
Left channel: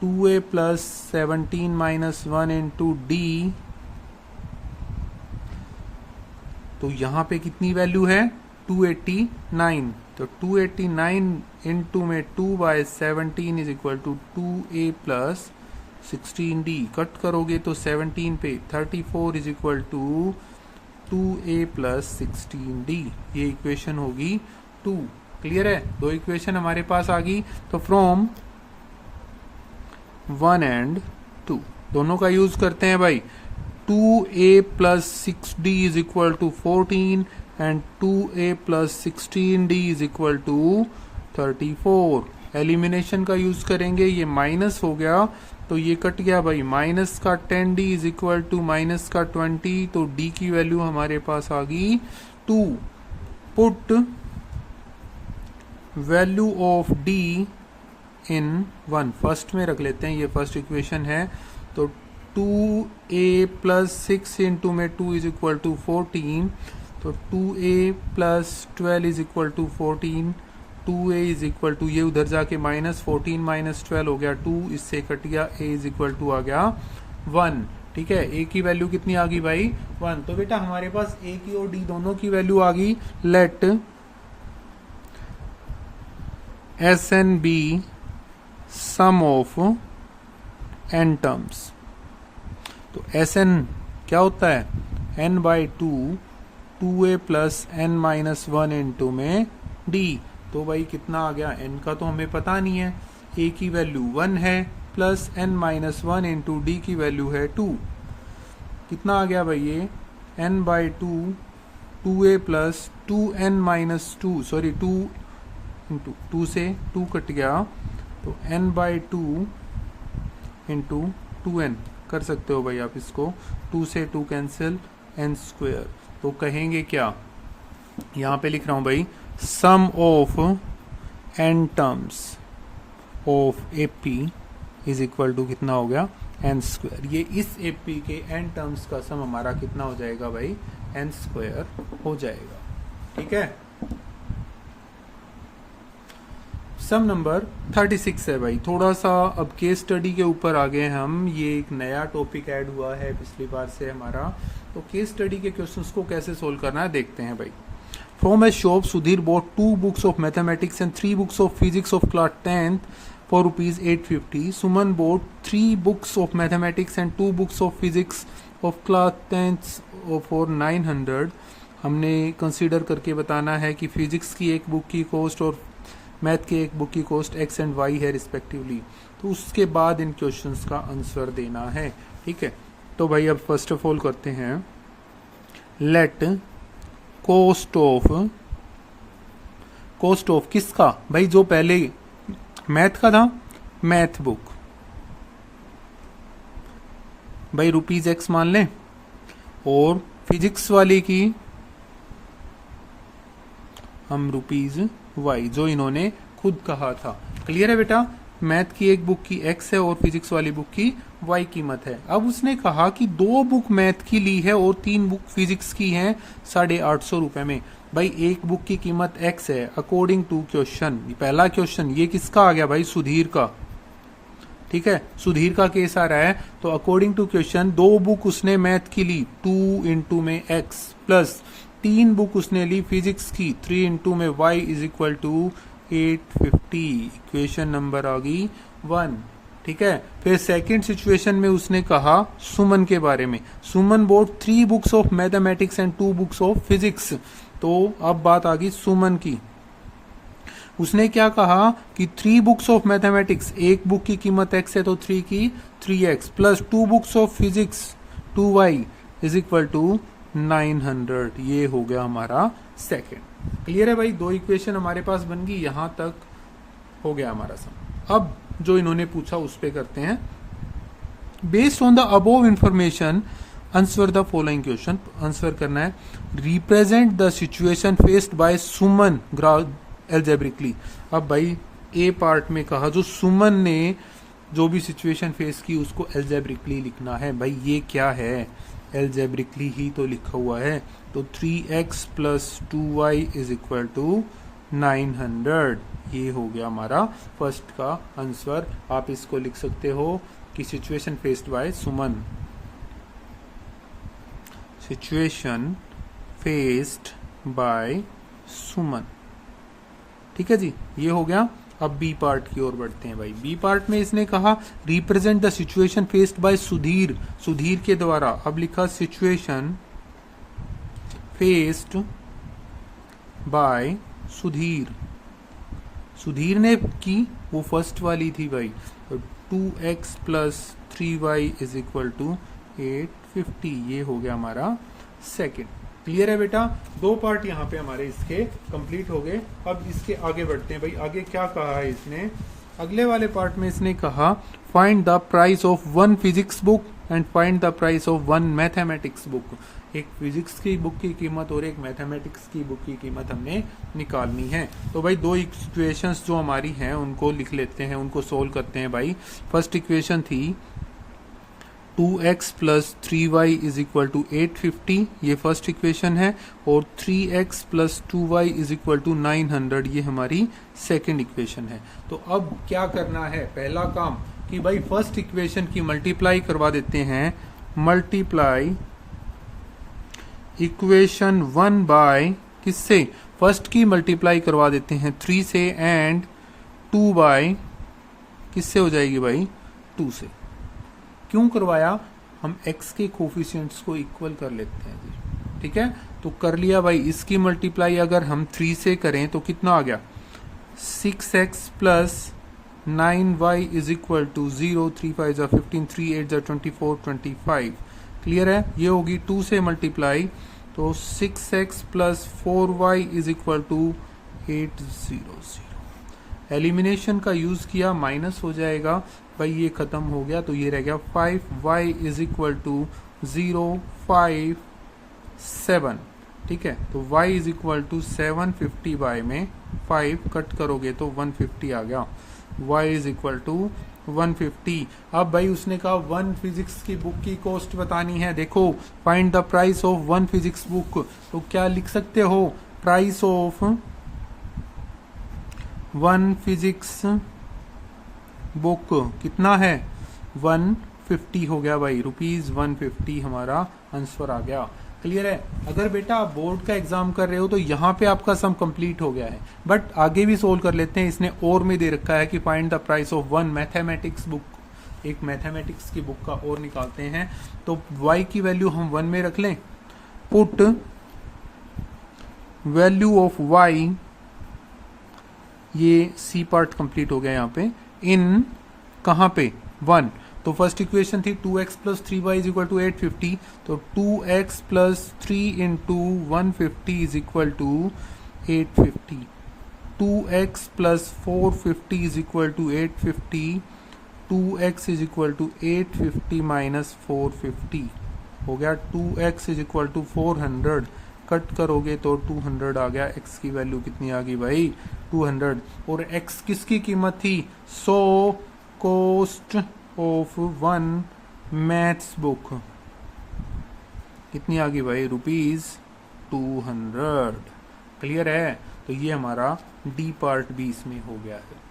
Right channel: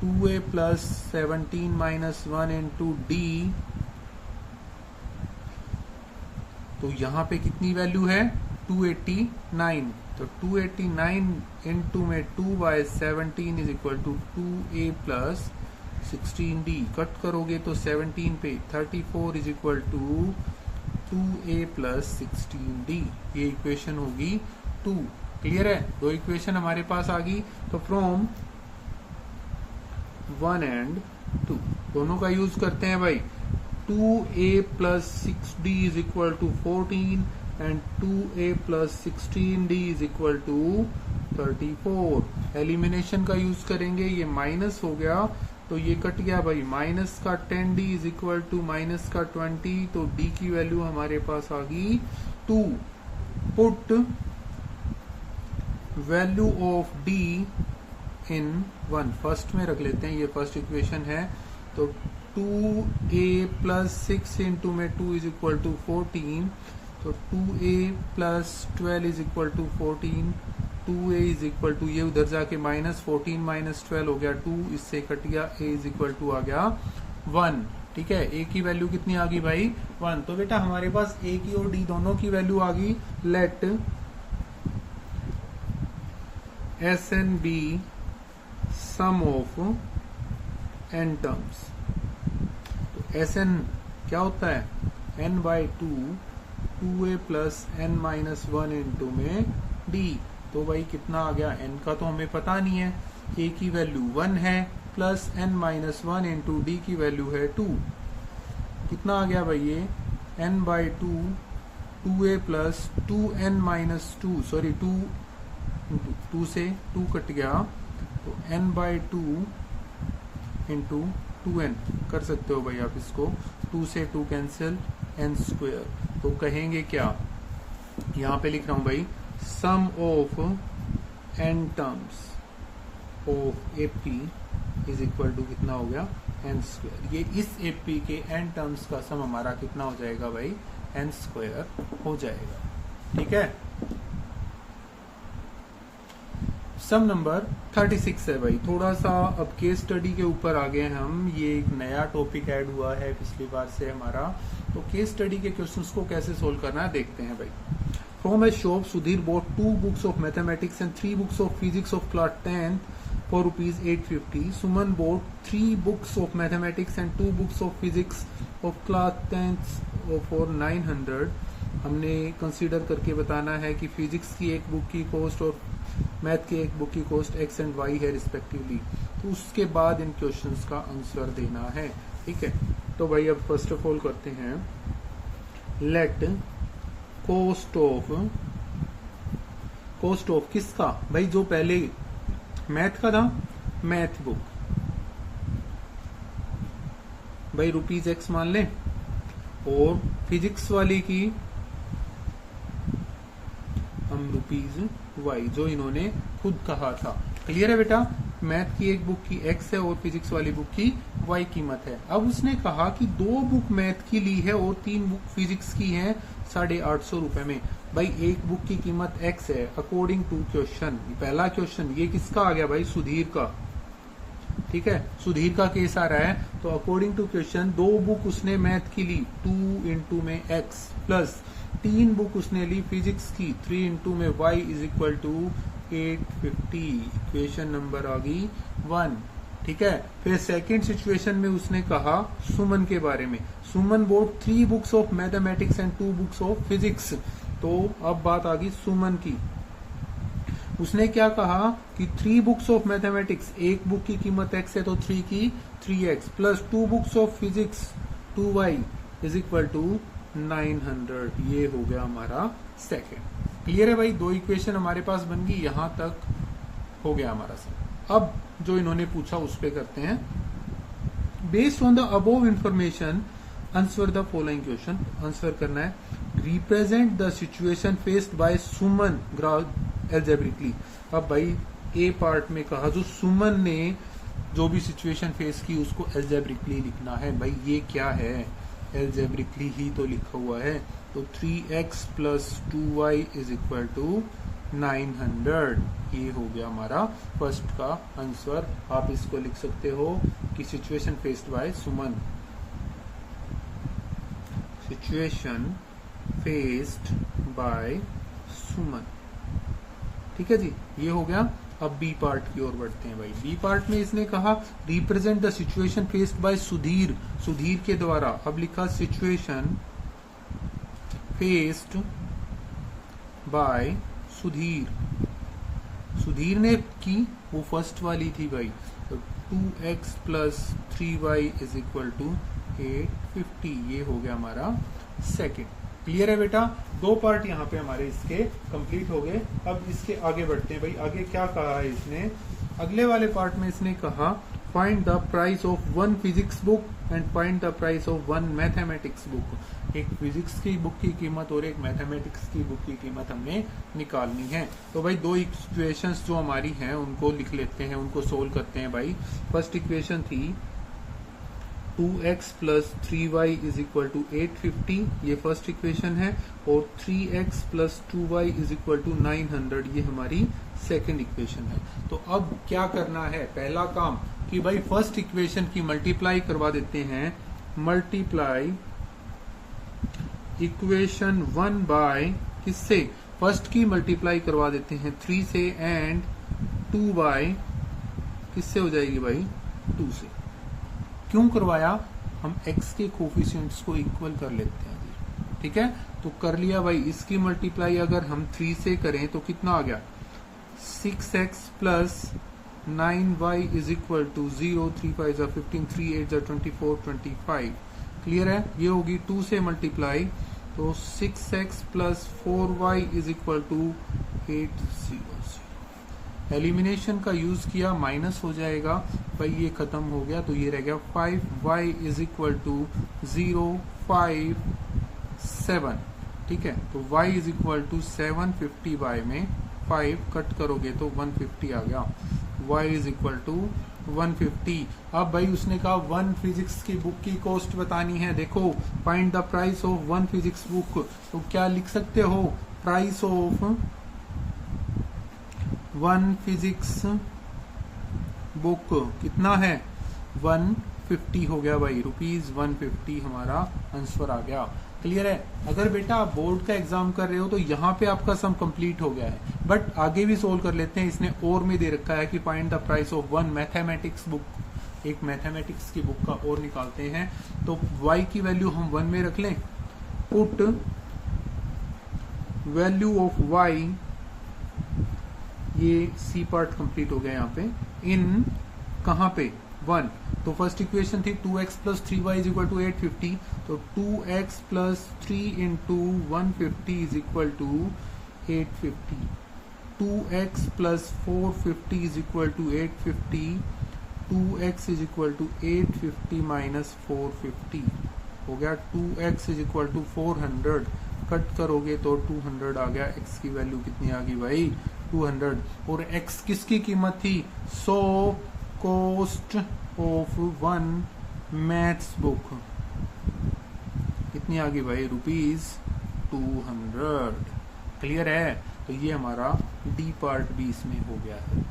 2a plus 17 minus 1 into D. तो यहाँ पे कितनी वैल्यू है 289, तो 289 इंटू में 2/17 is equal to 2a plus 16d। Cut करोगे तो 17 पे 34 is equal to 2a plus 16d, ये इक्वेशन होगी 2। क्लियर है, दो इक्वेशन हमारे पास आ गई। तो फ्रॉम 1 एंड 2 दोनों का यूज करते हैं भाई। 2a plus 6d is equal to 14 and 2a plus 16d is equal to 34। Elimination का यूज करेंगे, ये माइनस हो गया तो ये कट गया भाई, माइनस का 10d is equal to minus का 20, तो d की वैल्यू हमारे पास आ गई 2। Put value of d in 1, first में रख लेते हैं, ये फर्स्ट इक्वेशन है। तो 2a प्लस 6 इंटू में 2 इज इक्वल टू 14, तो 2a plus 12 is equal to 14, 2a is equal to, ये उधर जाके माइनस 14 माइनस 12 हो गया 2, इससे कट गया, a इज इक्वल टू आ गया 1। ठीक है, a की वैल्यू कितनी आ गई भाई 1। तो बेटा हमारे पास a की और d दोनों की वैल्यू आ गई। Let Sn be sum of n terms. तो Sn क्या होता है n/2 2a plus n minus 1 into में d। तो भाई कितना आ गया, n का तो हमें पता नहीं है, a की वैल्यू 1 है plus n minus 1 into D की वैल्यू है 2। कितना आ गया भाई ये n/2 2a plus 2n minus 2, sorry 2 into 2 से 2 कट गया, तो n/2 इंटू 2n कर सकते हो भाई आप इसको, 2 से 2 कैंसिल, n स्क्वायर। तो कहेंगे क्या, यहाँ पे लिख रहा हूं भाई, sum of n terms of AP is equal to कितना हो गया n स्क्वायर। ये इस AP के n टर्म्स का सम हमारा कितना हो जाएगा भाई n स्क्वायर हो जाएगा। ठीक है, सम नंबर 36 है भाई। थोड़ा सा अब केस स्टडी के ऊपर आ गए हम, ये एक नया टॉपिक ऐड हुआ है पिछली बार से हमारा। तो केस स्टडी के क्वेश्चंस को कैसे सोल्व करना है देखते हैं भाई। From a shop Sudhir bought 2 books of mathematics and 3 books of physics of class 10th for ₹850। Suman bought 3 books of mathematics and 2 books of physics of class 10th for 900। हमने consider करके बताना है कि फिजिक्स की एक बुक की कॉस्ट और math की एक बुक की कॉस्ट x एंड y है रिस्पेक्टिवली। तो उसके बाद इन क्वेश्चंस का आंसर देना है। ठीक है, तो भाई अब फर्स्ट ऑफ ऑल करते हैं, लेट कॉस्ट ऑफ किसका भाई, जो पहले मैथ का था, मैथ बुक भाई ₹x मान लें, और फिजिक्स वाले की हम ₹y, जो इन्होंने खुद कहा था। क्लियर है बेटा, मैथ की एक बुक की x है और फिजिक्स वाली बुक की y कीमत है। अब उसने कहा कि 2 बुक मैथ की ली है और 3 बुक फिजिक्स की हैं ₹850 में। भाई एक बुक की कीमत x है अकॉर्डिंग टू क्वेश्चन। पहला क्वेश्चन ये किसका आ गया भाई, सुधीर का। ठीक है, सुधीर का केस आ रहा है। तो अकॉर्डिंग टू क्वेश्चन 2 बुक उसने मैथ की ली 2 इंटू में x प्लस 3 बुक उसने ली फिजिक्स की 3 इंटू में y is equal to 850। Equation number आ गई 1। ठीक है, फिर सेकंड सिचुएशन में उसने कहा सुमन के बारे में। Suman bought 3 books of mathematics and 2 books of physics. तो अब बात आ गई सुमन की। उसने क्या कहा कि 3 बुक्स ऑफ मैथमेटिक्स, एक बुक की कीमत x है तो 3 की 3x plus 2 books of physics 2y is equal to 900। ये हो गया हमारा सेकंड। क्लियर है भाई, दो इक्वेशन हमारे पास बन गई, यहां तक हो गया हमारा सब। अब जो इन्होंने पूछा उस पे करते हैं। Based on the above information answer the following question. Answer करना है, represent the situation faced by Suman algebraically. अब भाई ए पार्ट में कहा जो सुमन ने जो भी सिचुएशन फेस की उसको एल्जेब्रिकली लिखना है। भाई ये क्या है, एल्जेब्रिकली ही तो लिखा हुआ है। तो 3x plus 2y is equal to 900। ये हो गया हमारा फर्स्ट का आंसर। आप इसको लिख सकते हो कि situation faced by Suman, situation faced by Suman. ठीक है जी, ये हो गया। अब बी पार्ट की ओर बढ़ते हैं भाई। बी पार्ट में इसने कहा represent the situation faced bye Sudhir, Sudhir के द्वारा। अब लिखा situation faced bye Sudhir, Sudhir ने की, वो फर्स्ट वाली थी भाई। तो 2x plus 3y is equal to 850। ये हो गया हमारा सेकेंड। क्लियर है बेटा, दो पार्ट यहाँ पे हमारे इसके कंप्लीट हो गए। अब इसके आगे बढ़ते हैं भाई। आगे क्या कहा है इसने, अगले वाले पार्ट में इसने कहा find the price of 1 physics book and find the price of 1 mathematics book. एक फिजिक्स की बुक की कीमत और एक मैथमेटिक्स की बुक की कीमत हमें निकालनी है। तो भाई दो इक्वेशंस जो हमारी हैं उनको लिख लेते हैं, उनको सोल्व करते हैं भाई। फर्स्ट इक्वेशन थी 2x plus 3y is equal to 850, ये फर्स्ट इक्वेशन है। और 3x plus 2y is equal to 900, ये हमारी सेकंड इक्वेशन है। तो अब क्या करना है, पहला काम कि भाई फर्स्ट इक्वेशन की मल्टीप्लाई करवा देते हैं। मल्टीप्लाई इक्वेशन 1 बाय किससे, फर्स्ट की मल्टीप्लाई करवा देते हैं 3 से, एंड 2 बाय किससे हो जाएगी भाई, 2 से। क्यों करवाया, हम x के कोफिशिएंट्स को इक्वल कर लेते हैं जी। ठीक है, तो कर लिया भाई। इसकी मल्टीप्लाई अगर हम 3 से करें तो कितना आ गया, 6x plus 9y is equal to 0, 3 5 जा 15, 3 8 जा 24, 25। क्लियर है, ये होगी 2 से मल्टीप्लाई, तो 6x plus 4y is equal to 800। Elimination का यूज किया, माइनस हो जाएगा भाई, ये खत्म हो गया। तो ये रह गया 5y इज इक्वल टू 0 5 7। ठीक है, तो y is equal to 750y में 5 कट करोगे तो 150 आ गया। y is equal to 150। अब भाई उसने कहा 1 फिजिक्स की बुक की कॉस्ट बतानी है। देखो, find the price of 1 physics book, तो क्या लिख सकते हो, प्राइस ऑफ 1 फिजिक्स बुक कितना है, 150 हो गया भाई, रुपीज 150 हमारा आंसर आ गया। क्लियर है। अगर बेटा आप बोर्ड का एग्जाम कर रहे हो तो यहाँ पे आपका सम कंप्लीट हो गया है, बट आगे भी सोल्व कर लेते हैं। इसने और में दे रखा है कि find the price of 1 mathematics book, एक मैथमेटिक्स की बुक का और निकालते हैं। तो y की वैल्यू हम 1 में रख लें, पुट वैल्यू ऑफ y, ये सी पार्ट कंप्लीट हो गया यहाँ पे, इन कहाँ पे 1। तो फर्स्ट इक्वेशन थी 2x plus 3y is equal to 850, तो 2x plus 3 into 150 is equal to 850। 2x plus 450 is equal to 850, 2x is equal to 850 minus 450 हो गया 2x is equal to 400। Cut करोगे तो 200 आ गया। x की वैल्यू कितनी आ गई भाई, 200। और x किसकी कीमत थी, so cost of 1 maths book कितनी आ गई भाई, रुपीज 200। क्लियर है, तो ये हमारा डी पार्ट भी इसमें हो गया है।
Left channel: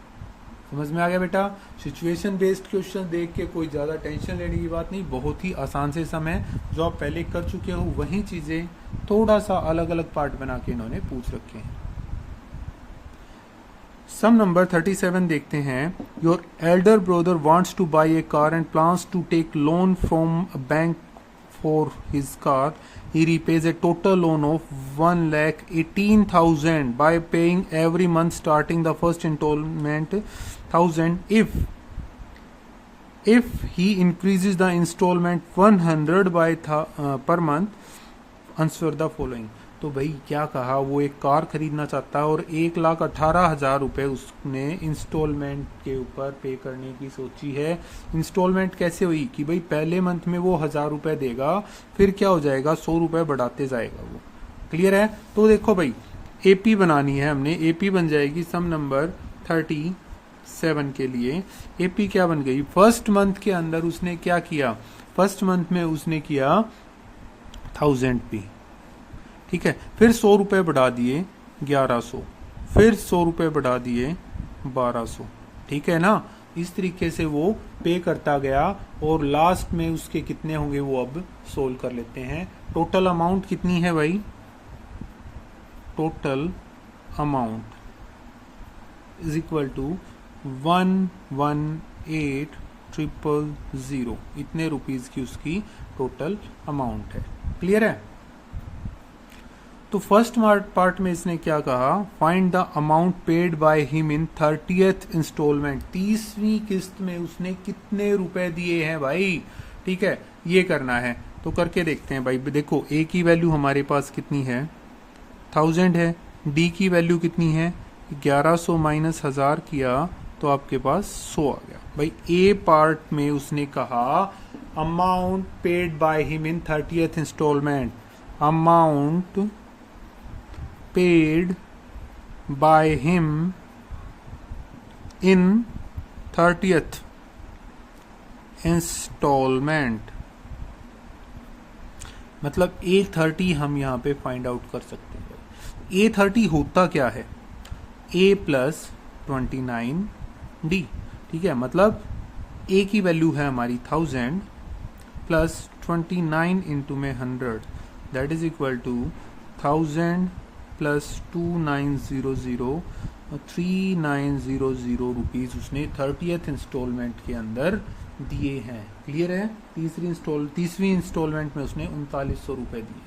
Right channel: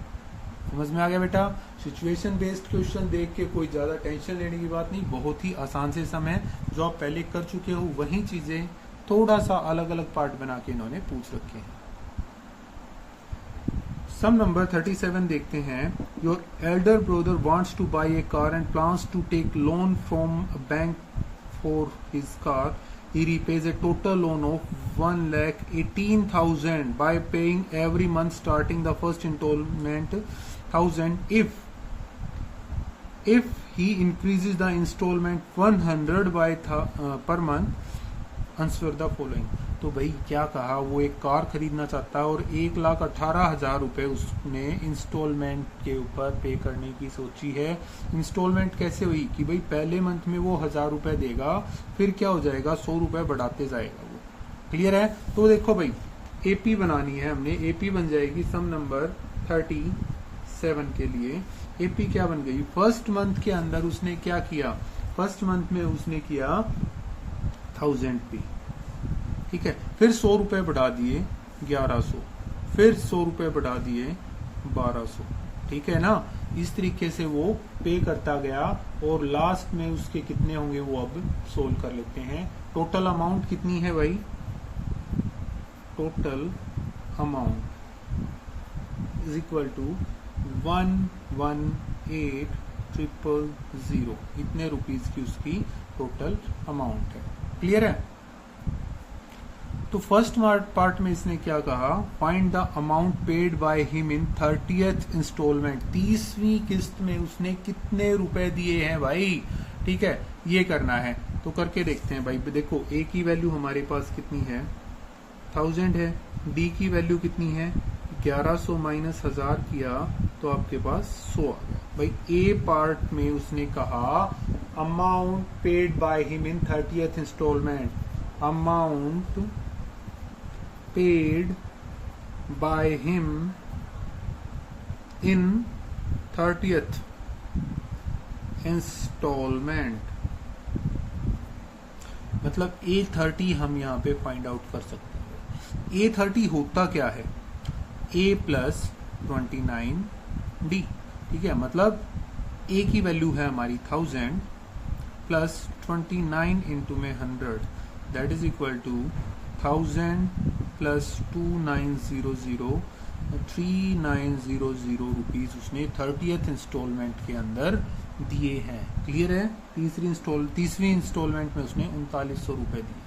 समझ में आ गया बेटा। सिचुएशन बेस्ड क्वेश्चन देख के कोई ज्यादा टेंशन लेने की बात नहीं, बहुत ही आसान से सम है। जो आप पहले कर चुके हो वही चीजें थोड़ा सा अलग अलग पार्ट बना के इन्होंने पूछ रखे हैं। सम नंबर 37 देखते हैं। Your elder brother wants to buy a car and plans to take loan from a bank for his car. he repays a total loan of 1,18,000 by paying every month starting the first installment 1,000. If he increases the installment 100 per month, answer the following. तो भाई क्या कहा, वो एक car खरीदना चाहता है और 1,18,000 रुपए उसने इंस्टॉलमेंट के ऊपर पे करने की सोची है। इंस्टॉलमेंट कैसे हुई कि भाई पहले मंथ में वो 1,000 रुपए देगा, फिर क्या हो जाएगा 100 रुपए बढ़ाते जाएगा वो। क्लियर है? तो देखो भाई एपी बनानी है हमने, एपी बन जाएगी सम नंबर 37 के लिए। एपी क्या बन गई, फर्स्ट मंथ के अंदर उसने क्या किया, फर्स्ट मंथ में उसने किया 1,000 पे, ठीक है, फिर 100 रुपए बढ़ा दिए 1,100, फिर 100 रुपए बढ़ा दिए 1,200, ठीक है ना। इस तरीके से वो पे करता गया और लास्ट में उसके कितने होंगे वो अब सोल्व कर लेते हैं। टोटल अमाउंट कितनी है भाई, total amount is equal to 118,000, इतने रुपीज की उसकी टोटल अमाउंट है। क्लियर है? तो फर्स्ट पार्ट में इसने क्या कहा, find the amount paid by him in 30th instalment, 30वीं किस्त में उसने कितने रुपए दिए हैं भाई, ठीक है, ये करना है। तो करके देखते हैं भाई। देखो ए की वैल्यू हमारे पास कितनी है, 1000 है, डी की वैल्यू कितनी है, 1100 माइनस 1000 किया तो आपके पास 100 आ गया। भाई ए पार्ट में उसने कहा amount paid by him in 30th instalment, amount paid by him in 30th installment, मतलब A30 हम यहाँ पे फाइंड आउट कर सकते हैं। A30 होता क्या है, A प्लस 29D, ठीक है, मतलब A की वैल्यू है हमारी 1000 प्लस 29 इंटू में 100, that is equal to 1000 plus 2900, 3900 rupees उसने 30th इंस्टॉलमेंट के अंदर दिए हैं। क्लियर है? तीसरी इंस्टॉलमेंट में उसने 3900 रुपए दिए।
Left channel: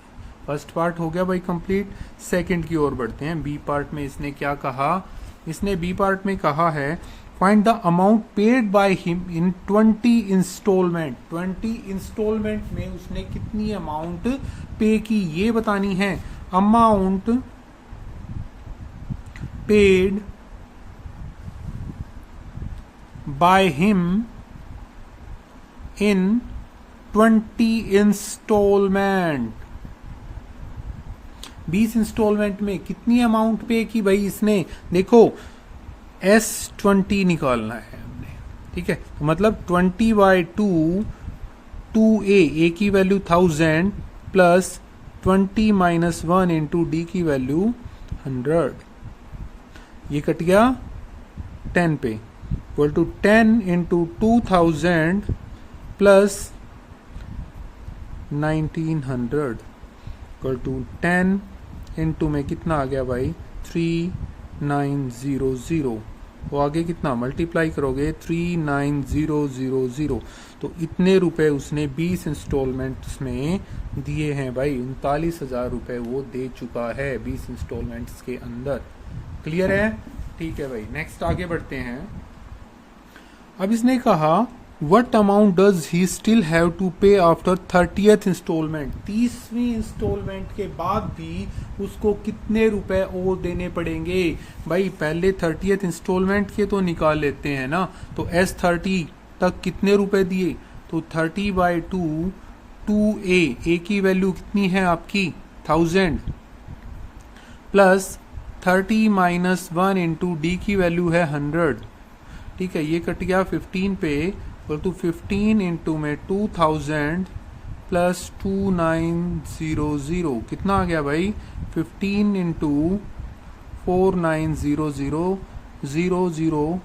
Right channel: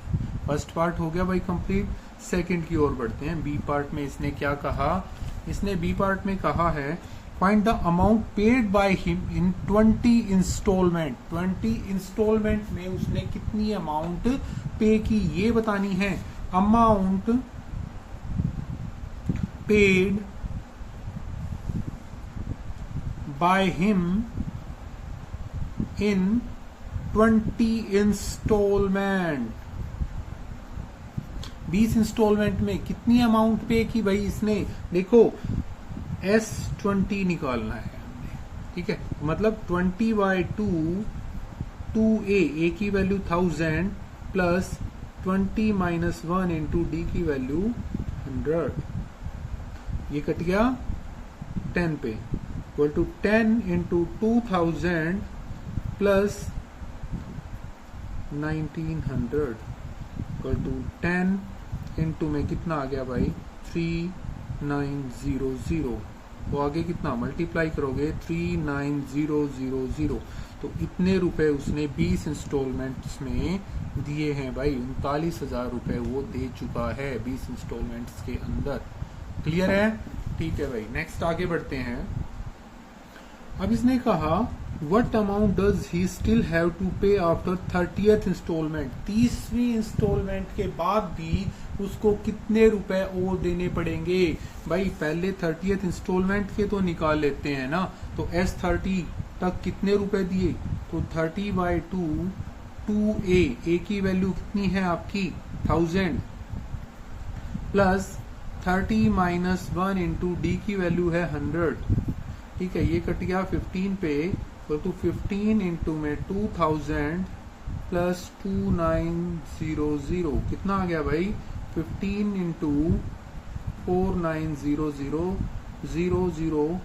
फर्स्ट पार्ट हो गया भाई कंप्लीट। सेकंड की ओर बढ़ते हैं। बी पार्ट में इसने क्या कहा, इसने बी पार्ट में कहा है find the amount paid by him in 20 instalment, 20 instalment में उसने कितनी अमाउंट पे की ये बतानी है। Amount paid by him in 20 instalment, 20 instalment में कितनी अमाउंट पे की भाई इसने। देखो S20 निकालना है हमने, ठीक है, मतलब 20/2 2A की value 1000 plus 20 minus 1 into D की वैल्यू 100, ये कट गया 10 पे, equal to 10 into 2000 plus 1900 equal to 10 into में कितना आ गया भाई 3900, वो आगे कितना मल्टीप्लाई करोगे 39000, तो इतने रुपए उसने 20 इंस्टॉलमेंट्स में दिए हैं भाई। 39,000 रुपए वो दे चुका है 20 इंस्टॉलमेंट्स के अंदर। क्लियर है? ठीक है भाई, नेक्स्ट आगे बढ़ते हैं। अब इसने कहा what amount does he still have to pay after 30th instalment, 30वीं इंस्टॉलमेंट के बाद भी उसको कितने रुपए और देने पड़ेंगे भाई। पहले 30th इंस्टॉलमेंट के तो निकाल लेते हैं ना, तो S30 तक कितने रुपए दिए, तो 30/2 2A की वैल्यू कितनी है आपकी 1000 प्लस 30 माइनस 1 इंटू डी की वैल्यू है 100, ठीक है, ये कट गया 15 पे, तो 15 इंटू में 2000 प्लस 2900 कितना आ गया भाई 15 इंटू 4900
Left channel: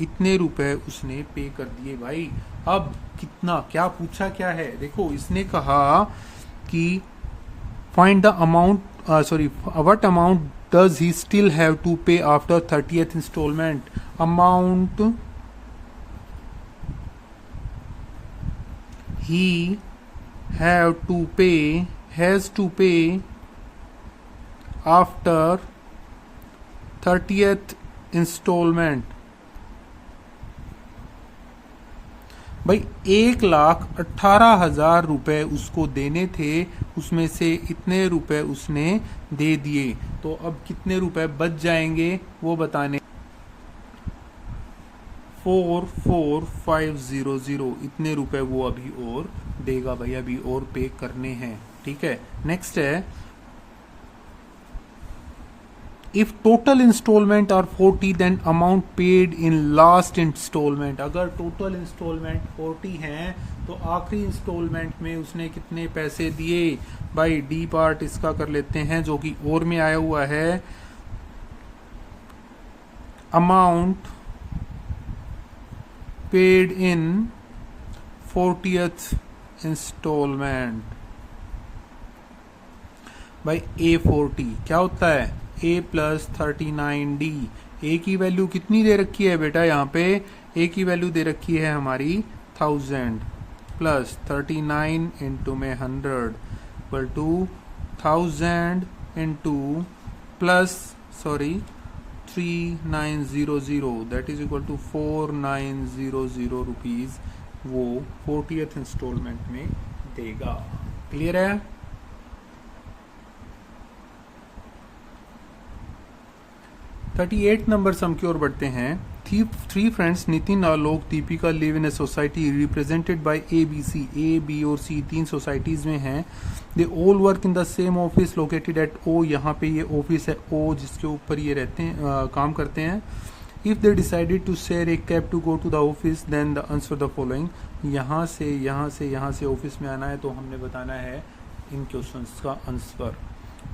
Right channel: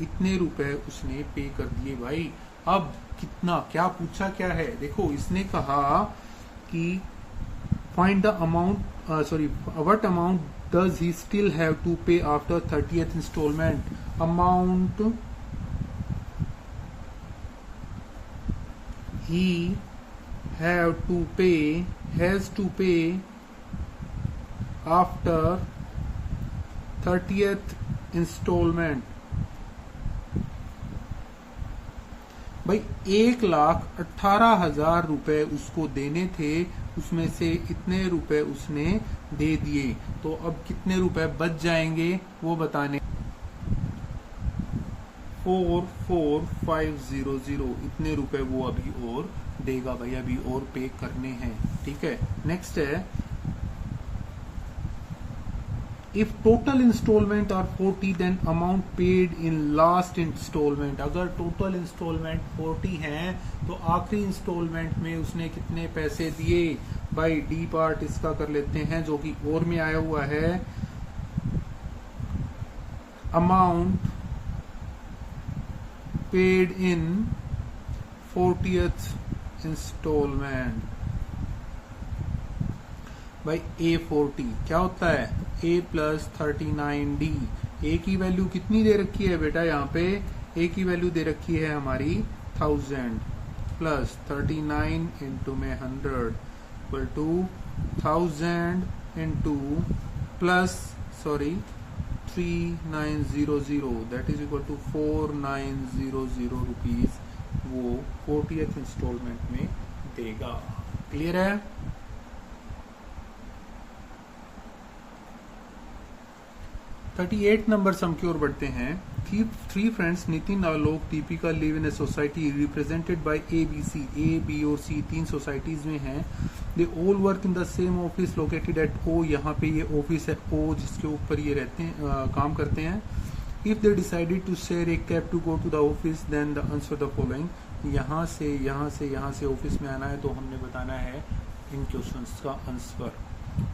इतने रुपए उसने पे कर दिए भाई। अब कितना, क्या पूछा क्या है, देखो इसने कहा कि find the amount, sorry what amount does he still have to pay after 30th instalment, amount he has to pay after 30th instalment. भाई 1,18,000 रुपए उसको देने थे, उसमें से इतने रुपए उसने दे दिए, तो अब कितने रुपए बच जाएंगे वो बताने। 44500 इतने रुपए वो अभी और देगा भाई, अभी और पे करने हैं। ठीक है, नेक्स्ट है if total instalment are 40 then amount paid in last instalment. अगर टोटल इंस्टॉलमेंट 40 हैं तो आखिरी इंस्टॉलमेंट में उसने कितने पैसे दिए। भाई डी पार्ट इसका कर लेते हैं जो कि और में आया हुआ है, अमाउंट पेड इन 40th इंस्टॉलमेंट। भाई A40 क्या होता है, A प्लस 39D। ए की वैल्यू कितनी दे रखी है बेटा, यहाँ पे ए की वैल्यू दे रखी है हमारी 1000 प्लस 39 इंटू में 100 equal to 1000 into plus 3900 that is equal to 4900 rupees वो 40th इंस्टॉलमेंट में देगा। क्लियर है। थर्टी 38 नंबर सम की ओर बढ़ते हैं। Three friends Nitin, Alok, Deepika live in a society represented by A B C. A B और सी तीन सोसाइटीज में हैं। They all work in the same office located at O. यहाँ पे ये ऑफिस है ओ जिसके ऊपर ये रहते हैं, काम करते हैं। If they decided to share a cab to go to the office then the answer the following. यहाँ से ऑफिस में आना है तो हमने बताना है इन क्वेश्चंस का answer.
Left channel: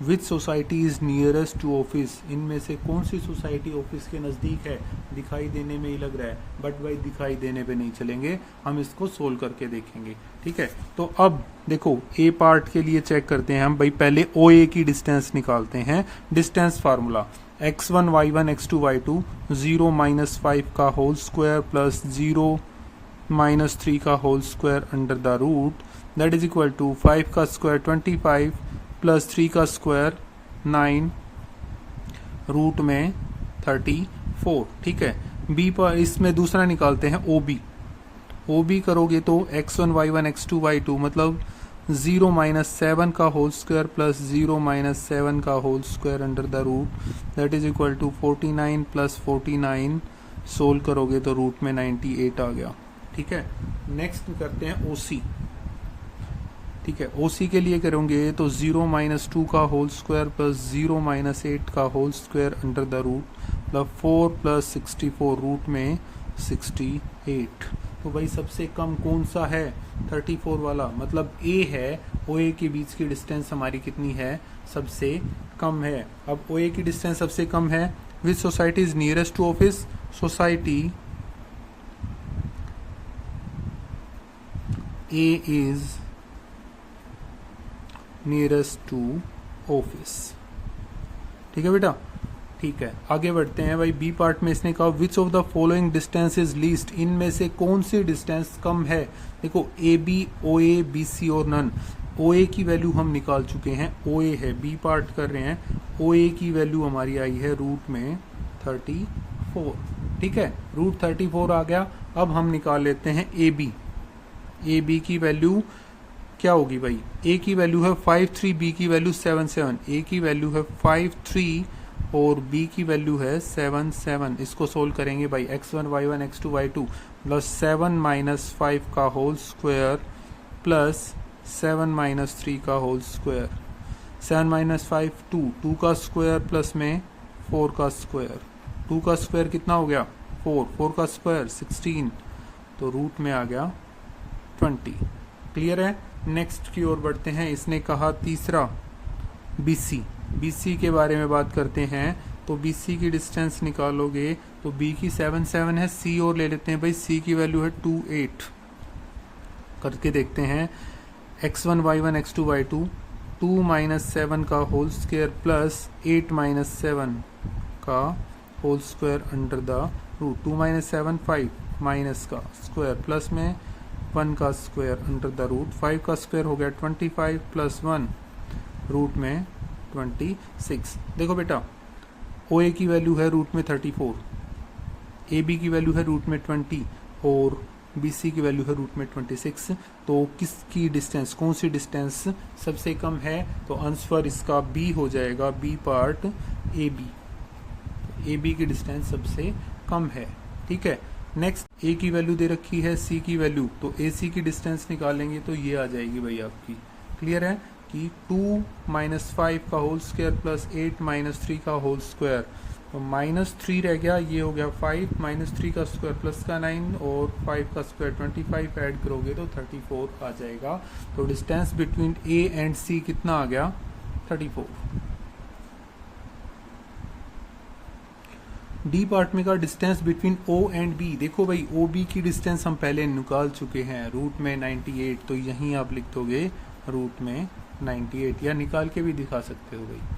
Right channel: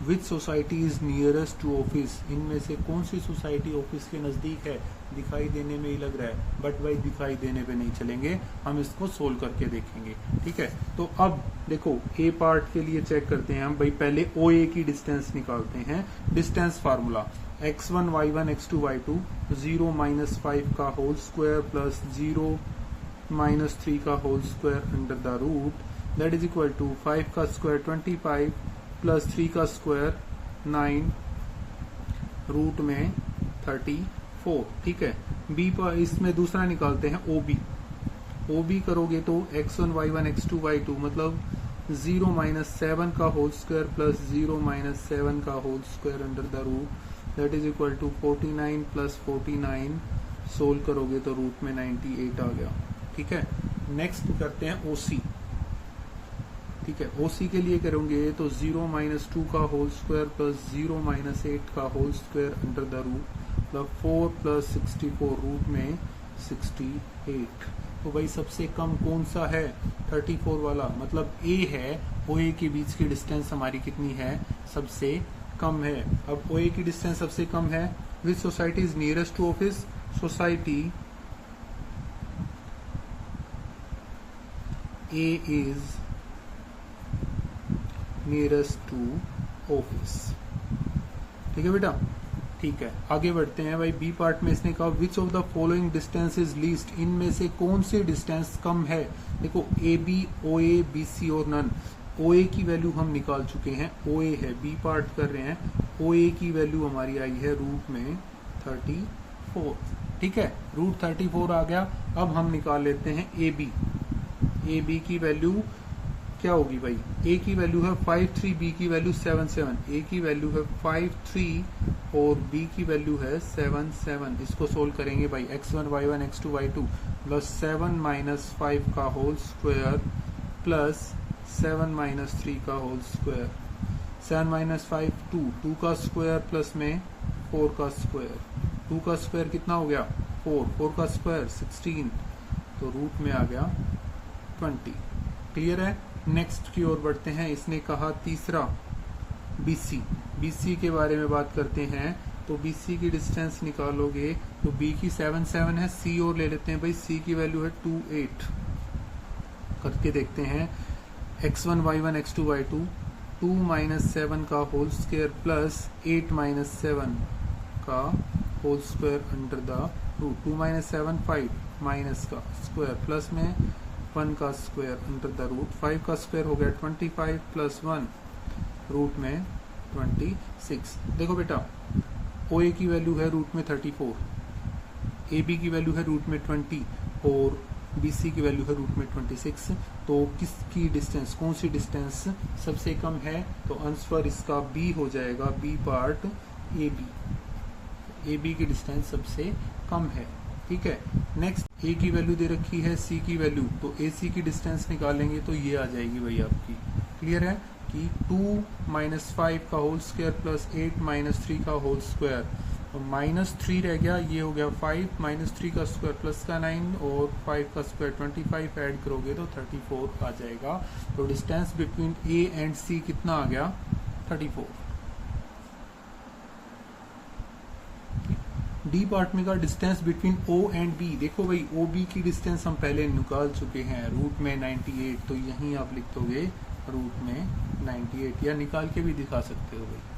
Which society is nearest to office. इनमें से कौन सी सोसाइटी ऑफिस के नजदीक है। दिखाई देने में ही लग रहा है, बट भाई दिखाई देने पे नहीं चलेंगे, हम इसको सोल्व करके देखेंगे। ठीक है, तो अब देखो ए पार्ट के लिए चेक करते हैं हम। भाई पहले ओ ए की डिस्टेंस निकालते हैं। Distance formula x1 y1 x2 y2 0 minus 5 का होल स्क्वायर प्लस 0 माइनस 3 का whole square under the root that is equal to 5 का स्क्वायर 25 प्लस 3 का स्क्वायर 9 रूट में 34। ठीक है, बी पर इसमें दूसरा निकालते हैं ओ बी करोगे तो x1 y1 x2 y2 मतलब 0 माइनस 7 का होल स्क्वायर प्लस 0 माइनस 7 का whole square under the root that is equal to 49 plus 49। Solve करोगे तो रूट में 98 आ गया। ठीक है, नेक्स्ट करते हैं ओसी। ठीक है, ओसी के लिए करेंगे तो 0 माइनस 2 का होल स्क्वायर प्लस 0 माइनस 8 का whole square under the root मतलब 4 प्लस 64 रूट में 68। तो भाई सबसे कम कौन सा है, 34 वाला, मतलब ए है। ओ ए के बीच की डिस्टेंस हमारी कितनी है, सबसे कम है। अब ओ ए की डिस्टेंस सबसे कम है। Which society is nearest to office. Society A is nearest to office. ठीक है बेटा, ठीक है, आगे बढ़ते हैं। भाई बी पार्ट में इसने कहा which of the following distance is least. इनमें से कौन सी डिस्टेंस कम है। देखो A B, O A, B सी और नन। ओ ए की वैल्यू हम निकाल चुके हैं, ओ ए है। बी पार्ट कर रहे हैं, ओ ए की वैल्यू हमारी आई है रूट में 34। ठीक है, रूट 34 आ गया। अब हम निकाल लेते हैं ए बी। ए बी की वैल्यू क्या होगी भाई, ए की वैल्यू है 53, बी की वैल्यू 77। ए की वैल्यू है 53 और बी की वैल्यू है 77। इसको सोल्व करेंगे भाई, x1 y1 x2 y2 plus 7 minus 5 का होल स्क्वायर प्लस 7 माइनस 3 का होल स्क्वायर। 7 माइनस 5 2 का स्क्वायर प्लस में 4 का स्क्वायर। 2 का स्क्वायर कितना हो गया 4 का स्क्वायर 16, तो रूट में आ गया 20। क्लियर है। नेक्स्ट की ओर बढ़ते हैं। इसने कहा तीसरा बीसी के बारे में बात करते हैं। तो बीसी की डिस्टेंस निकालोगे तो बी की 7 है, सी और ले लेते हैं भाई, सी की वैल्यू है 28। करके देखते हैं, x1 y1 x2 y2 2 minus 7 का होल स्क्वायर प्लस 8 माइनस 7 का whole square under the root. 2 minus 7 5 minus का स्क्वायर प्लस में 1 का स्क्वायर अंडर द रूट, 5 का स्क्वायर हो गया 25 प्लस 1 रूट में 26। देखो बेटा ओ ए की वैल्यू है रूट में 34, ए बी की वैल्यू है रूट में 20 और बी सी की वैल्यू है रूट में 26। तो किसकी डिस्टेंस, कौन सी डिस्टेंस सबसे कम है? तो आंसर इसका बी हो जाएगा, B part A B. A B की डिस्टेंस सबसे कम है। ठीक है, नेक्स्ट ए की वैल्यू दे रखी है, सी की वैल्यू, तो ए सी की डिस्टेंस निकालेंगे तो ये आ जाएगी भाई आपकी। क्लियर है कि 2 - 5 का होल स्क्वायर प्लस 8 - 3 का होल स्क्वायर, तो -3 रह गया, ये हो गया 5 - 3 का स्क्वायर प्लस का 9 और 5 का स्क्वायर 25 ऐड करोगे तो 34 आ जाएगा। तो distance between A and C कितना आ गया? 34। डी पार्ट में का distance between O and B, देखो भाई ओ बी की डिस्टेंस हम पहले निकाल चुके हैं रूट में 98, तो यहीं आप लिख दोगे रूट में 98 या निकाल के भी दिखा सकते हो भाई।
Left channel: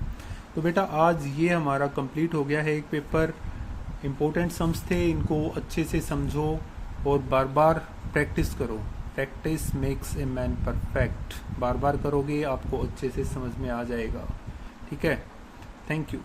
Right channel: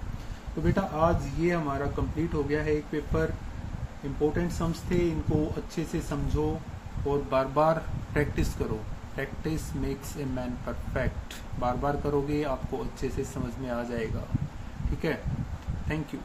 तो बेटा आज ये हमारा कंप्लीट हो गया है एक पेपर। इम्पोर्टेंट सम्स थे, इनको अच्छे से समझो और बार बार प्रैक्टिस करो। Practice makes a man perfect. बार बार करोगे आपको अच्छे से समझ में आ जाएगा। ठीक है, थैंक यू।